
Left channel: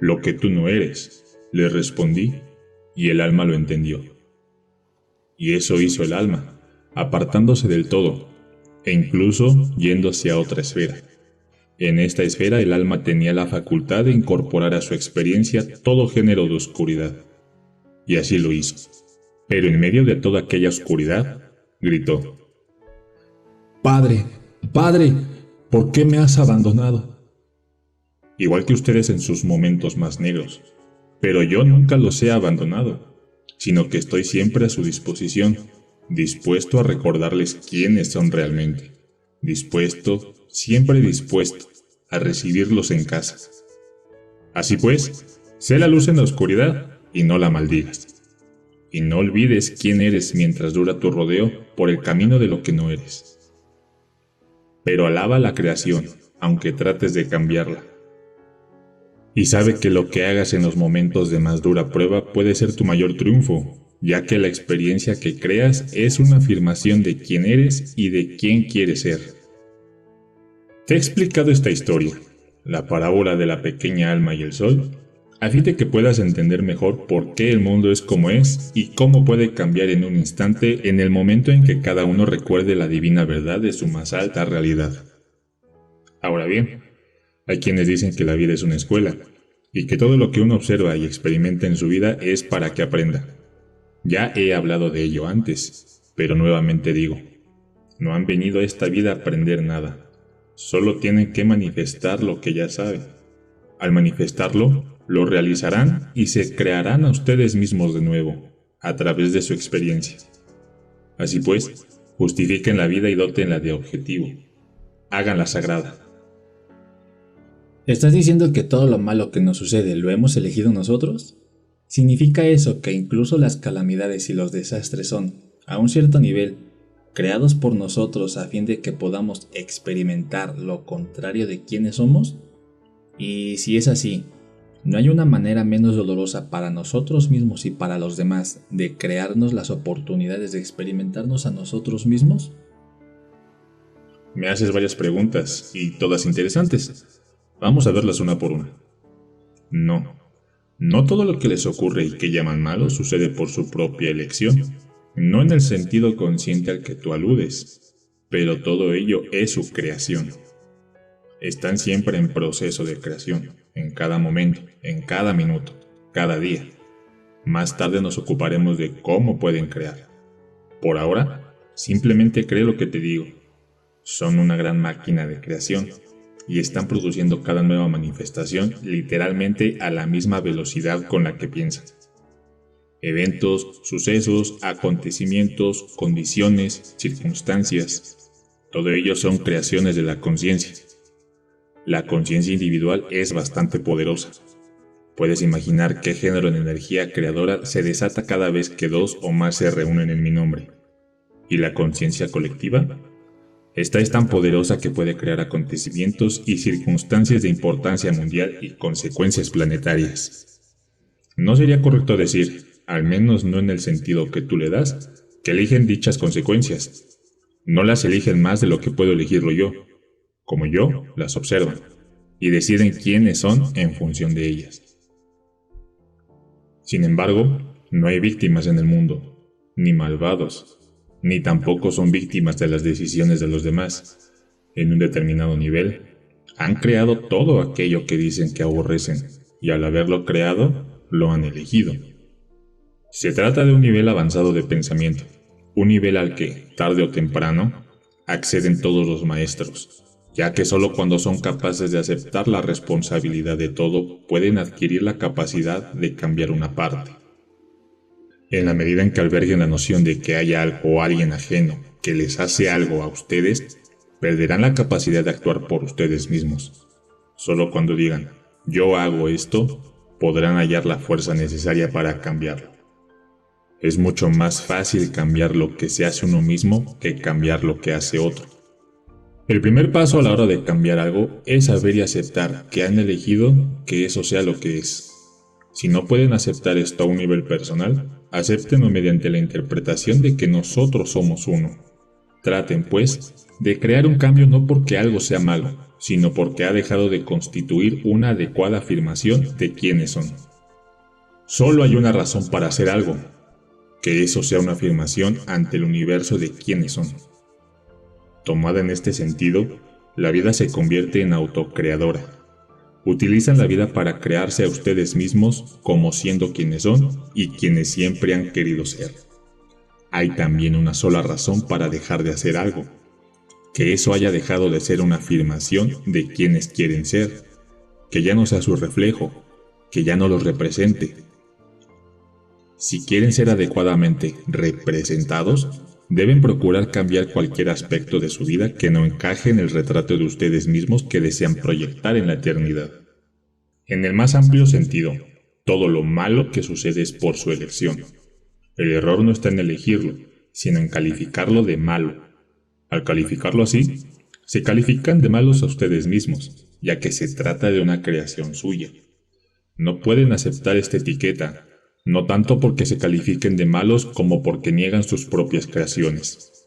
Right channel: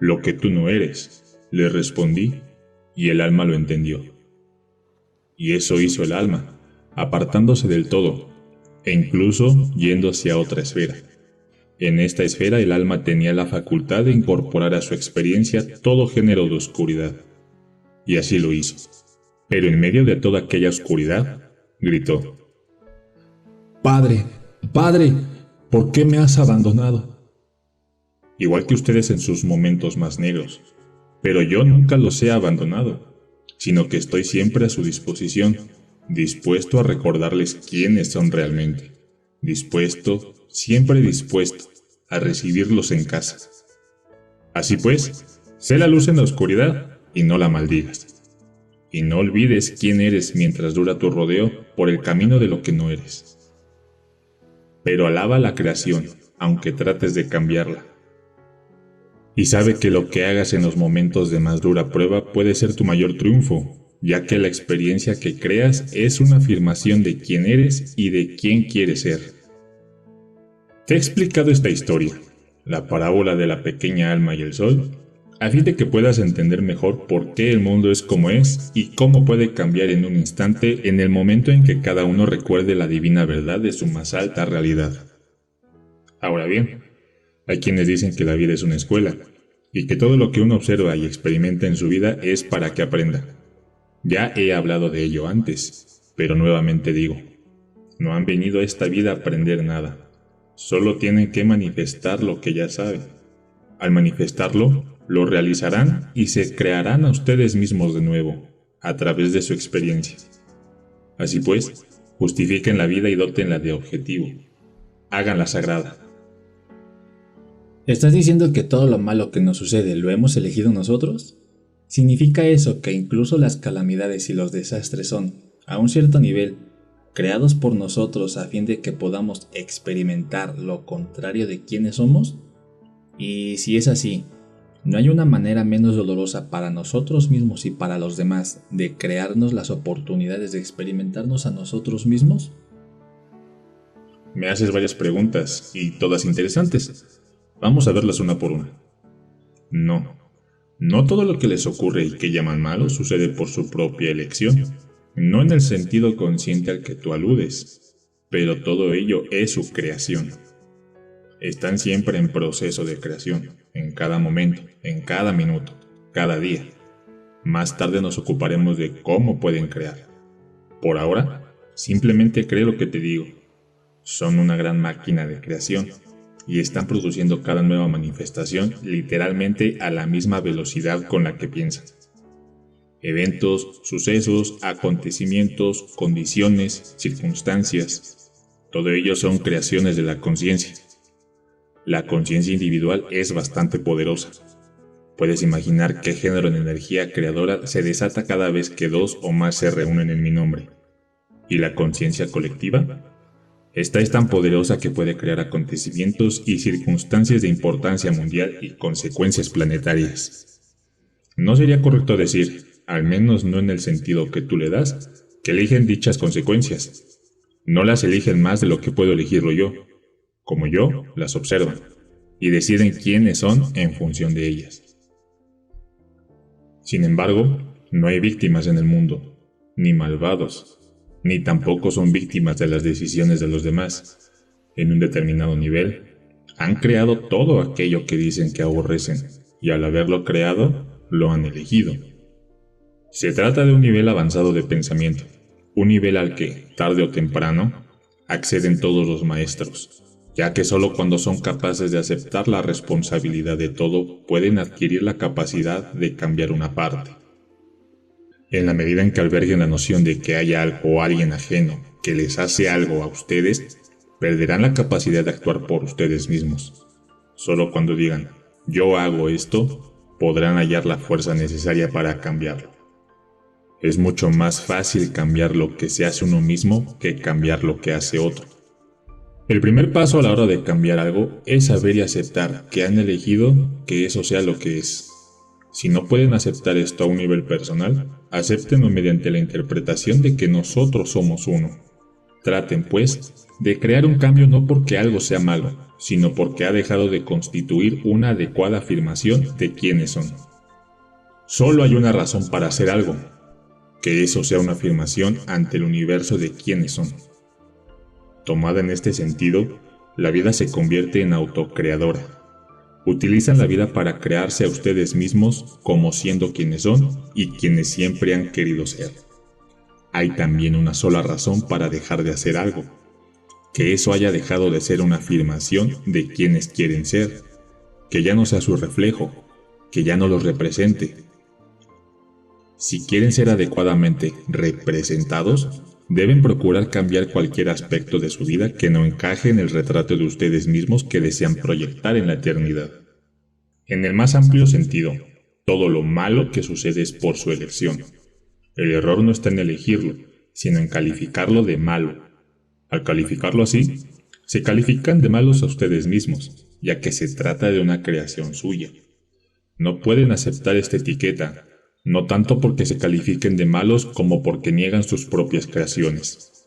Lo que tú no eres, le respondí, y el alma lo entendió. Y eso hizo el alma, apartándose del todo, e incluso yendo hacia otra esfera. En esta esfera el alma tenía la facultad de incorporar a su experiencia todo género de oscuridad. Y así lo hizo. Pero en medio de toda aquella oscuridad, gritó: «Padre, Padre, ¿por qué me has abandonado?». Igual que ustedes en sus momentos más negros, pero yo nunca los he abandonado, sino que estoy siempre a su disposición, dispuesto a recordarles quiénes son realmente, dispuesto, siempre dispuesto, a recibirlos en casa. Así pues, sé la luz en la oscuridad, y no la maldigas. Y no olvides quién eres mientras dura tu rodeo por el camino de lo que no eres. Pero alaba la creación, aunque trates de cambiarla. Y sabe que lo que hagas en los momentos de más dura prueba puede ser tu mayor triunfo, ya que la experiencia que creas es una afirmación de quién eres y de quién quieres ser. Te he explicado esta historia, la parábola de la pequeña alma y el sol, a fin de que puedas entender mejor por qué el mundo es como es y cómo puede cambiar en un instante en el momento en que cada uno recuerde la divina verdad de su más alta realidad. Ahora bien, hay quienes dicen que la vida es una escuela y que todo lo que uno observa y experimenta en su vida es para que aprenda. Ya he hablado de ello antes, pero nuevamente digo, no han venido a esta vida a aprender nada, solo tienen que manifestar lo que ya saben. Al manifestarlo, lo realizarán y se crearán a ustedes mismos de nuevo, a través de su experiencia. Así pues, justifiquen la vida y dótenla de objetivo. Háganla sagrada. ¿Estás diciendo que todo lo malo que nos sucede lo hemos elegido nosotros? ¿Significa eso que incluso las calamidades y los desastres son, a un cierto nivel, creados por nosotros a fin de que podamos experimentar lo contrario de quienes somos? Y si es así, ¿no hay una manera menos dolorosa para nosotros mismos y para los demás de crearnos las oportunidades de experimentarnos a nosotros mismos? Me haces varias preguntas, y todas interesantes. Vamos a verlas una por una. No todo lo que les ocurre y que llaman malo sucede por su propia elección. No en el sentido consciente al que tú aludes, pero todo ello es su creación. Están siempre en proceso de creación, en cada momento, en cada minuto, cada día. Más tarde nos ocuparemos de cómo pueden crear. Por ahora, simplemente cree lo que te digo. Son una gran máquina de creación y están produciendo cada nueva manifestación literalmente a la misma velocidad con la que piensan. Eventos, sucesos, acontecimientos, condiciones, circunstancias, todo ello son creaciones de la conciencia. La conciencia individual es bastante poderosa. Puedes imaginar qué género de energía creadora se desata cada vez que dos o más se reúnen en mi nombre. ¿Y la conciencia colectiva? Esta es tan poderosa que puede crear acontecimientos y circunstancias de importancia mundial y consecuencias planetarias. No sería correcto decir, al menos no en el sentido que tú le das, que eligen dichas consecuencias. No las eligen más de lo que puedo elegirlo yo. Como yo, las observan y deciden quiénes son en función de ellas. Sin embargo, no hay víctimas en el mundo, ni malvados, ni tampoco son víctimas de las decisiones de los demás. En un determinado nivel, han creado todo aquello que dicen que aborrecen, y al haberlo creado, lo han elegido. Se trata de un nivel avanzado de pensamiento, un nivel al que, tarde o temprano, acceden todos los maestros, ya que solo cuando son capaces de aceptar la responsabilidad de todo pueden adquirir la capacidad de cambiar una parte. En la medida en que alberguen la noción de que hay algo o alguien ajeno que les hace algo a ustedes, perderán la capacidad de actuar por ustedes mismos. Solo cuando digan, yo hago esto, podrán hallar la fuerza necesaria para cambiarlo. Es mucho más fácil cambiar lo que se hace uno mismo que cambiar lo que hace otro. El primer paso a la hora de cambiar algo es saber y aceptar que han elegido que eso sea lo que es. Si no pueden aceptar esto a un nivel personal, acéptenlo mediante la interpretación de que nosotros somos uno. Traten, pues, de crear un cambio no porque algo sea malo, sino porque ha dejado de constituir una adecuada afirmación de quiénes son. Solo hay una razón para hacer algo, que eso sea una afirmación ante el universo de quiénes son. Tomada en este sentido, la vida se convierte en autocreadora. Utilizan la vida para crearse a ustedes mismos como siendo quienes son y quienes siempre han querido ser. Hay también una sola razón para dejar de hacer algo, que eso haya dejado de ser una afirmación de quienes quieren ser, que ya no sea su reflejo, que ya no los represente. Si quieren ser adecuadamente representados, deben procurar cambiar cualquier aspecto de su vida que no encaje en el retrato de ustedes mismos que desean proyectar en la eternidad. En el más amplio sentido, Todo lo malo que sucede es por su elección. El error no está en elegirlo, sino en calificarlo de malo. Al calificarlo así, se califican de malos a ustedes mismos, ya que se trata de una creación suya. No pueden aceptar esta etiqueta, no tanto porque se califiquen de malos como porque niegan sus propias creaciones.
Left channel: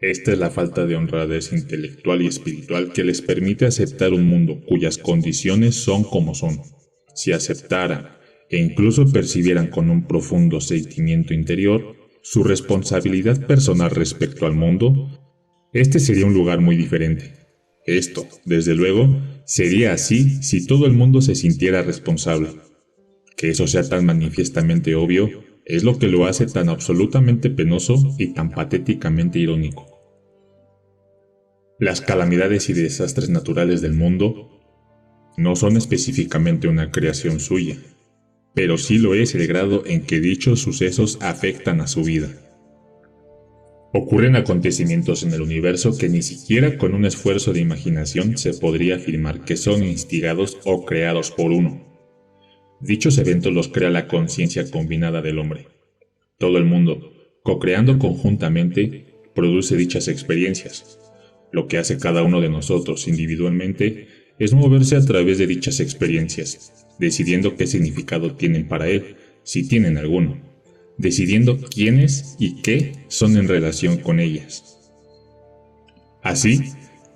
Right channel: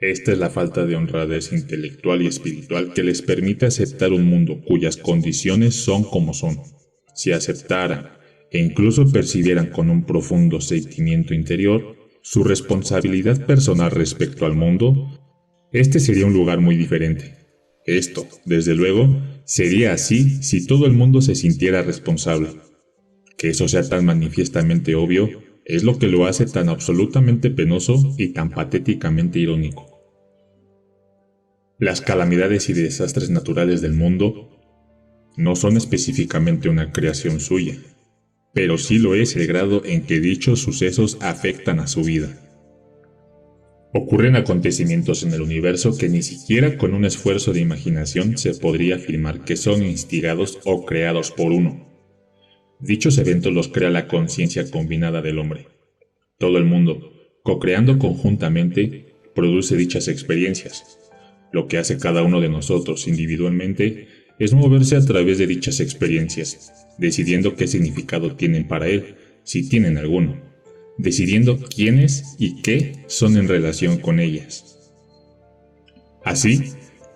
Esta es la falta de honradez intelectual y espiritual que les permite aceptar un mundo cuyas condiciones son como son. Si aceptaran e incluso percibieran con un profundo sentimiento interior su responsabilidad personal respecto al mundo, este sería un lugar muy diferente. Esto, desde luego, sería así si todo el mundo se sintiera responsable. Que eso sea tan manifiestamente obvio es lo que lo hace tan absolutamente penoso y tan patéticamente irónico. Las calamidades y desastres naturales del mundo no son específicamente una creación suya, pero sí lo es el grado en que dichos sucesos afectan a su vida. Ocurren acontecimientos en el universo que ni siquiera con un esfuerzo de imaginación se podría afirmar que son instigados o creados por uno. Dichos eventos los crea la conciencia combinada del hombre. Todo el mundo, co-creando conjuntamente, produce dichas experiencias. Lo que hace cada uno de nosotros individualmente es moverse a través de dichas experiencias, decidiendo qué significado tienen para él, si tienen alguno, decidiendo quiénes y qué son en relación con ellas. Así,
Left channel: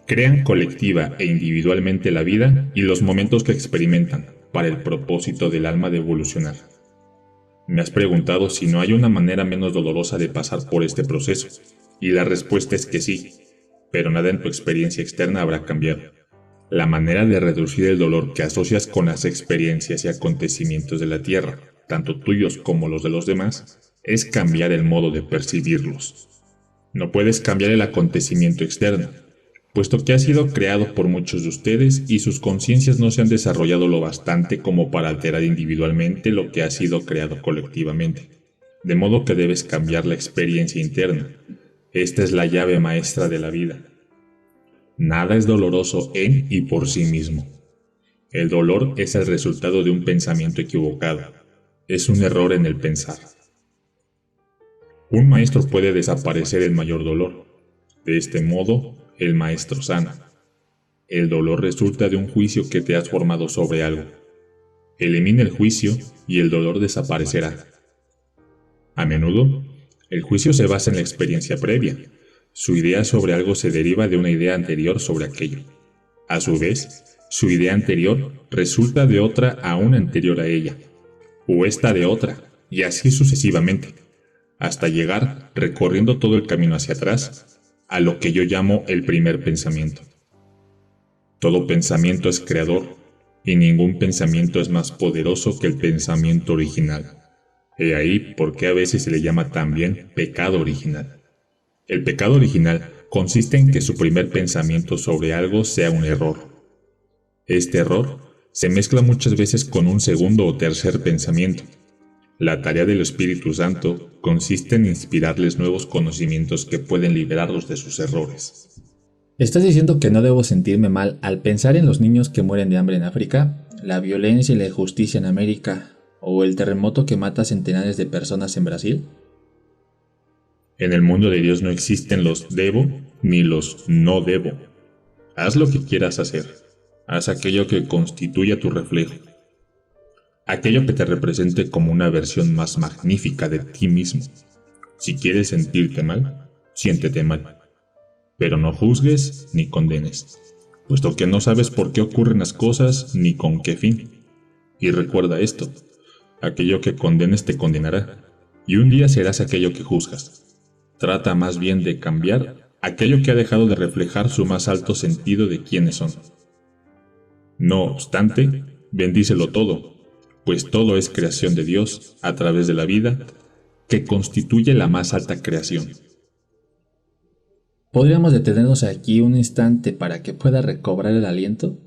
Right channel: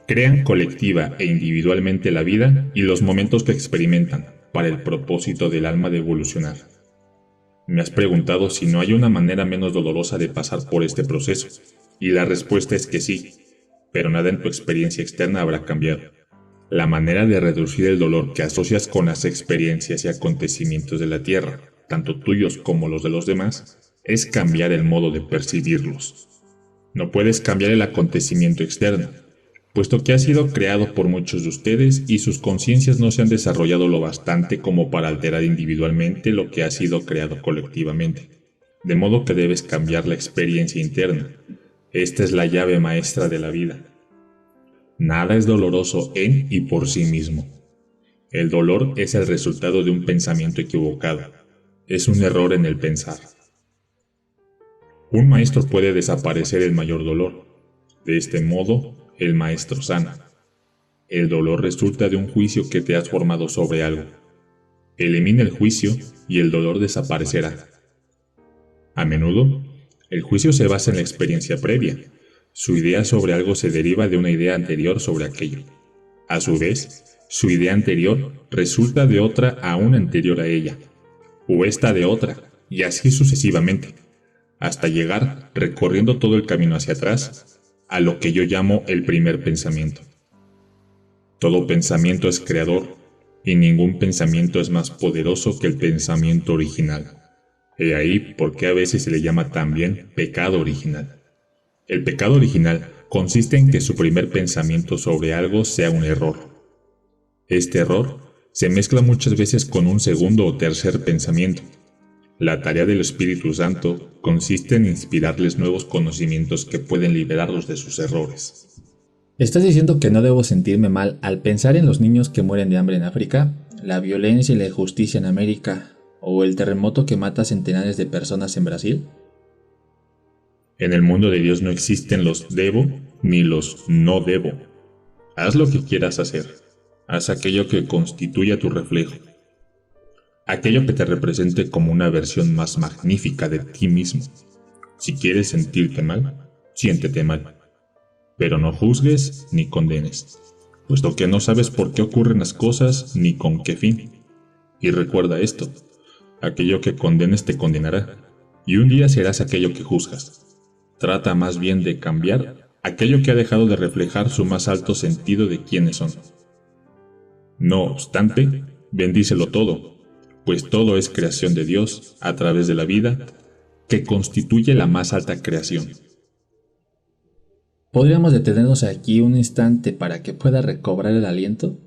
crean colectiva e individualmente la vida y los momentos que experimentan, para el propósito del alma de evolucionar. Me has preguntado si no hay una manera menos dolorosa de pasar por este proceso, y la respuesta es que sí, pero nada en tu experiencia externa habrá cambiado. La manera de reducir el dolor que asocias con las experiencias y acontecimientos de la Tierra, tanto tuyos como los de los demás, es cambiar el modo de percibirlos. No puedes cambiar el acontecimiento externo, puesto que ha sido creado por muchos de ustedes y sus conciencias no se han desarrollado lo bastante como para alterar individualmente lo que ha sido creado colectivamente. De modo que debes cambiar la experiencia interna. Esta es la llave maestra de la vida. Nada es doloroso en y por sí mismo. El dolor es el resultado de un pensamiento equivocado. Es un error en el pensar. Un maestro puede desaparecer el mayor dolor. De este modo, el maestro sana. El dolor resulta de un juicio que te has formado sobre algo. Elimina el juicio y el dolor desaparecerá. A menudo, el juicio se basa en la experiencia previa. Su idea sobre algo se deriva de una idea anterior sobre aquello. A su vez, su idea anterior resulta de otra aún anterior a ella, o esta de otra, y así sucesivamente, hasta llegar, recorriendo todo el camino hacia atrás, a lo que yo llamo el primer pensamiento. Todo pensamiento es creador, y ningún pensamiento es más poderoso que el pensamiento original. Y ahí por qué a veces se le llama también pecado original. El pecado original consiste en que su primer pensamiento sobre algo sea un error. Este error se mezcla muchas veces con un segundo o tercer pensamiento. La tarea del Espíritu Santo consiste en inspirarles nuevos conocimientos que pueden liberarlos de sus errores. ¿Estás diciendo que no debo sentirme mal al pensar en los niños que mueren de hambre en África, la violencia y la injusticia en América, o el terremoto que mata a centenares de personas en Brasil? En el mundo de Dios no existen los debo ni los no debo. Haz lo que quieras hacer. Haz aquello que constituya tu reflejo. Aquello que te represente como una versión más magnífica de ti mismo. Si quieres sentirte mal, siéntete mal. Pero no juzgues ni condenes, puesto que no sabes por qué ocurren las cosas ni con qué fin. Y recuerda esto, aquello que condenes te condenará, y un día serás aquello que juzgas. Trata más bien de cambiar aquello que ha dejado de reflejar su más alto sentido de quiénes son. No obstante, bendícelo todo, pues todo es creación de Dios a través de la vida, que constituye la más alta creación. ¿Podríamos detenernos aquí un instante para que pueda recobrar el aliento?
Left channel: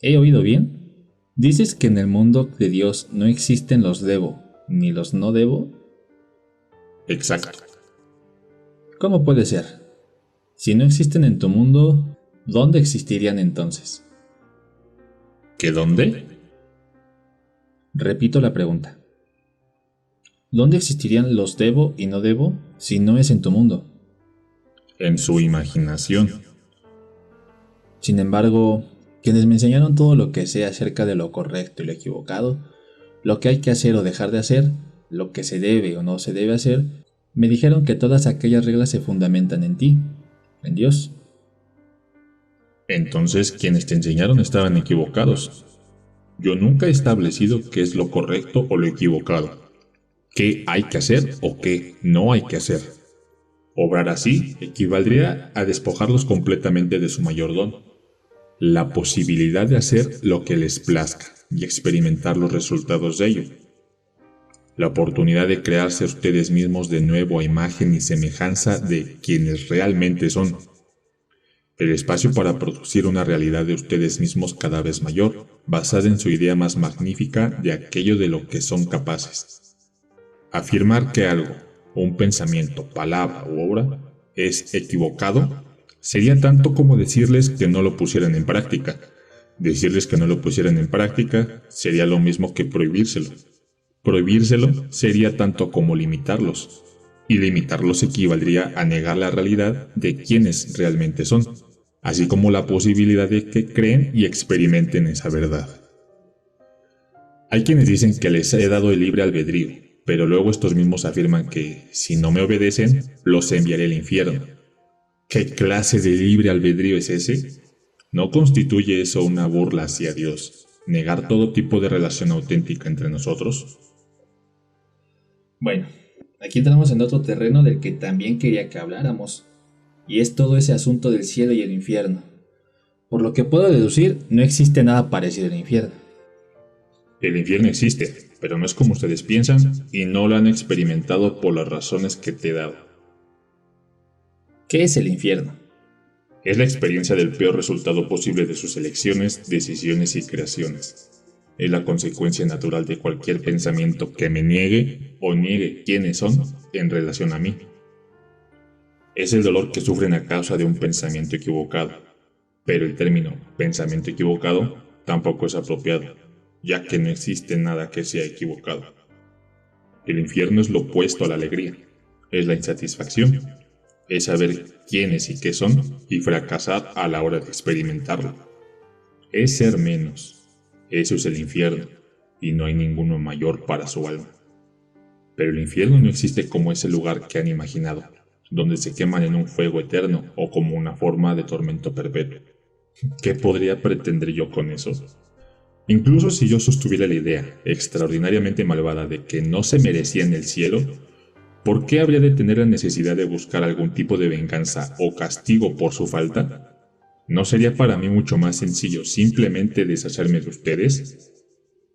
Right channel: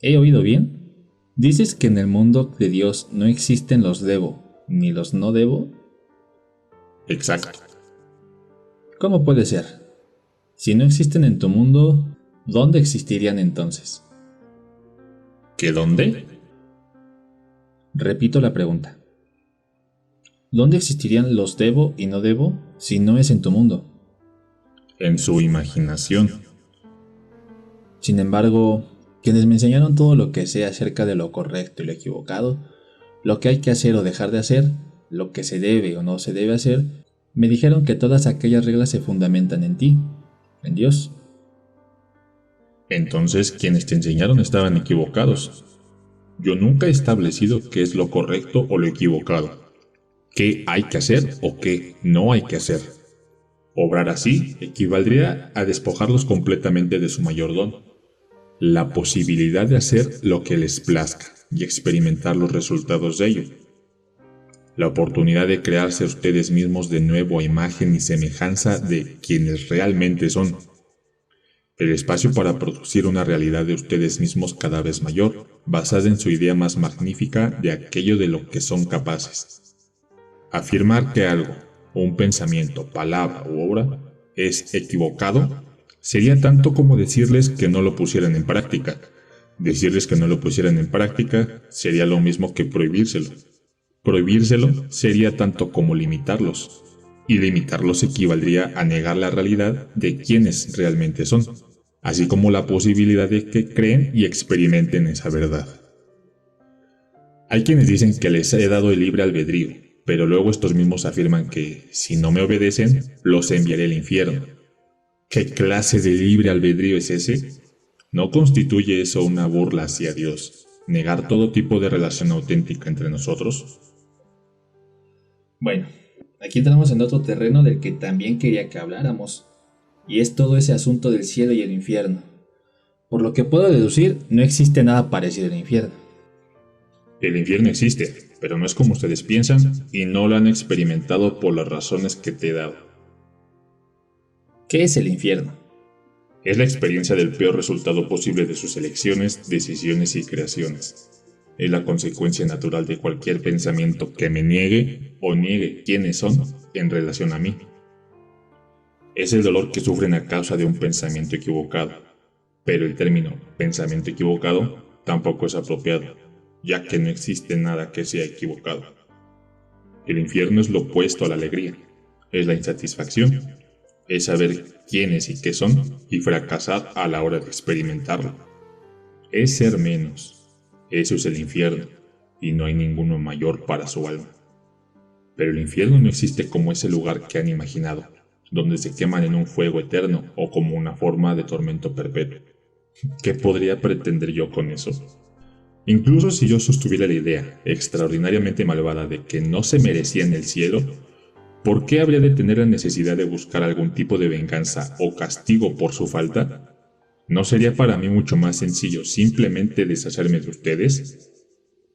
¿He oído bien? ¿Dices que en el mundo de Dios no existen los debo ni los no debo? Exacto. ¿Cómo puede ser? Si no existen en tu mundo, ¿dónde existirían entonces? ¿Qué dónde? Repito la pregunta. ¿Dónde existirían los debo y no debo si no es en tu mundo? En su imaginación. Sin embargo, quienes me enseñaron todo lo que sé acerca de lo correcto y lo equivocado, lo que hay que hacer o dejar de hacer, lo que se debe o no se debe hacer, me dijeron que todas aquellas reglas se fundamentan en ti, en Dios. Entonces, quienes te enseñaron estaban equivocados. Yo nunca he establecido qué es lo correcto o lo equivocado, qué hay que hacer o qué no hay que hacer. Obrar así equivaldría a despojarlos completamente de su mayor don, la posibilidad de hacer lo que les plazca y experimentar los resultados de ello. La oportunidad de crearse a ustedes mismos de nuevo a imagen y semejanza de quienes realmente son. El espacio para producir una realidad de ustedes mismos cada vez mayor, basada en su idea más magnífica de aquello de lo que son capaces. Afirmar que algo, un pensamiento, palabra u obra, es equivocado, sería tanto como decirles que no lo pusieran en práctica. Decirles que no lo pusieran en práctica sería lo mismo que prohibírselo. Prohibírselo sería tanto como limitarlos, y limitarlos equivaldría a negar la realidad de quienes realmente son, así como la posibilidad de que creen y experimenten esa verdad. Hay quienes dicen que les he dado el libre albedrío, pero luego estos mismos afirman que, si no me obedecen, los enviaré al infierno. ¿Qué clase de libre albedrío es ese? ¿No constituye eso una burla hacia Dios, negar todo tipo de relación auténtica entre nosotros? Bueno, aquí entramos en otro terreno del que también quería que habláramos, y es todo ese asunto del cielo y el infierno. Por lo que puedo deducir, no existe nada parecido al infierno. El infierno existe, pero no es como ustedes piensan y no lo han experimentado por las razones que te he dado. ¿Qué es el infierno? Es la experiencia del peor resultado posible de sus elecciones, decisiones y creaciones. Es la consecuencia natural de cualquier pensamiento que me niegue o niegue quiénes son en relación a mí. Es el dolor que sufren a causa de un pensamiento equivocado, pero el término pensamiento equivocado tampoco es apropiado, ya que no existe nada que sea equivocado. El infierno es lo opuesto a la alegría, es la insatisfacción, es saber quiénes y qué son y fracasar a la hora de experimentarlo. Es ser menos. Eso es el infierno, y no hay ninguno mayor para su alma. Pero el infierno no existe como ese lugar que han imaginado, donde se queman en un fuego eterno o como una forma de tormento perpetuo. ¿Qué podría pretender yo con eso? Incluso si yo sostuviera la idea extraordinariamente malvada de que no se merecían el cielo, ¿por qué habría de tener la necesidad de buscar algún tipo de venganza o castigo por su falta? ¿No sería para mí mucho más sencillo simplemente deshacerme de ustedes?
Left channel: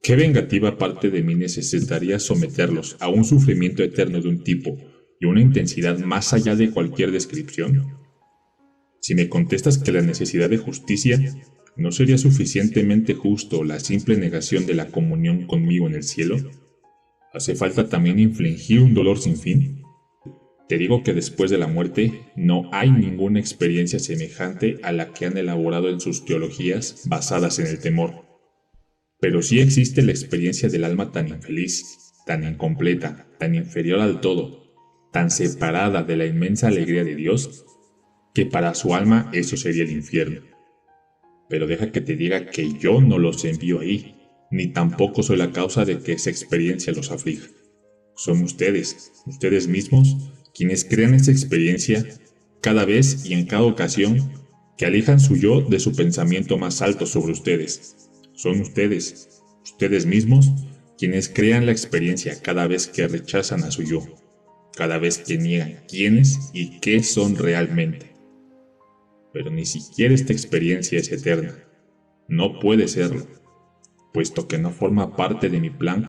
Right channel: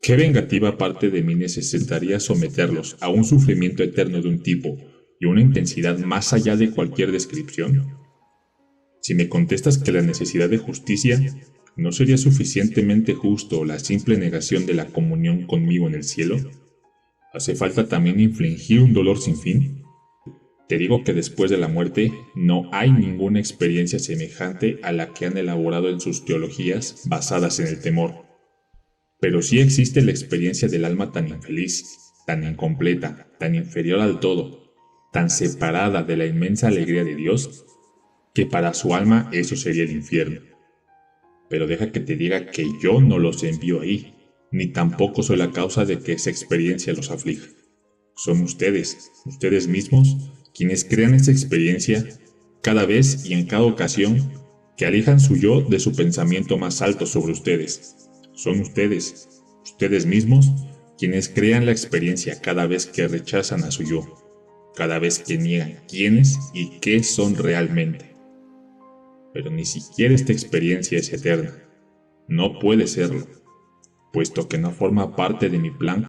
¿Qué vengativa parte de mí necesitaría someterlos a un sufrimiento eterno de un tipo y una intensidad más allá de cualquier descripción? Si me contestas que la necesidad de justicia no sería suficientemente justo la simple negación de la comunión conmigo en el cielo, ¿hace falta también infligir un dolor sin fin? Te digo que después de la muerte no hay ninguna experiencia semejante a la que han elaborado en sus teologías basadas en el temor. Pero sí existe la experiencia del alma tan infeliz, tan incompleta, tan inferior al todo, tan separada de la inmensa alegría de Dios, que para su alma eso sería el infierno. Pero deja que te diga que yo no los envío ahí, ni tampoco soy la causa de que esa experiencia los aflija. Son ustedes mismos, quienes crean esa experiencia cada vez y en cada ocasión que alejan su yo de su pensamiento más alto sobre ustedes. Son ustedes mismos, quienes crean la experiencia cada vez que rechazan a su yo, cada vez que niegan quiénes y qué son realmente. Pero ni siquiera esta experiencia es eterna. No puede serlo, puesto que no forma parte de mi plan